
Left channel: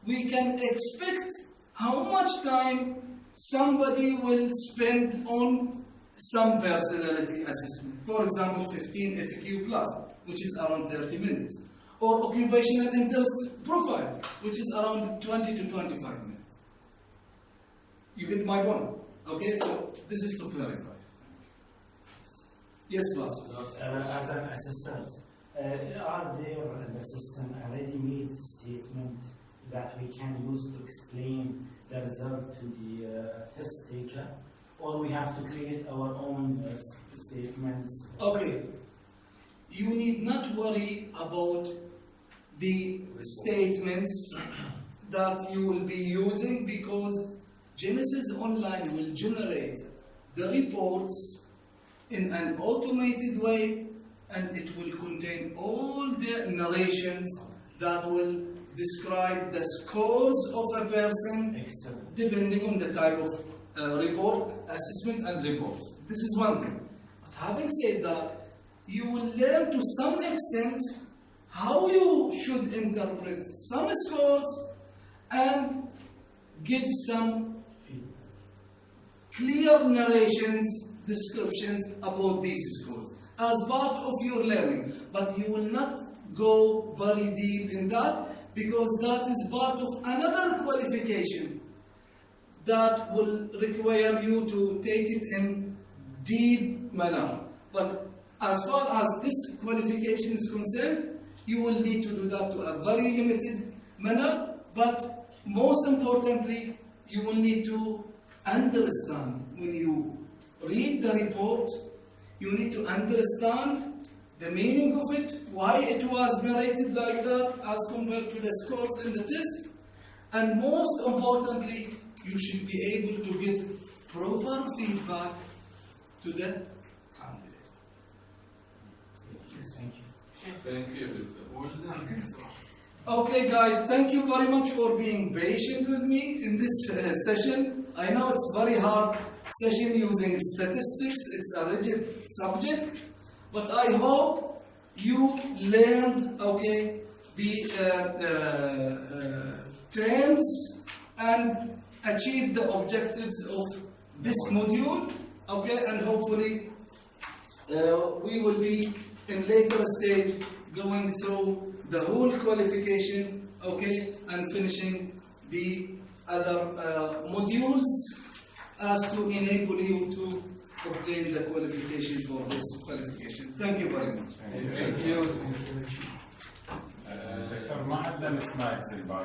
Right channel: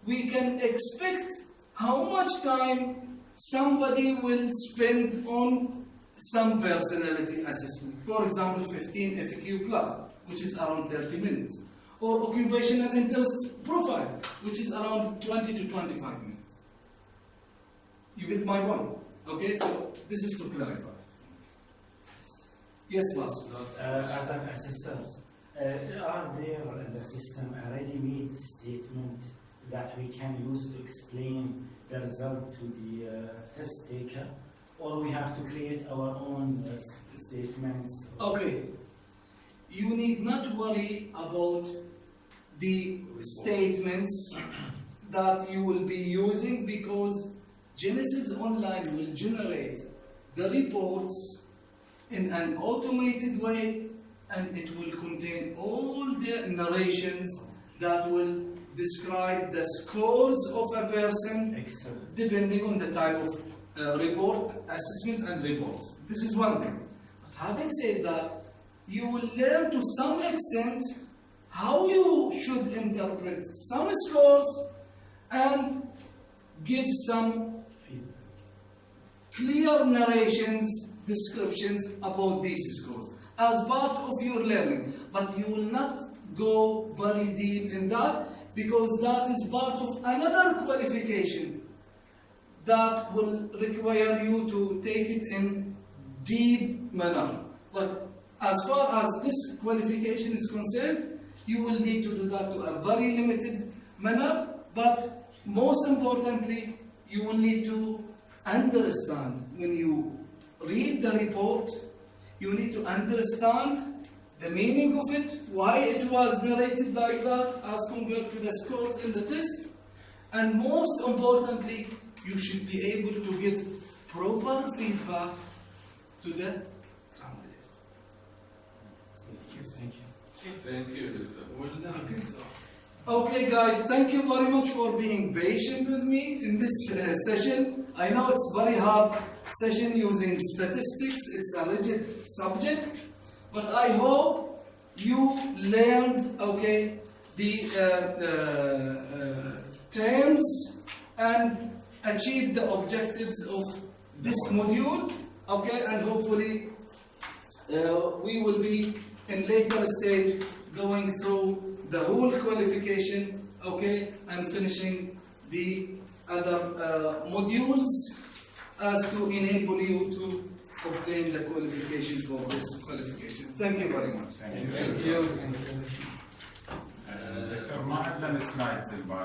we can expect how much time somebody will spend on some personality assessment. For example, 15 FQ plus, which is around 30 minutes. Or occupational interest profile, which is around 20 to 25 minutes. You get my point? Okay, so this is to clarify. Yes, boss. As an assessor, are there in the system a ready-made statement that we can use to explain the result to the test taker, or we have to create our own statements? Okay. You need not worry about the statements that you will be using, because Genesis Online will generate the reports in an automated way, and it will contain all the narrations that will describe the scores of a person Excellent. depending on the type of report, assessment and report. This is one thing. But having said that, you will learn to some extent how you should interpret some scores and give some Feedback. clear narrations, descriptions about these scores as part of your learning. But you will not go very deep in that, because that is part of another qualification that will require you to take it in deep manner. But as far as this qualification is concerned, you will need to do that to a very limited manner. But most importantly, you will need to understand when you read the report, you need to understand the meaning of it, why it was narrated like that as compared to the scores in the test. And most importantly, you should be able to give proper feedback to the candidate. Thank you. Thank you, Doctor. Well done. Doctor. Okay guys, thank you very much for being patient with me in this session. I know it's very hard session using statistics, it's a rigid subject, but I hope you learned, okay, the terms and achieved the objectives of this module, okay, and hopefully we will be in later stage going through the whole qualification, okay, and finishing the other modules as to enable you to obtain the qualification for this qualification. Thank you very much. Thank you. Thank you. دكتور ما عندنا سلايدز البارح